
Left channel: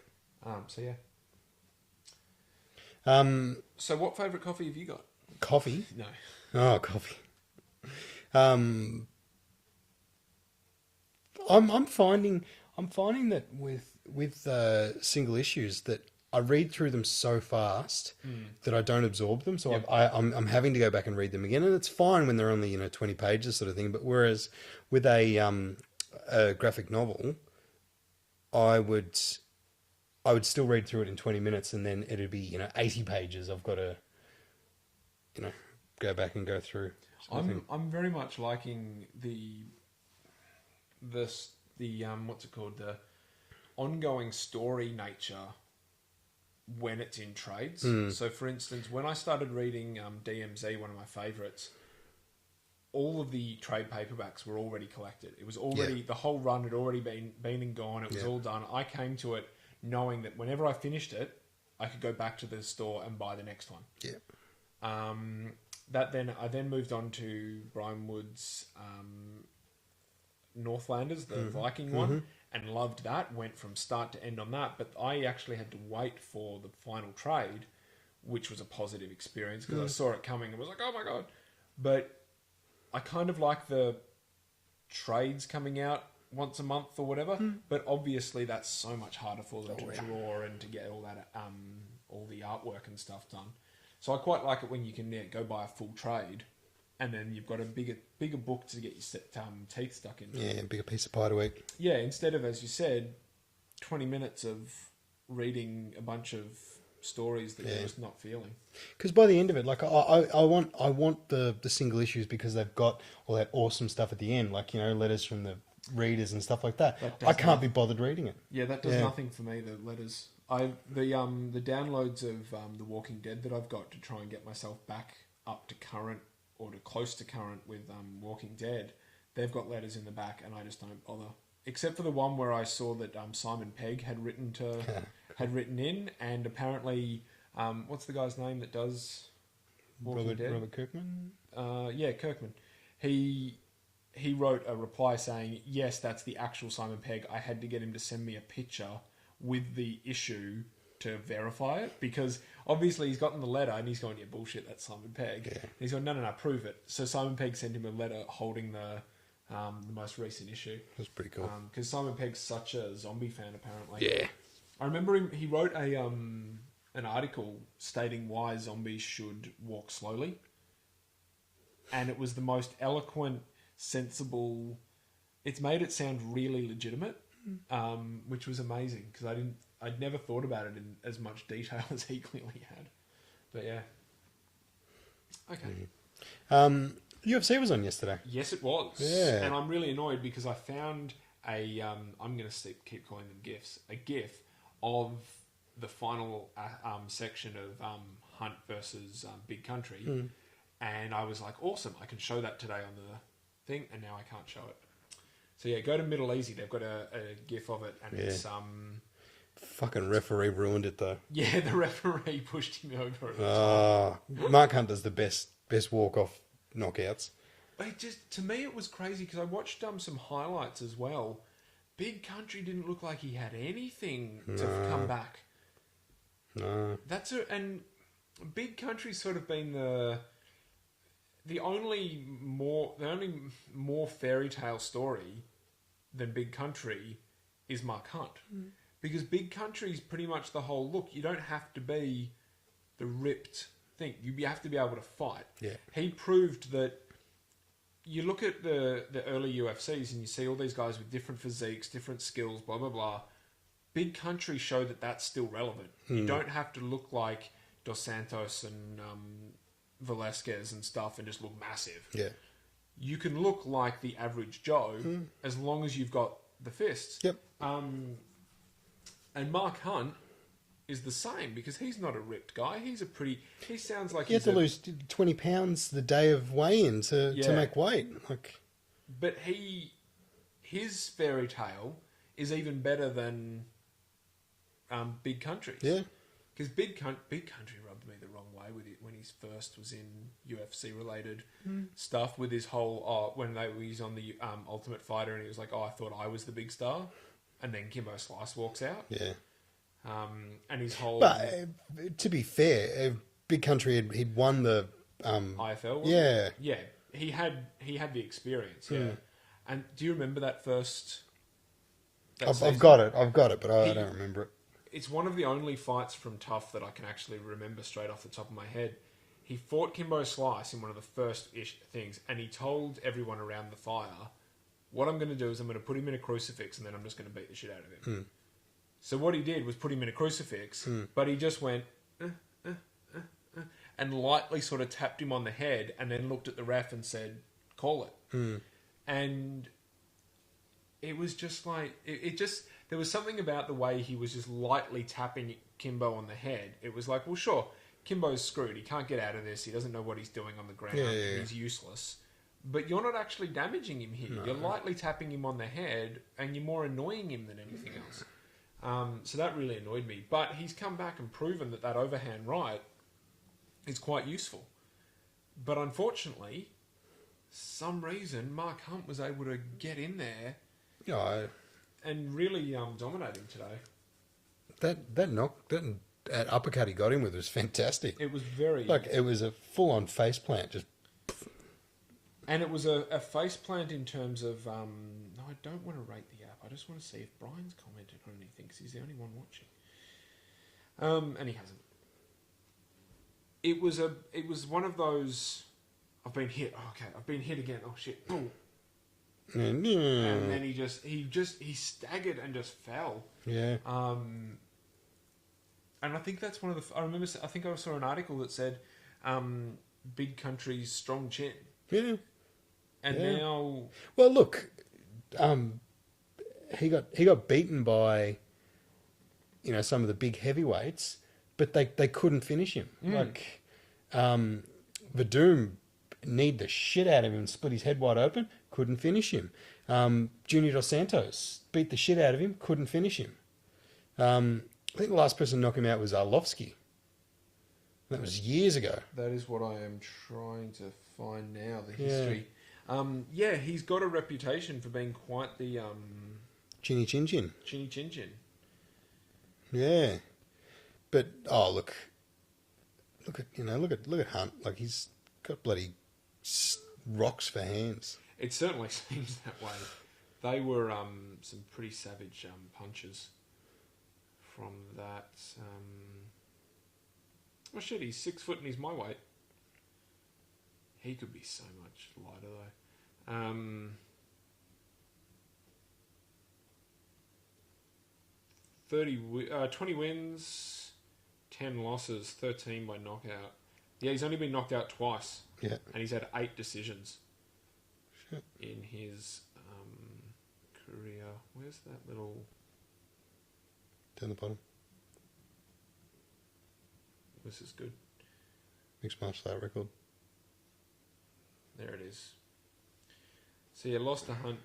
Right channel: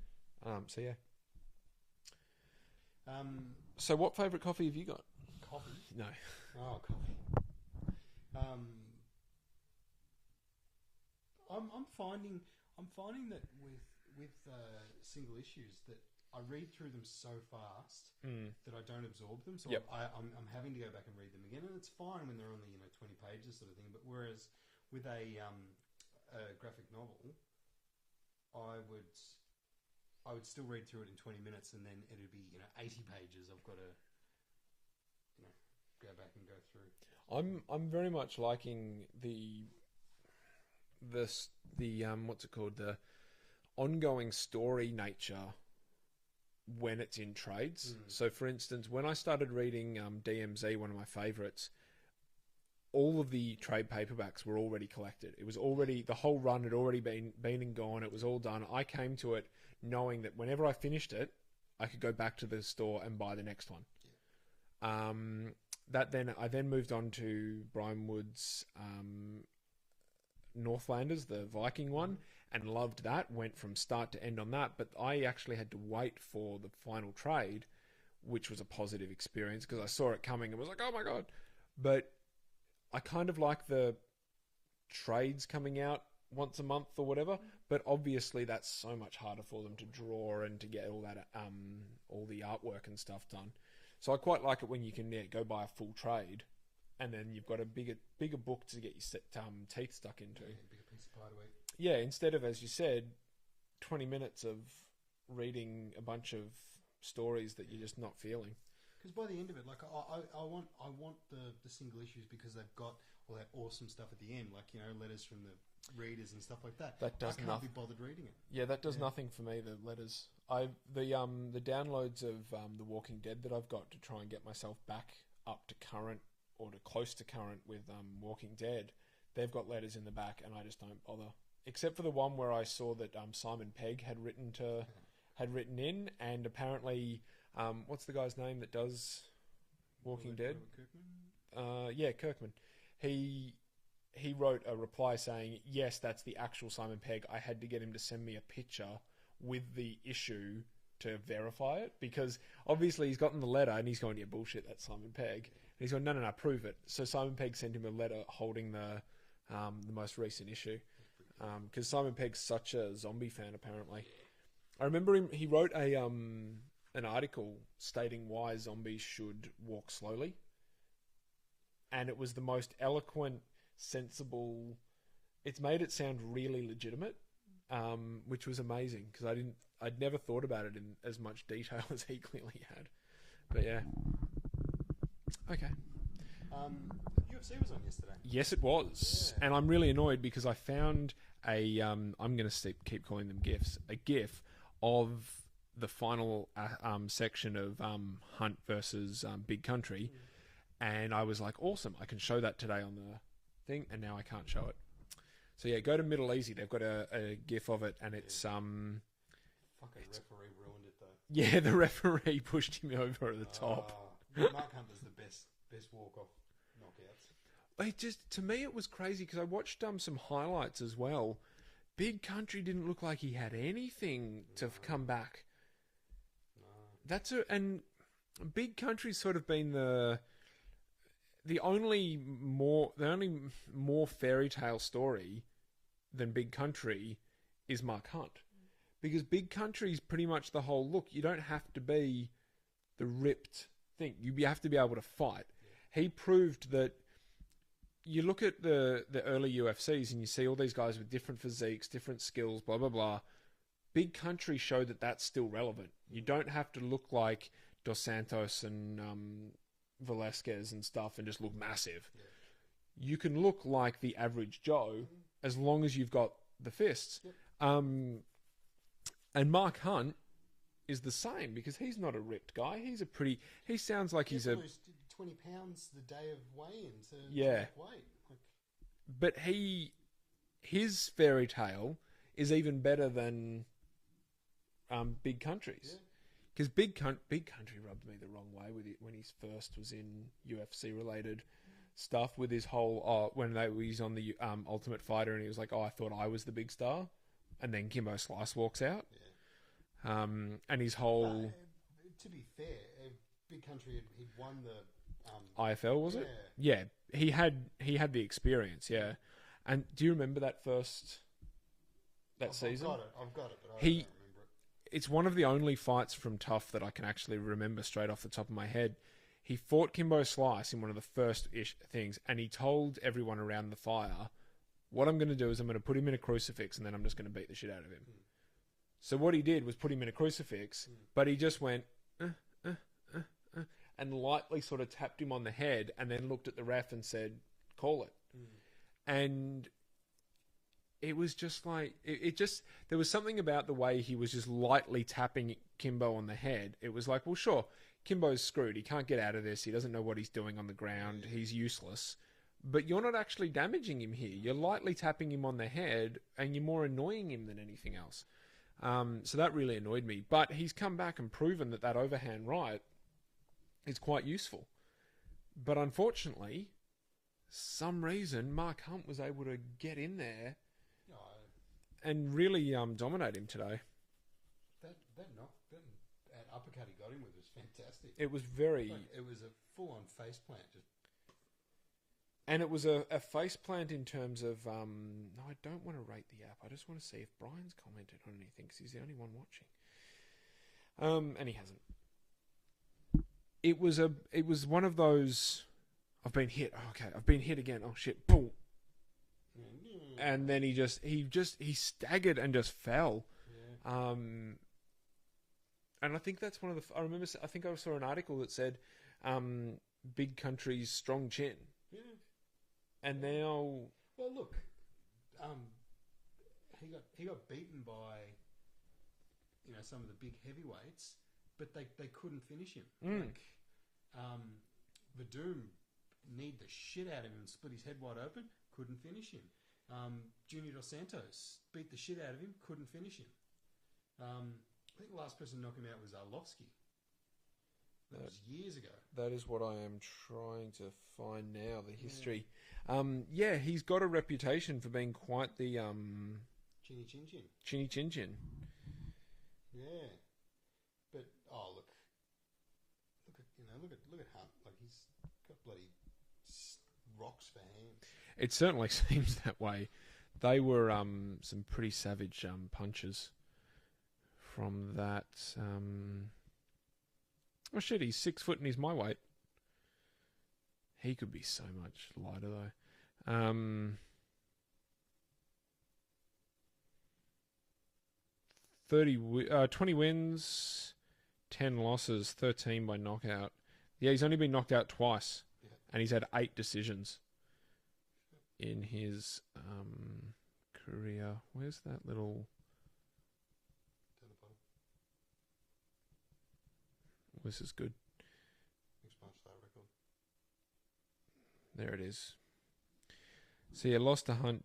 So what favourite coffee have you got? Coffee? No. Oh, coffee. I'm finding that with single issues that I read through them so fast that I don't absorb them. So I'm having to go back and read them again, and it's fine when they're only 20 pages sort of thing. But whereas with a graphic novel, I would still read through it in 20 minutes, and then it'd be 80 pages. I've got to go back and go through. I'm very much liking the what's it called, the ongoing story nature when it's in trades. So for instance, when I started reading DMZ, one of my favourites, all of the trade paperbacks were already collected. It was already the whole run had already been and gone. It was all done. I came to it knowing that whenever I finished it, I could go back to the store and buy the next one. I then moved on to Brian Wood's Northlanders, the Viking one, and loved that. Went from start to end on that, but I actually had to wait for the final trade, which was a positive experience because I saw it coming and was like, oh my god. But I kind of like the trades coming out once a month or whatever, but obviously that's so much harder for them to draw and to get all that all the artwork and stuff done. So I quite like it when you can go buy a full trade, and then you've got a bigger book to get your teeth stuck into. Yeah, bigger piece of pie to eat. Yeah, instead of, as you said, 20 minutes of reading a bunch of stories that you're just not feeling. Because by the end of it, like I want the single issues because they've got all that awesome stuff at the end, like letters from the readers and stuff like that. I can't be bothered reading it. Yeah, that does nothing for me. The letters, the downloads of The Walking Dead that I've got to try and get myself back up to current or to close to current with Walking Dead, they've got letters in the back, and I just don't bother. Except for the one where I saw that Simon Pegg had written in, and apparently, what's the guy's name that does Walking Dead? Robert Kirkman? Yeah, Kirkman. He wrote a reply saying, yes, that's the actual Simon Pegg. I had to get him to send me a picture with the issue to verify it, because obviously he's gotten the letter and he's going, yeah, bullshit, that's Simon Pegg. Yeah. And he's going, no, prove it. So Simon Pegg sent him a letter holding the most recent issue. That's pretty cool. Because Simon Pegg's such a zombie fan, apparently. Yeah. I remember he wrote an article stating why zombies should walk slowly. And it was the most eloquent, sensible... It's made it sound really legitimate, which was amazing, because I'd never thought about it in as much detail as he clearly had. But yeah. Okay. UFC was on yesterday. Yes, it was. Yeah. And I'm really annoyed because I found I'm going to keep calling them GIFs, a GIF of the final section of Hunt versus Big Country. And I was like, awesome, I can show that today on the thing, and now I can't show it. So yeah, go to Middle Easy. They've got a GIF of it, and it's... Fucking referee ruined it, though. Yeah, the referee pushed him over at the top. Mark Hunt does the best walk-off knockouts. To me, it was crazy, because I watched some highlights as well. Big Country didn't look like he had anything to come back. No. And Big Country's sort of been the only more fairy tale story than Big Country is Mark Hunt. Because Big Country's pretty much the whole, look, you don't have to be the ripped thing. You have to be able to fight. Yeah. He proved that. You look at the early UFCs and you see all these guys with different physiques, different skills, blah, blah, blah. Big Country showed that that's still relevant. You don't have to look like Dos Santos and Velasquez and stuff and just look massive. Yeah. You can look like the average Joe as long as you've got the fists. Yep. And Mark Hunt is the same, because he's not a ripped guy. He sounds like he had to lose 20 pounds the day of weigh-in to make weight. But his fairy tale is even better than Big Country's. Yeah. Because Big Country rubbed me the wrong way with it when he first was in UFC-related stuff, with his whole... when he's on the Ultimate Fighter, and he was like, I thought I was the big star. And then Kimbo Slice walks out. Yeah. And his whole... But to be fair, Big Country, he'd won the... IFL? Yeah. Yeah. He had the experience, yeah. And do you remember that first... I've got it, but I don't remember it. It's one of the only fights from Tough that I can actually remember straight off the top of my head. He fought Kimbo Slice in one of the first-ish things, and he told everyone around the fire, what I'm going to do is I'm going to put him in a crucifix, and then I'm just going to beat the shit out of him. So what he did was put him in a crucifix, but he just went, and lightly sort of tapped him on the head, and then looked at the ref and said, call it. And it was just like, there was something about the way he was just lightly tapping Kimbo on the head. It was like, well, sure, Kimbo's screwed. He can't get out of this. He doesn't know what he's doing on the ground. Yeah. He's useless. But you're not actually damaging him here. No. You're lightly tapping him on the head, and you're more annoying him than anything else. So that really annoyed me. But he's come back and proven that overhand right is quite useful. But unfortunately, some reason Mark Hunt was able to get in there and really dominate him today. That uppercut he got him with was fantastic. It was very... it was a full-on face plant, just... And it was a face plant in terms of... no, I don't want to rate the app. I just want to see if Brian's commented on anything, because he's the only one watching. And he hasn't. It was one of those... I've been hit. Oh, okay, I've been hit again. Oh, shit. Boom. And then he staggered and just fell. Yeah. And I think that's one of the... I think I saw an article that said, big country's strong chin. Yeah. And now... Well, look, he got beaten by, some of the big heavyweights, but they couldn't finish him. Verdum kneed the shit out of him and split his head wide open, couldn't finish him. Junior Dos Santos beat the shit out of him, couldn't finish him. I think the last person to knock him out was Arlovsky. That was years ago. That is what I am trying to find now, the history. He's got a reputation for being quite the... Chinny Chin Chin. Chinny Chin Chin. Yeah. But, look at Hunt. Like, he's got bloody rocks for hands. It certainly seems that way. They were some pretty savage punches from that. Oh shit, he's 6 foot and he's my weight. He could be so much lighter though. 20 wins, 10 losses, 13 by knockout. Yeah, he's only been knocked out twice. Yeah. And he's had 8 decisions. Shit. In his career. Where's that little... Down the bottom. This is good. Mixed martial art record. There it is. So yeah, lost to Hunt,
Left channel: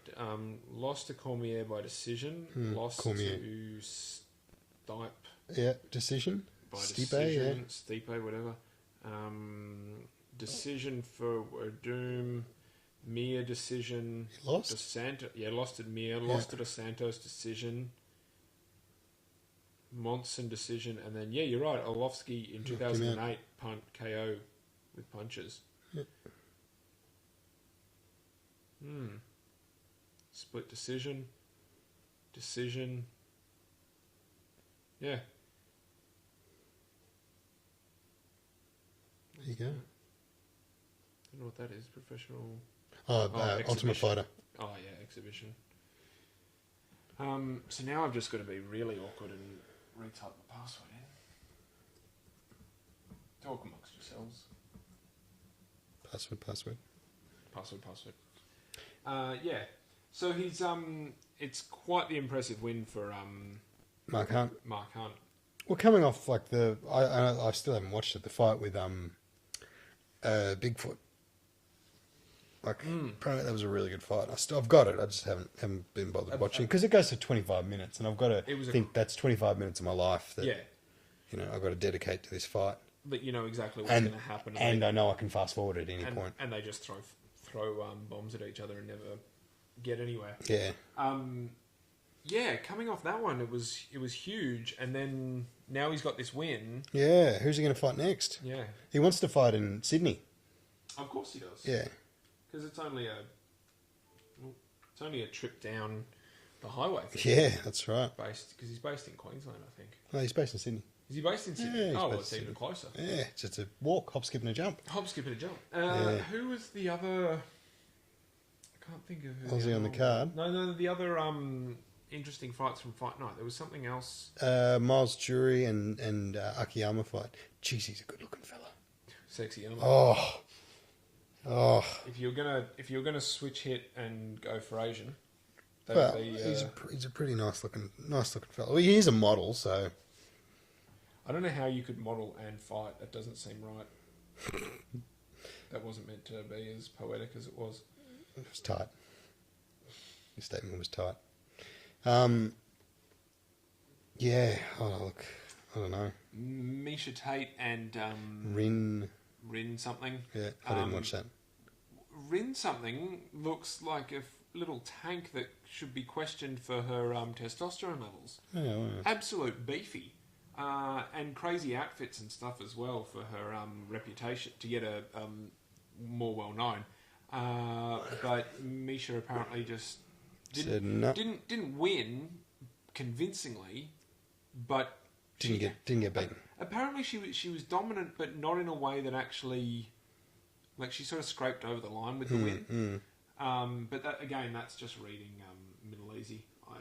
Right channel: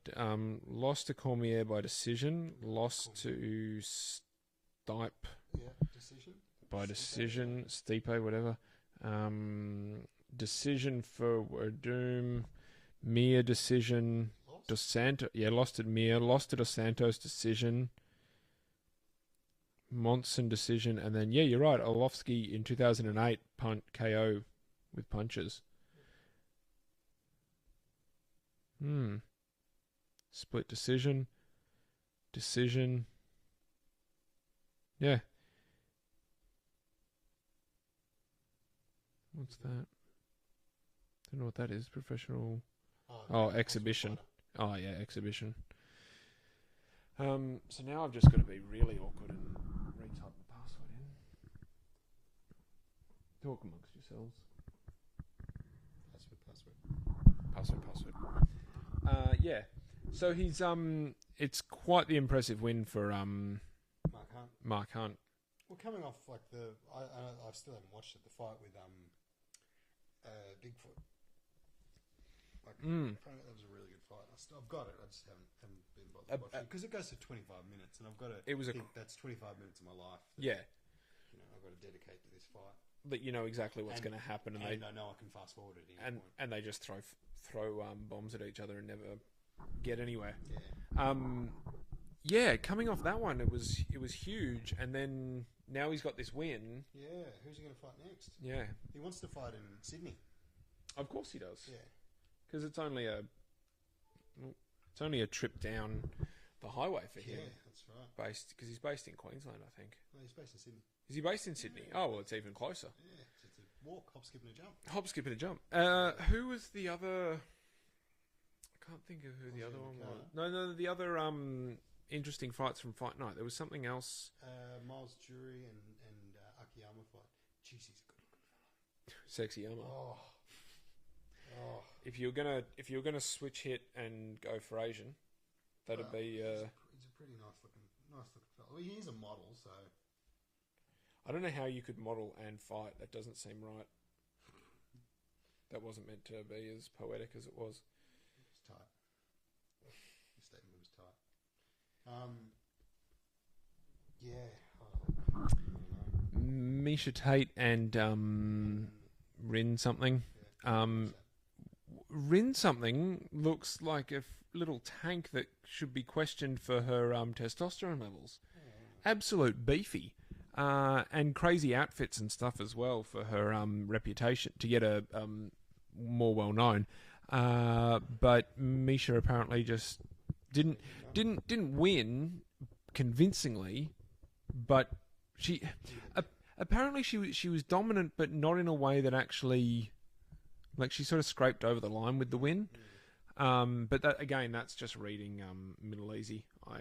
lost to Cormier by decision, lost Cormier. to Stipe. Yeah, decision. By Stipe, decision, Stipe, whatever. Decision for Doom. Mir decision. Lost? Dos Santos, lost at Mir. Lost to Dos Santos decision. Monson decision, and then you're right. Arlovsky in 2008 punt KO with punches. Yep. Split decision. Yeah. There you go. Don't know what that is. Professional. Ultimate exhibition. Fighter. Oh yeah, exhibition. So now I've just got to be really awkward and retype the password in. Talk amongst yourselves. Password. Password. Yeah. So he's it's quite the impressive win for Mark Hunt. Well, coming off like I still haven't watched it. The fight with Bigfoot. Apparently that was a really good fight. I've got it. I just haven't been bothered watching because it goes to 25 minutes, and I've got to think that's 25 minutes of my life that I've got to dedicate to this fight. But you know exactly what's going to happen, and I know I can fast forward at any point. And they just throw bombs at each other and never get anywhere. Yeah. Coming off that one, it was huge, and then now he's got this win. Yeah, who's he going to fight next? Yeah, he wants to fight in Sydney. Of course he does. Yeah. Because it's only a trip down the highway. Yeah, that's right. Because he's based in Queensland, I think. No, he's based in Sydney. Is he based in Sydney? Yeah, it's even closer. Yeah, it's just a walk, hop, skip, and a jump. Hop, skip, and a jump. Who was the other? I can't think of who. Aussie on the card. No, the other interesting fights from Fight Night. There was something else. Miles Jury and Akiyama fight. Jeez, he's a good-looking fella. Sexy Yama. Oh. If you're gonna switch hit and go for Asian, he's a pretty nice looking fella. Well, he is a model, so I don't know how you could model and fight. That doesn't seem right. That wasn't meant to be as poetic as it was. It was tight. Your statement was tight. Yeah. Oh, look. I don't know. Misha Tate and Rin something. Yeah, I didn't watch that. Rin something looks like a little tank that should be questioned for her testosterone levels. Oh, wow. Absolute beefy. And crazy outfits and stuff as well for her reputation to get her more well known. But Misha apparently just didn't win convincingly, but didn't get beaten. Apparently she was dominant, but not in a way that actually, like, she sort of scraped over the line with the win. But that, again, that's just reading Middle Easy. I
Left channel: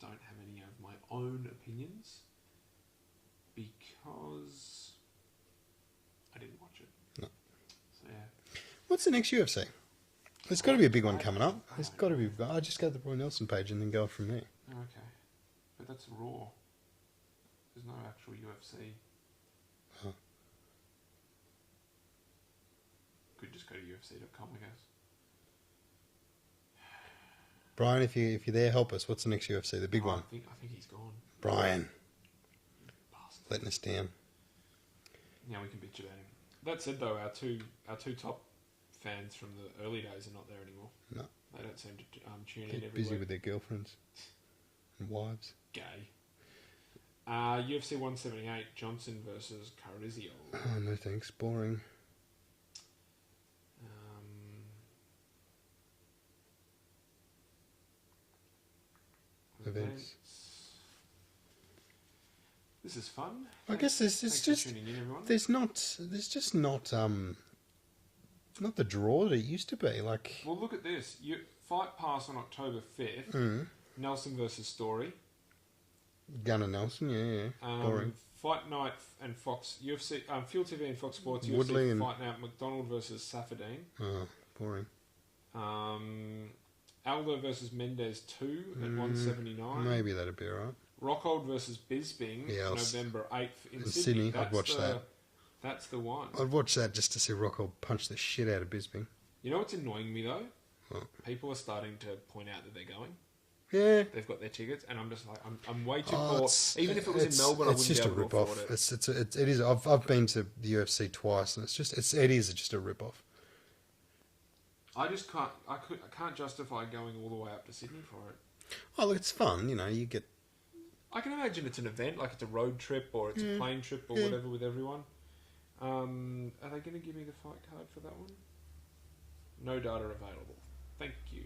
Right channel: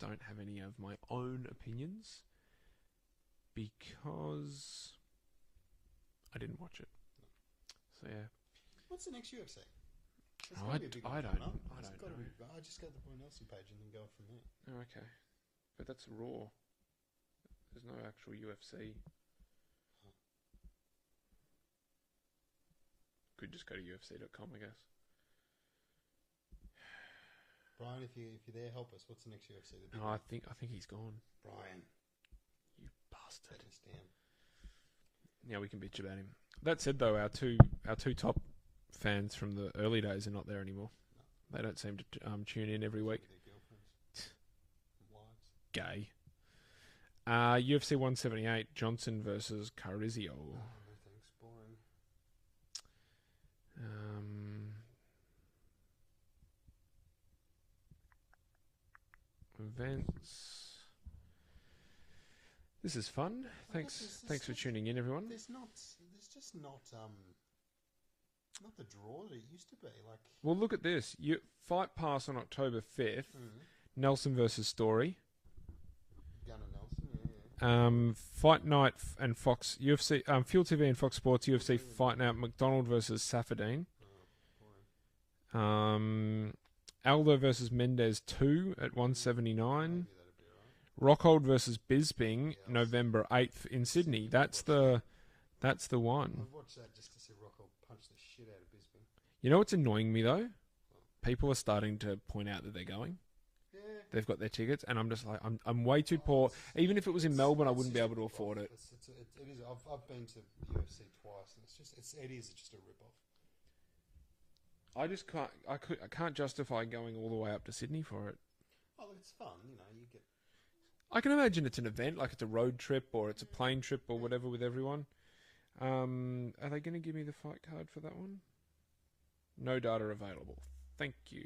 don't have any of my own opinions because I didn't watch it. No. So yeah. What's the next UFC? There's got to be a big one coming up. There's got to be. I just go to the Roy Nelson page and then go from there. Okay, but that's Raw. There's no actual UFC. Huh. Could just go to UFC.com, I guess. Brian, if you're there, help us. What's the next UFC? The big one. I think he's gone. Brian, Bastard. letting us down. Yeah, we can bitch about him. That said, though, our two top fans from the early days are not there anymore. No, they don't seem to tune in every busy week. with their girlfriends and wives. Gay. UFC 178, Johnson versus Carrizio. Oh, no thanks. Boring. Events. This is fun. I guess thanks for tuning in, everyone. There's just not the draw that it used to be. Like, well, look at this. Fight Pass on October 5th. Nelson versus Story. Gunnar Nelson, yeah. Fight Night and Fox UFC, Fuel TV and Fox Sports. Woodley UFC Fight Night. McDonald versus Safadine. Oh, boring. Aldo versus Mendez 2 at 179. Maybe that'd be alright. Rockhold versus Bisping, Yeah, November 8th in Sydney. That's the one. I'd watch that just to see Rockhold punch the shit out of Bisping. You know what's annoying me though? What? People are starting to point out that they're going. Yeah. They've got their tickets, and I'm just like, I'm way too poor. Even if it was in Melbourne, I wouldn't be able to afford it. It is. I've been to the UFC twice, and it is just a rip off. I just can't. I can't justify going all the way up to Sydney for it. Oh, look, it's fun. You know, you get. I can imagine it's an event, like it's a road trip or it's a plane trip or whatever with everyone. Are they going to give me the fight card for that one? No data available. Thank you.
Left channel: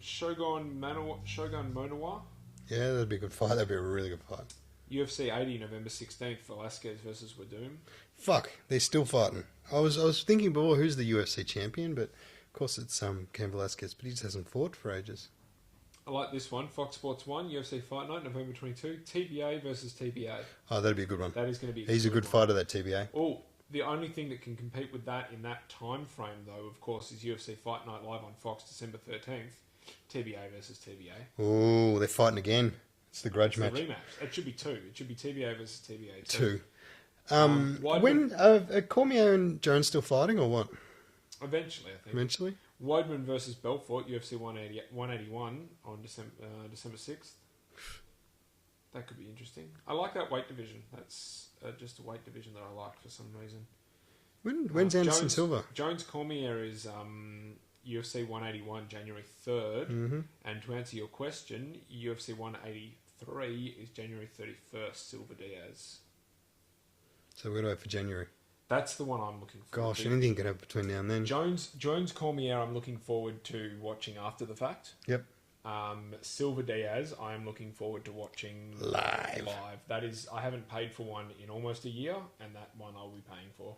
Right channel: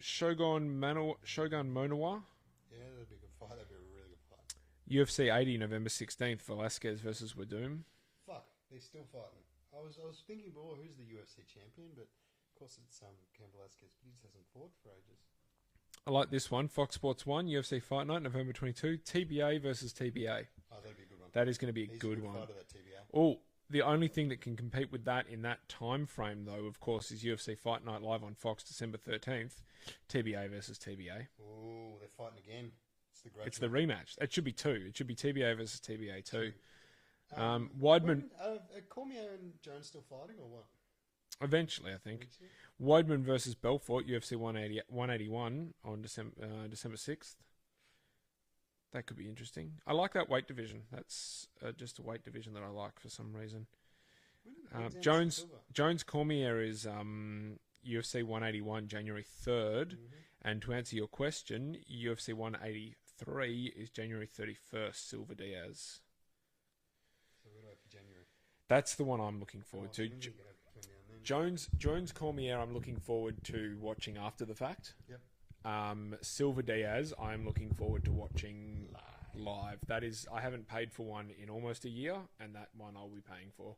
Shogun Monawa. Yeah, that'd be a good fight. That'd be a really good fight. UFC 80, November 16th, Velasquez versus Wadoom. Fuck, they're still fighting. I was thinking before who's the UFC champion, but of course it's Cain Velasquez, but he just hasn't fought for ages. I like this one. Fox Sports 1, UFC Fight Night, November 22. TBA versus TBA. Oh, that'd be a good one. That is going to be He's a good fighter, that TBA. Oh, the only thing that can compete with that in that time frame, though, of course, is UFC Fight Night live on Fox, December 13th. TBA versus TBA. Oh, they're fighting again. It's the grudge match. The rematch. It should be two. It should be TBA versus TBA 2. When Cormier and Jones still fighting or what? Eventually, I think. Eventually? Weidman versus Belfort, UFC 181 on December 6th. That could be interesting. I like that weight division. That's just a weight division that I like for some reason. When's Anderson Silva? Jones Cormier is UFC 181 January 3rd. And to answer your question, UFC 183 is January 31st, Silva Diaz. So we're going to wait for January. That's the one I'm looking forward to. Gosh, anything can happen between now and then. Jones Cormier, I'm looking forward to watching after the fact. Yep. Silva Diaz, I'm looking forward to watching live. That is, I haven't paid for one in almost a year, and that one I'll be paying for.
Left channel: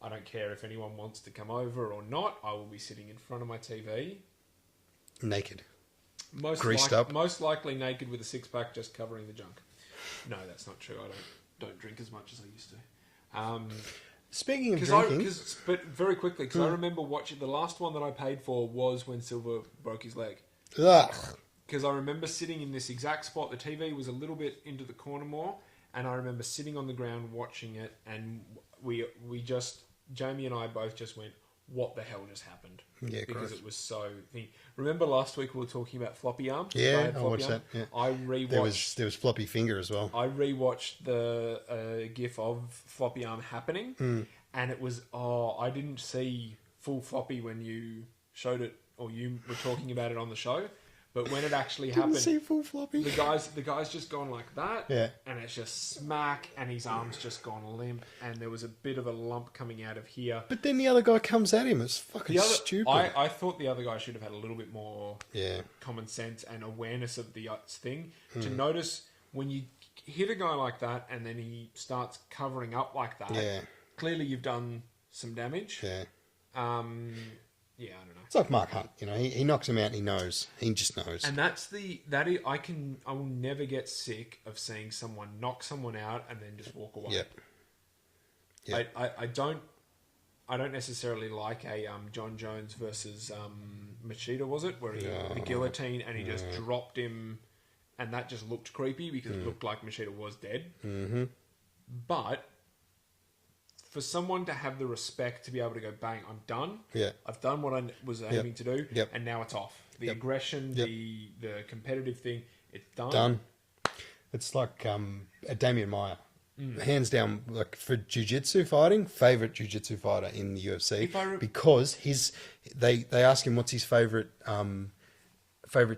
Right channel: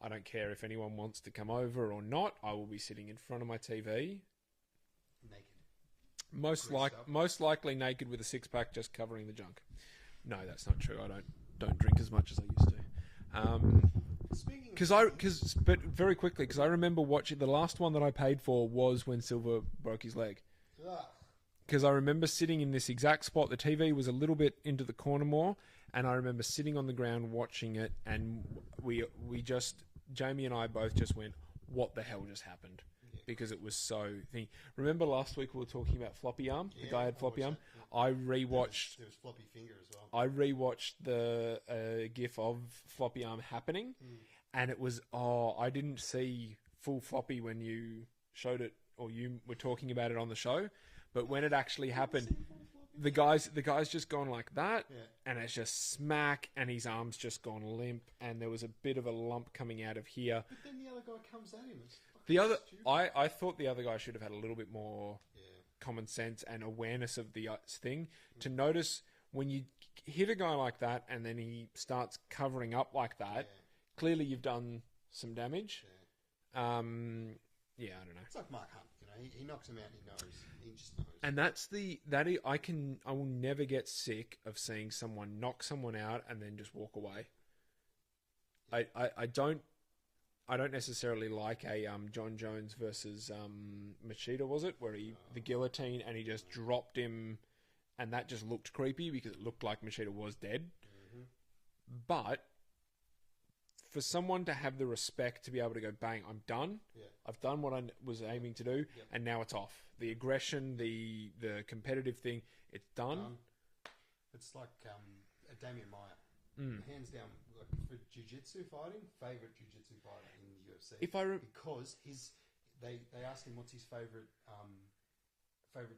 I don't care if anyone wants to come over or not. I will be sitting in front of my TV. Naked. Greased up. Most likely naked with a six-pack just covering the junk. No, that's not true. I don't drink as much as I used to. Speaking of drinking... But very quickly, because I remember watching... The last one that I paid for was when Silva broke his leg. Ugh. Because I remember sitting in this exact spot. The TV was a little bit into the corner more, and I remember sitting on the ground watching it, and we just... Jamie and I both just went, what the hell just happened. Yeah, because gross. it was so. Remember last week we were talking about floppy arm? Yeah, Ryan I floppy watched arm? that. Yeah. I rewatched. There was floppy finger as well. I rewatched the GIF of floppy arm happening, and it was I didn't see full floppy when you showed it or you were talking about it on the show, but when it actually happened, Didn't see full floppy. the guy's just gone like that, Yeah. and it's just smack, and his arm's just gone limp, and there was a bit of a lump coming out of here. But then the other guy comes at him. It's fucking stupid. I thought the other guy should have had a little bit more common sense and awareness of the thing to notice when you hit a guy like that and then he starts covering up like that. Yeah. Clearly, you've done some damage. Yeah. I don't know. It's like Mark Hunt, you know, he knocks him out and he knows. He just knows. And I will never get sick of seeing someone knock someone out and then just walk away. Yep. I don't necessarily like a John Jones versus Machida, was it? Where the guillotine and he just dropped him, and that just looked creepy because it looked like Machida was dead. Mm-hmm. But for someone to have the respect to be able to go, bang, I'm done. Yeah. I've done what I was aiming to do, and now it's off. The aggression, the competitive thing, it's done. Done. It's like Damian Maia. Hands down, like for jiu-jitsu fighting, favourite jiu-jitsu fighter in the UFC. Because they ask him what's his favourite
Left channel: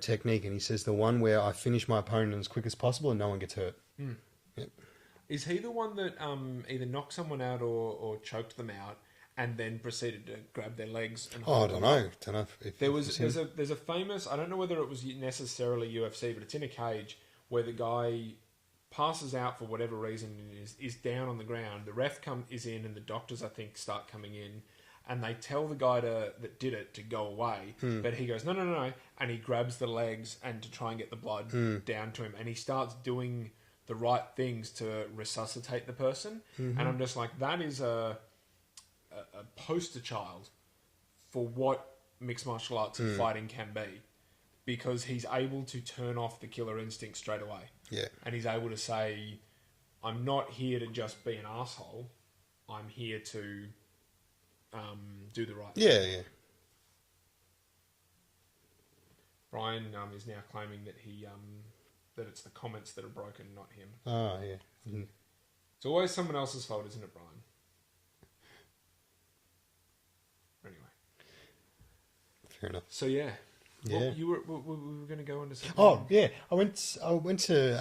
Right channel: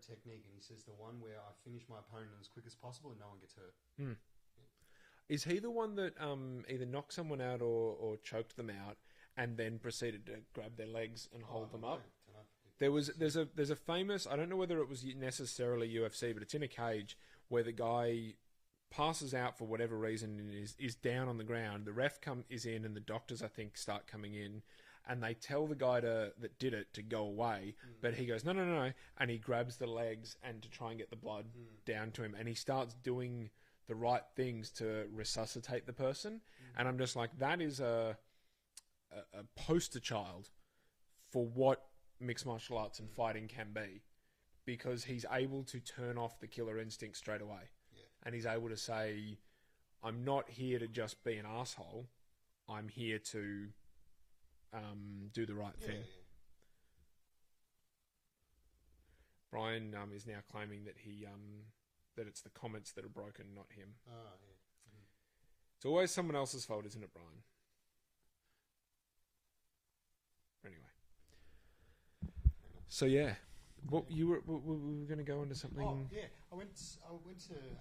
technique, and he says the one where I finish my opponent as quick as possible and no one gets hurt. Yep. Is he the one that either knocked someone out or choked them out and then proceeded to grab their legs? And I don't know. There's a famous, I don't know whether it was necessarily UFC, but it's in a cage where the guy passes out for whatever reason and is down on the ground. The ref is in and the doctors, I think, start coming in. And they tell the guy that did it to go away. But he goes, no. And he grabs the legs and to try and get the blood down to him. And he starts doing the right things to resuscitate the person. And I'm just like, that is a poster child for what mixed martial arts and fighting can be. Because he's able to turn off the killer instinct straight away. Yeah. And he's able to say, I'm not here to just be an asshole. I'm here to do the right thing. Yeah. Brian is now claiming that that it's the comments that are broken, not him. Oh, yeah. It's always someone else's fault, isn't it, Brian? Anyway. Fair enough. So, yeah. Yeah. Well, we were going to go into something. Oh, yeah. I went to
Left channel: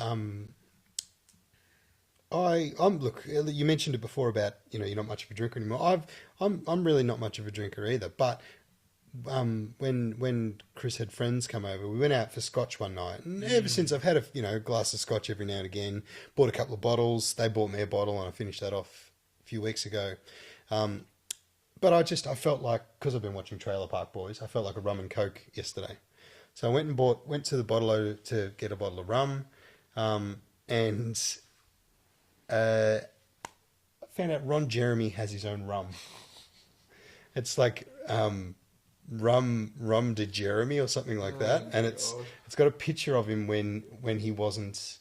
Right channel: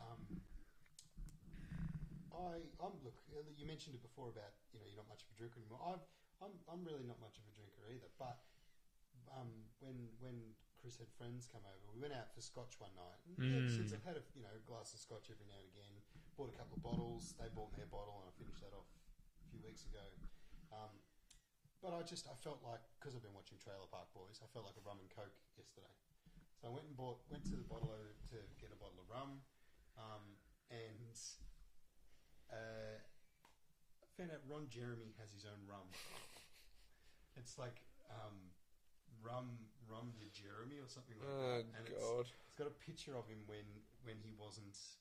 look, you mentioned it before about, you know, you're not much of a drinker anymore. I'm really not much of a drinker either, but when Chris had friends come over, we went out for scotch one night, and ever since I've had a glass of scotch every now and again. Bought a couple of bottles. They bought me a bottle, and I finished that off a few weeks ago. But I felt like, because I've been watching Trailer Park Boys, I felt like a rum and coke yesterday. So I went to the bottle to get a bottle of rum, and I found out Ron Jeremy has his own rum. It's like rum de Jeremy or something like that, and it's got a picture of him when he wasn't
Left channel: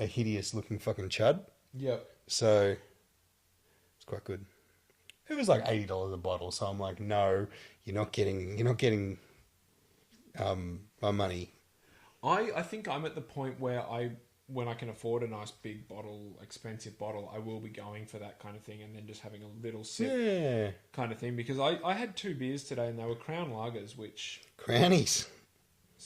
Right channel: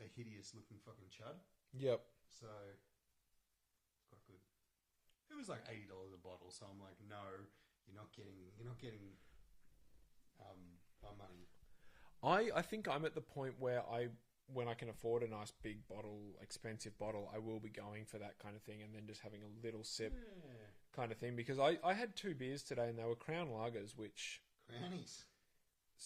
a hideous looking fucking chud. Yep. So it's quite good. It was like $80 a bottle, so I'm like, no, you're not getting my money. I think I'm at the point where when I can afford a nice big bottle, expensive bottle, I will be going for that kind of thing and then just having a little sip kind of thing. Because I had 2 beers today and they were Crown Lagers, which... Crownies.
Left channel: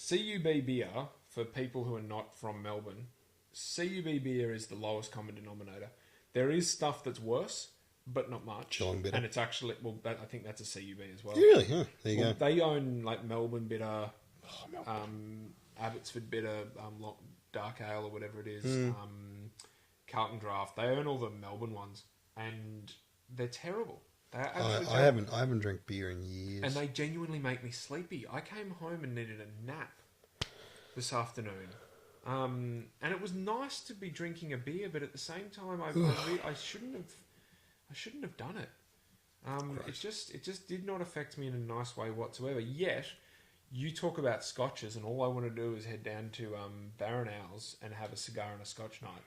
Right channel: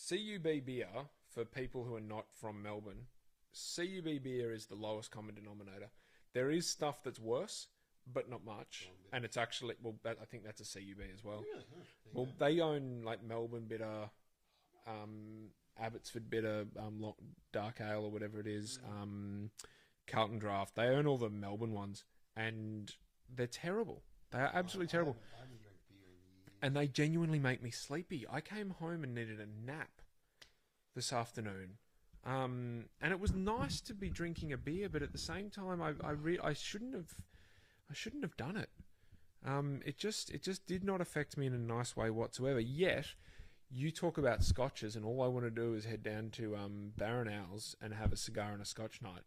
CUB beer, for people who are not from Melbourne, CUB beer is the lowest common denominator. There is stuff that's worse, but not much. Geelong Bitter. And it's actually... Well, I think that's a CUB as well. Really? Huh. There you go. They own like Melbourne Bitter, Abbotsford Bitter, Dark Ale or whatever it is, Carlton Draft. They own all the Melbourne ones, and they're terrible. They are absolutely terrible. I haven't drank beer in years, and they genuinely make me sleepy. I came home and needed a nap this afternoon, and it was nice to be drinking a beer, but at the same time, I shouldn't have done it. It just did not affect me in a nice way whatsoever. Yet. You talk about scotches, and all I want to do is head down to Barron Owls and have a cigar and a scotch night.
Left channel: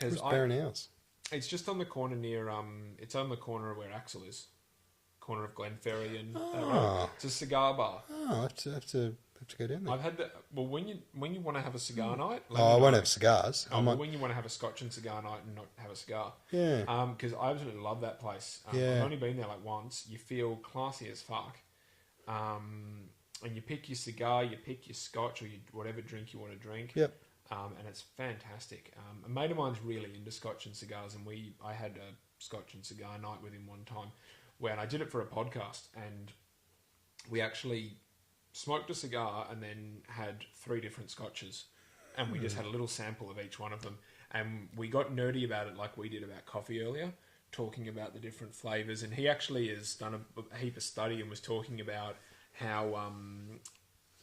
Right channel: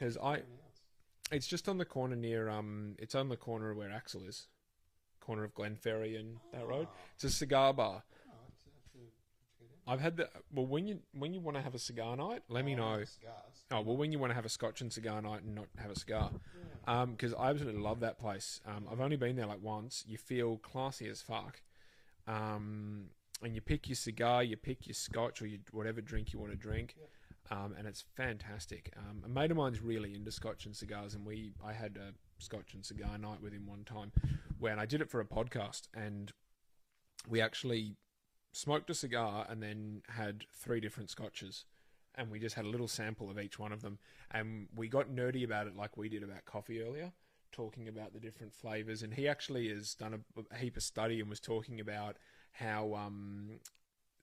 Where's Barron Owls? It's just on the corner near. It's on the corner where Axel is. corner of Glenferrie and that road. It's a cigar bar. Oh, I have to go down there. I've had that. Well, when you want to have a cigar night, I won't have cigars. When you want to have a Scotch and cigar night and not have a cigar, Yeah. because I absolutely love that place. Yeah. I've only been there like once. You feel classy as fuck, and you pick your cigar, you pick your Scotch or whatever drink you want to drink. Yep. And it's fantastic. A mate of mine's really into Scotch and cigars, and I had a Scotch and cigar night with him one time, when I did it for a podcast, and we actually smoked a cigar and then had 3 different Scotches, and we just had a little sample of each one of them, and we got nerdy about it like we did about coffee earlier, talking about the different flavours, and he actually has done a heap of study and was talking about how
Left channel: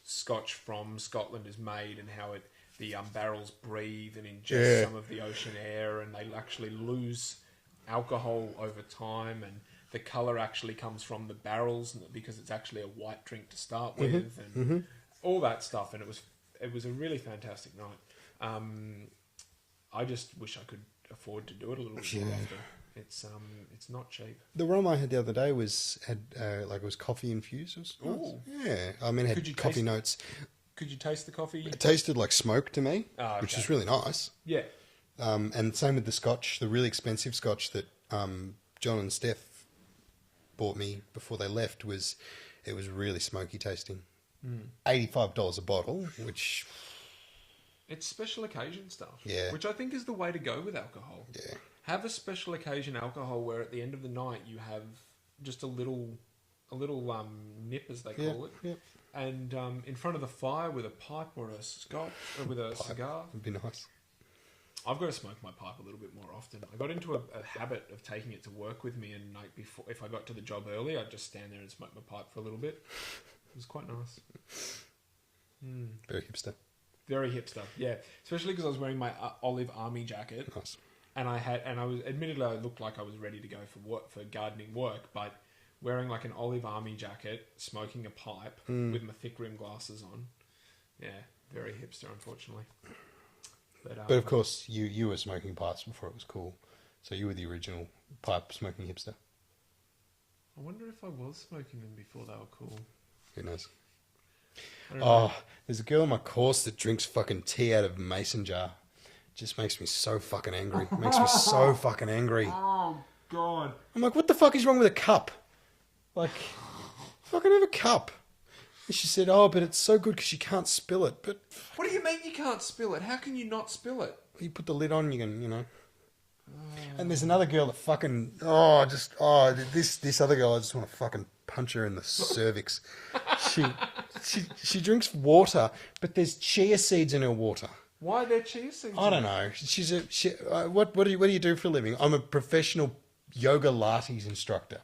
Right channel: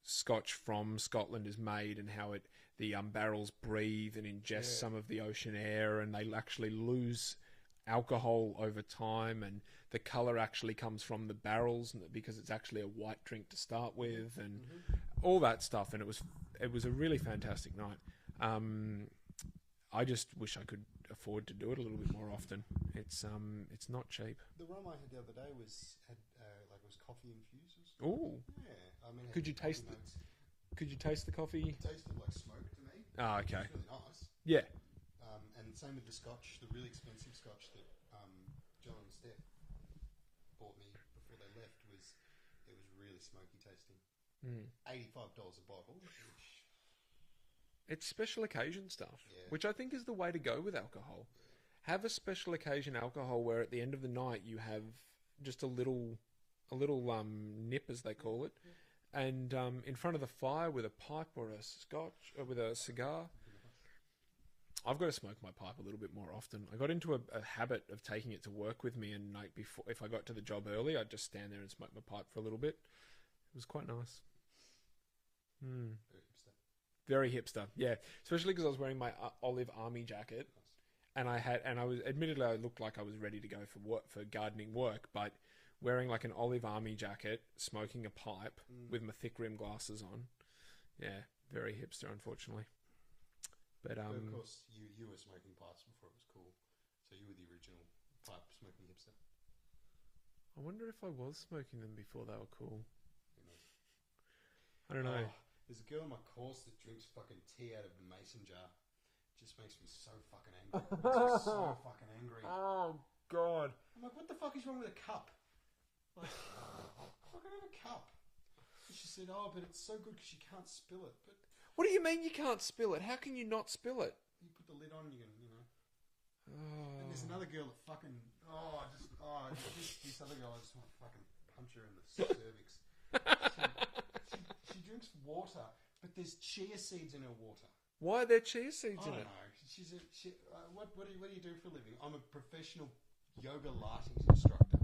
Scotch from Scotland is made and how the barrels breathe and ingest some of the ocean air, and they actually lose alcohol over time, and the colour actually comes from the barrels because it's actually a white drink to start with, and all that stuff. And it was a really fantastic night. I just wish I could afford to do it a little bit more often. It's not cheap. The rum I had the other day had it was coffee infused. It was nice. Yeah, I mean, it had coffee notes. Could you taste the coffee? It tasted like smoke to me, which is really nice. Yeah. And same with the Scotch, the really expensive Scotch that John and Steph bought me before they left was really smoky tasting. $85 a bottle, which it's special occasion stuff. Yeah. Which I think is the way to go with alcohol. Yeah. Have a special occasion alcohol where at the end of the night you have just a little nip, as they call it. Yeah. And in front of the fire with a pipe or a Scotch or with a cigar. Would be nice. I've got to smoke my pipe a little bit more often. I got into a habit of taking it to work with me, and if I got to the job early, I'd just stand there and smoke my pipe for a little bit. It was quite nice. Very hipster. Very hipster, yeah. Especially because I was wearing my olive army jacket. Nice. And I was admittedly I looked like I was ready to go for gardening work, but wearing like an olive army jacket, smoking a pipe with my thick rim glasses on, yeah, very hipster, unfortunately. But of course, you were smoking pipes before it was cool, so you were the original pipe smoking hipster. I wonder if I was smoking them before they were cool. Who knows? I don't know. There's a girl in my course that drinks fucking tea out of a mason jar. Just makes me so fucking angry. Makes me so fucking angry. Oh God! I'm like, what the fuck is wrong with a cup? Like, fucking have a cup. And she said, oh, but it's so good because you can't spill it. But what do you mean you can't spill it? How can you not spill it? you put the lid on, you can, And there's another girl that fucking, this other girl, I just want to fucking punch her in the cervix. She drinks water, but there's chia seeds in her water. Why are there chia seeds? I don't know. What do you do for a living? I'm a professional yoga Lattes instructor.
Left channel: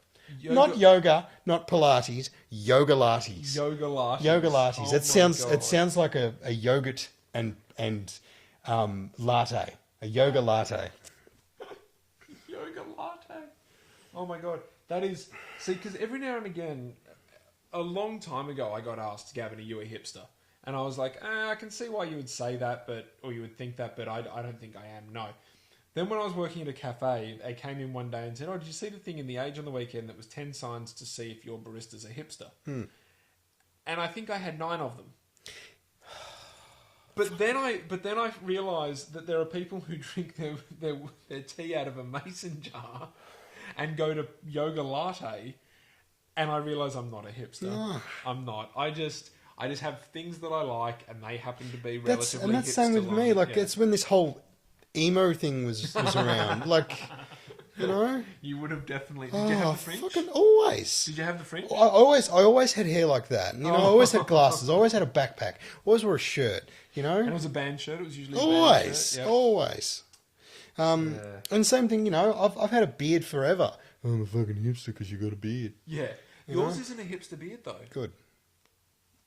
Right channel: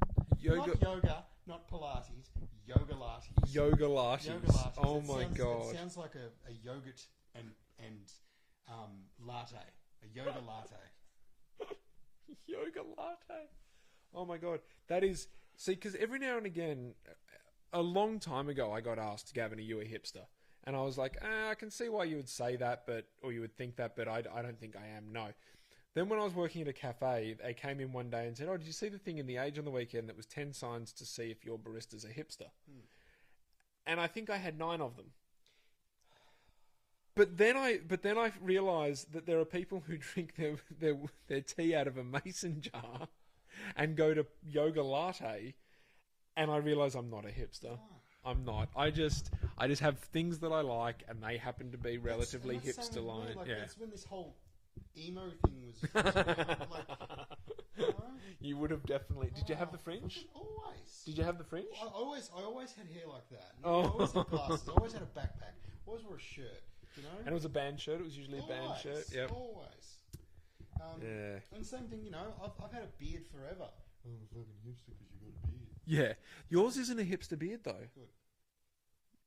Not yoga, not Pilates. Yoga Lattes. Yoga Lattes. Yoga Lattes. Oh It sounds like a yogurt and latte. A yoga latte. Yoga latte. Oh my God, that is because every now and again, a long time ago, I got asked, Gavin, are you a hipster? And I was like, I can see why you would say that, or you would think that, but I don't think I am. No. Then when I was working at a cafe, they came in one day and said, did you see the thing in The Age on the weekend that was 10 signs to see if your barista's a hipster? And I think I had 9 of them. But then I realised that there are people who drink their tea out of a mason jar and go to yoga latte, and I realise I'm not a hipster. No. I'm not. I just have things that I like, and they happen to be relatively hipster. And that's the same with me. Like, it's when this whole emo thing was around. Like, You would have definitely... Did you have the fringe? Fucking always. Did you have the fringe? I always had hair like that. I always had glasses. I always had a backpack. Always wore a shirt, And it was a band shirt. It was usually a band shirt. Yeah. Always. And same thing, I've had a beard forever. I'm a fucking hipster because you got a beard. Yeah. Yours isn't a hipster beard, though. Good.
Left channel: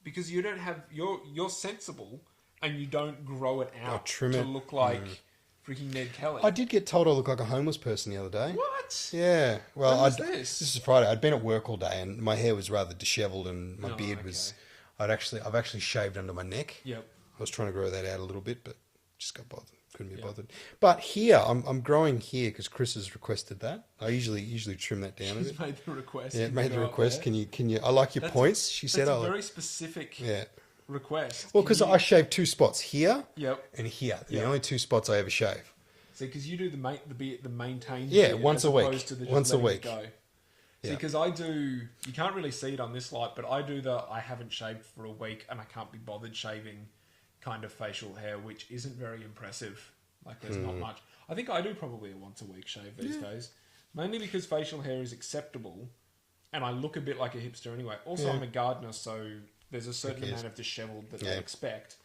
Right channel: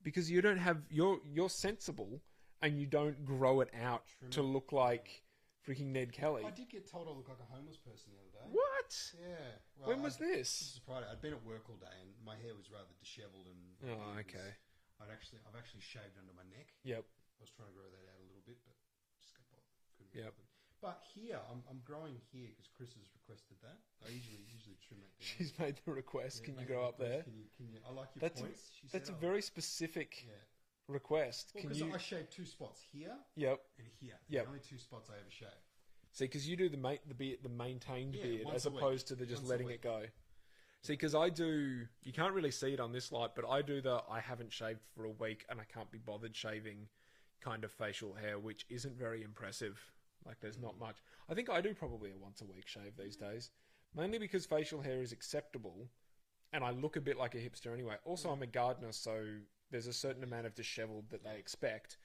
Because you don't have... You're sensible, and you don't grow it out trim to it. look like... Freaking Ned Kelly. I did get told I look like a homeless person the other day. What? Yeah. Well, When was this? This is Friday. I'd been at work all day, and my hair was rather dishevelled, and my beard was. I've actually shaved under my neck. Yep. I was trying to grow that out a little bit, but just got bothered. couldn't be bothered. But here, I'm growing here because Chris has requested that. I usually trim that down a She's bit. made the request. Yeah, You made the go up request. there. Can you? I like your points. She said. That's I a like, very specific yeah. request. Well, Can because you- I shave 2 spots here Yep. and here. The Yep. only 2 spots I ever shave. See, because you do the maintained. Yeah, bit once as a week. opposed to the just Once a letting it week. Go. See, Yeah. because I do. You can't really see it on this light, but I do the I haven't shaved for a week and I can't be bothered shaving kind of facial hair, which isn't very impressive. Like, there's not much. I think I do probably a once a week shave these days, mainly because facial hair is acceptable, and I look a bit like a hipster anyway. Also, I'm a gardener, so there's a certain amount of dishevelled that they expect.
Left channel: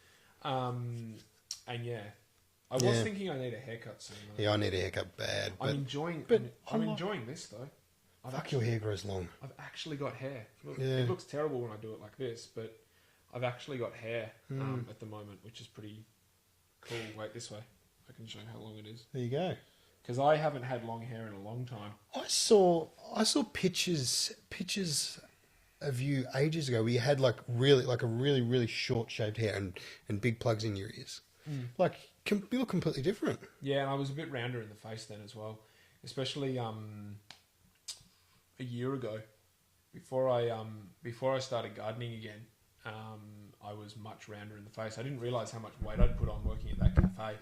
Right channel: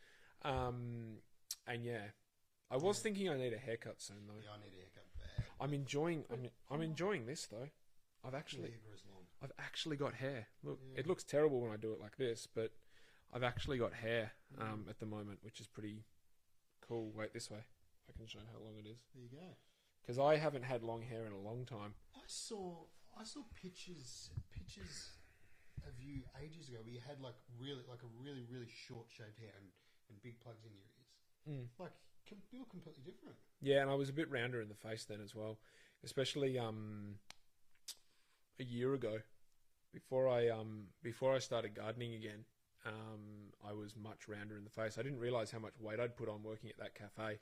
And yeah, I was thinking I need a haircut soon. Though. Yeah, I need a haircut bad. But I'm enjoying. I'm enjoying this though. your hair grows long. I've actually got hair. Look, Yeah. It looks terrible when I do it like this, but I've actually got hair at the moment, which is pretty cool. Wait, this way. I can show you how long it is. There you go. Because I haven't had long hair in a long time. I saw pictures of you ages ago where you had like a really short shaved hair and big plugs in your ears. Like you look completely different. Yeah, and I was a bit rounder in the face then as well, especially a year ago, before I started gardening again. I was much rounder in the face. I didn't realise how much weight I'd put on working at that cafe,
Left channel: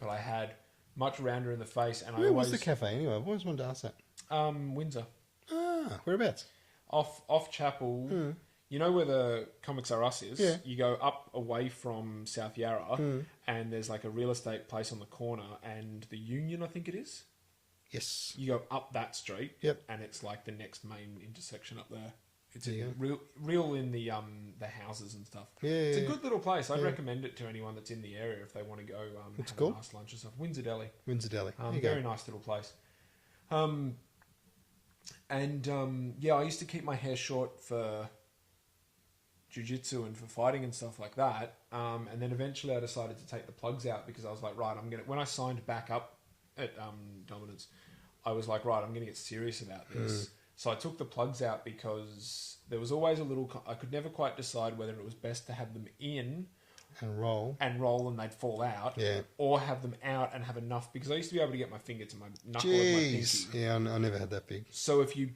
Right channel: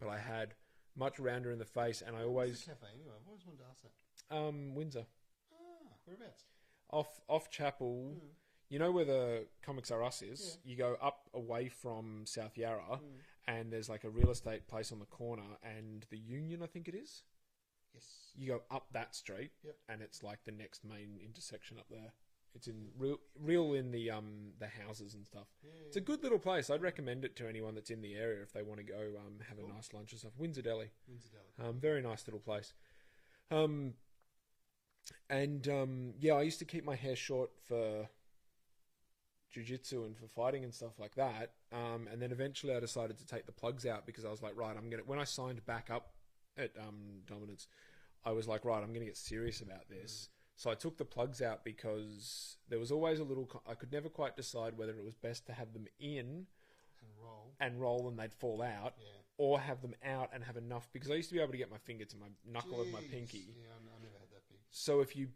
but I had much rounder in the face. And Where was the cafe anyway? I've always wanted to ask that. Windsor, Whereabouts? off Chapel. You know where the Comics R Us is? Yeah. You go up away from South Yarra, and there's like a real estate place on the corner, and the Union, I think it is. Yes. You go up that street, Yep. and it's like the next main intersection up there. It's There you real in the houses and stuff. Yeah, It's a yeah, good little place. I'd recommend it to anyone that's in the area if they want to go have cool. a nice lunch and stuff. Windsor Deli, Windsor Deli. There you go. very nice little place. Yeah, I used to keep my hair short for jiu-jitsu and for fighting and stuff like that. And then eventually I decided to take the plugs out because I was like, right, when I signed back up at Dominance, I was like, right, I'm going to get serious about this. So I took the plugs out because there was always a little... I could never quite decide whether it was best to have them in And roll. and they'd fall out, Yeah. or have them out and have enough, because I used to be able to get my finger to my knuckle of my pinky. Jeez. Yeah, I never had that big. So if you're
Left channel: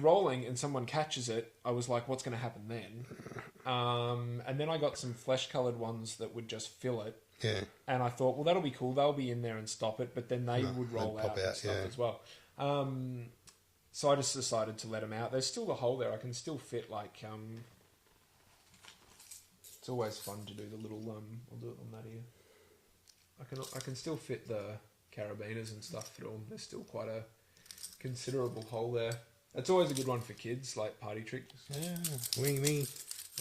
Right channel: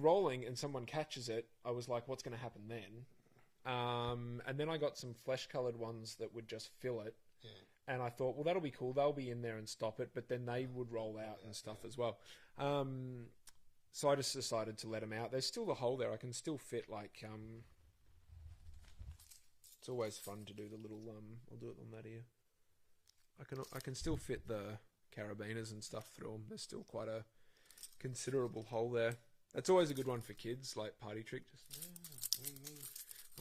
rolling and someone catches it, I was like, what's going to happen then? And then I got some flesh-coloured ones that would just fill it. Yeah. And I thought, well, that'll be cool. They'll be in there and stop it, but then they would roll they'd pop out and out, stuff yeah. as well. So I just decided to let them out. There's still a hole there. I can still fit like... it's always fun to do the little... I'll do it on that here. I can still fit the carabiners and stuff through them. There's still quite a considerable hole there. That's always a good one for kids, like party trick. Yeah. Wing me.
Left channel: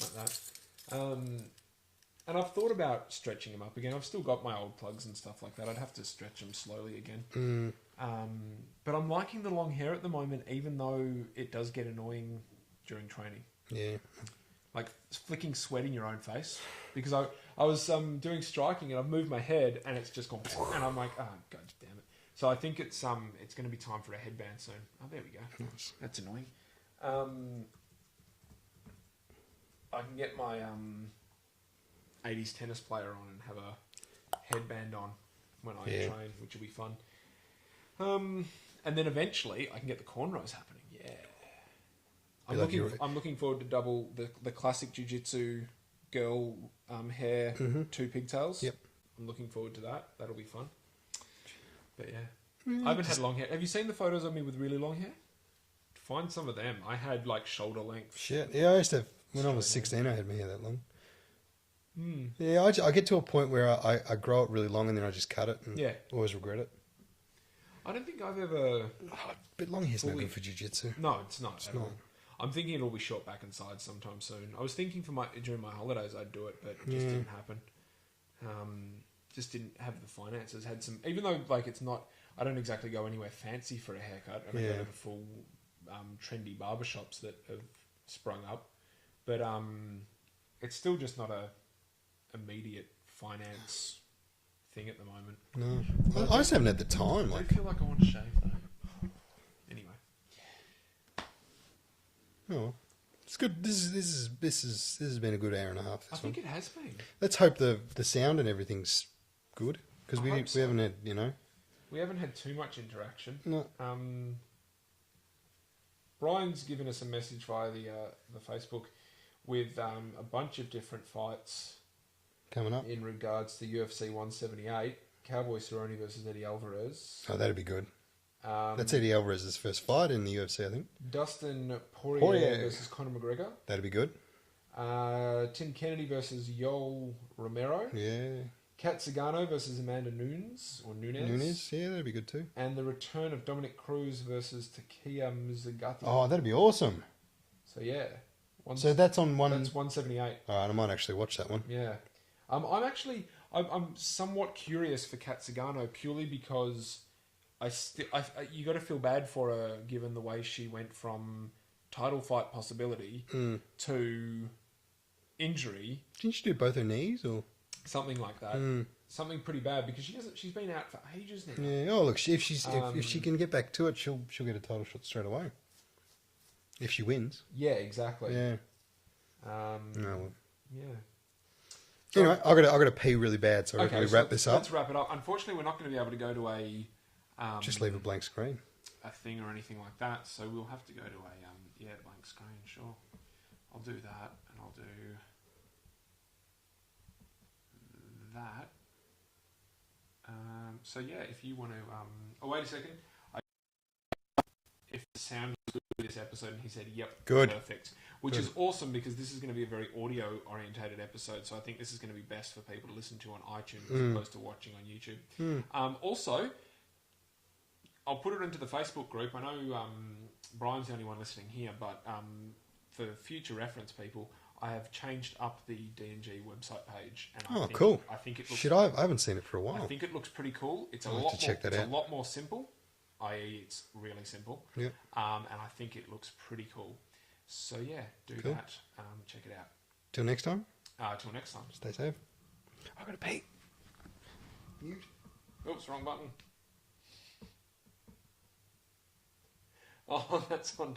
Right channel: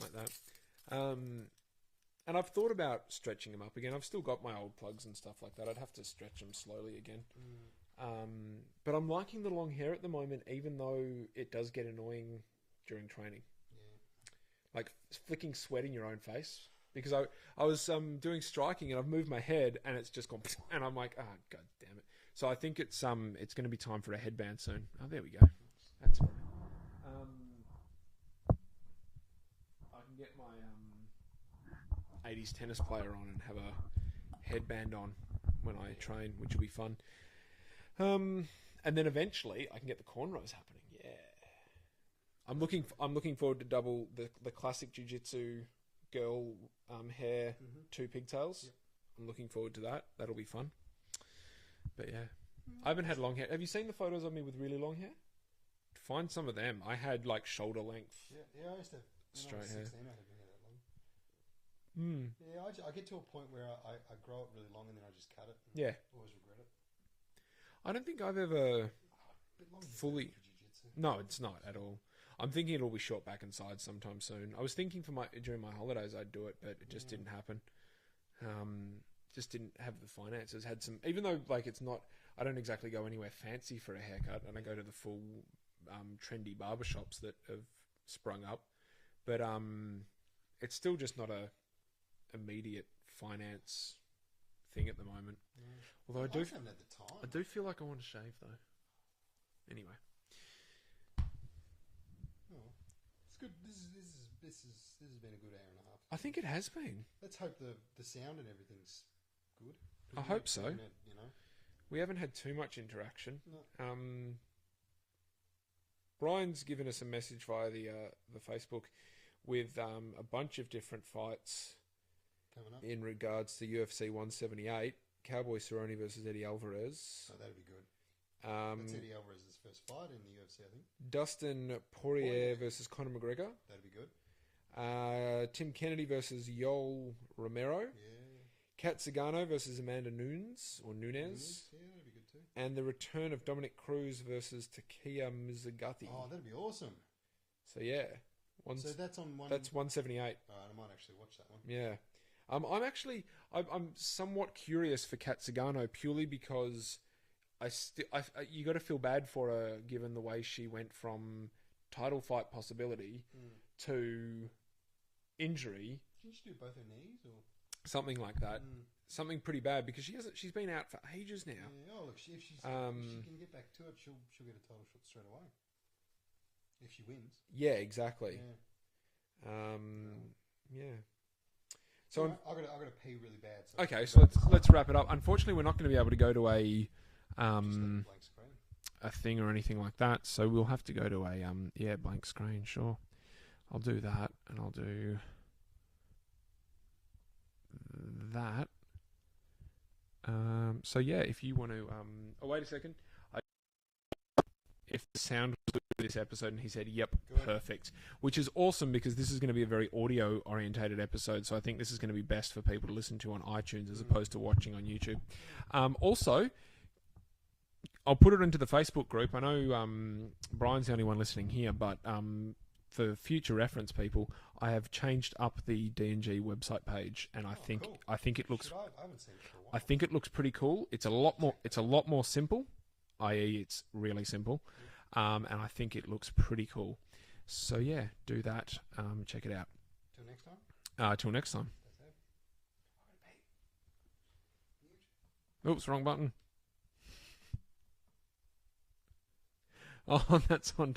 Like that. And I've thought about stretching them up again. I've still got my old plugs and stuff like that. I'd have to stretch them slowly again. But I'm liking the long hair at the moment, even though it does get annoying during training. Yeah. Like flicking sweat in your own face. Because I was doing striking and I've moved my head and it's just gone... And I'm like, oh, God damn it. So I think it's going to be time for a headband soon. Oh, there we go. That's annoying. I can get my 80s tennis player on and have a headband on when I train, which will be fun. And then eventually I can get the cornrows happening. Yeah. I'm looking forward to double the classic jiu-jitsu girl hair, 2 pigtails. Yep. I'm looking forward to that. That'll be fun. But yeah. I haven't had long hair. Have you seen the photos of me with really long hair? Find some of them. I had like shoulder length. Shit. Yeah, I used to have... When I was 16, I had my hair that long. Yeah, I get to a point where I grow it really long and then I just cut it and always regret it. I don't think I've ever... But long hair's no good for jiu-jitsu. No, it's not at all. I'm thinking it'll be short back and sides sometime soon. I was thinking during my holidays I'd do it, but it just didn't happen. Just didn't have the finances. Had some... Even though like it's not... I don't exactly go anywhere fancy for a haircut. I don't go to the full trendy barbershops that have sprung up. But it's still just not a immediate finance thing at the moment. No, I just haven't had the time. I feel like I want to shave though. Anyway, oh, it's good. This has been a good hour and a half. I think it has been. Let's hope the sound and everything's good. Because I we hope so. haven't had, you know. We haven't had too much interaction. No. Brian's given us a message via the Facebook with a bunch of different fights Coming up. in regards to UFC 178. Cowboy Cerrone versus Eddie Alvarez. Oh, that'd be good. That's Eddie Alvarez's first fight in the UFC, I think. Dustin Poirier versus Conor McGregor. That'd be good. Tim Kennedy versus Yoel Romero. Yeah. Kat Zingano versus Amanda Nunes. Nunes, yeah, that'd be good too. And the return of Dominic Cruz versus Takia Mizugati. Oh, that'd be awesome. So yeah. So that's on one... That's 178. All right, I might actually watch that one. Yeah. I'm somewhat curious for Kat Zingano purely because you got to feel bad for her given the way she went from title fight possibility to injury. Didn't she do both her knees or something like that? Something pretty bad because she's been out for ages now. Yeah. Oh look, if she can get back to it, she'll get a title shot straight away. If she wins. Yeah, exactly. Yeah. Yeah. So, anyway, I got to pee really bad, so okay, we so wrap this up. Let's wrap it up. Unfortunately, we're not going to be able to go to a just leave a blank screen, a thing or anything like that. So we'll have to go to a blank screen. Sure, I'll do that, and I'll do that. So yeah, if you want to, oh wait a second. If the sound was good for this episode, and he said, "Yep, good, perfect," which is awesome because this is going to be a very audio-orientated episode. So I think this is going to be best for people to listen to on iTunes as opposed to watching on YouTube. Also, I'll put it into the Facebook group. I know Brian's the only one listening here, but for future reference, people, I have changed up the D&G website page, and cool. I think it looks. I haven't seen it for a while. I think it looks pretty cool. It's a lot more simple. I.e., it's really simple. Yeah. And I think it looks pretty cool. So yeah, do that. Check it out. Till next time. Till next time. Stay safe. I gotta pee. Oops, wrong button. Oh, that's on.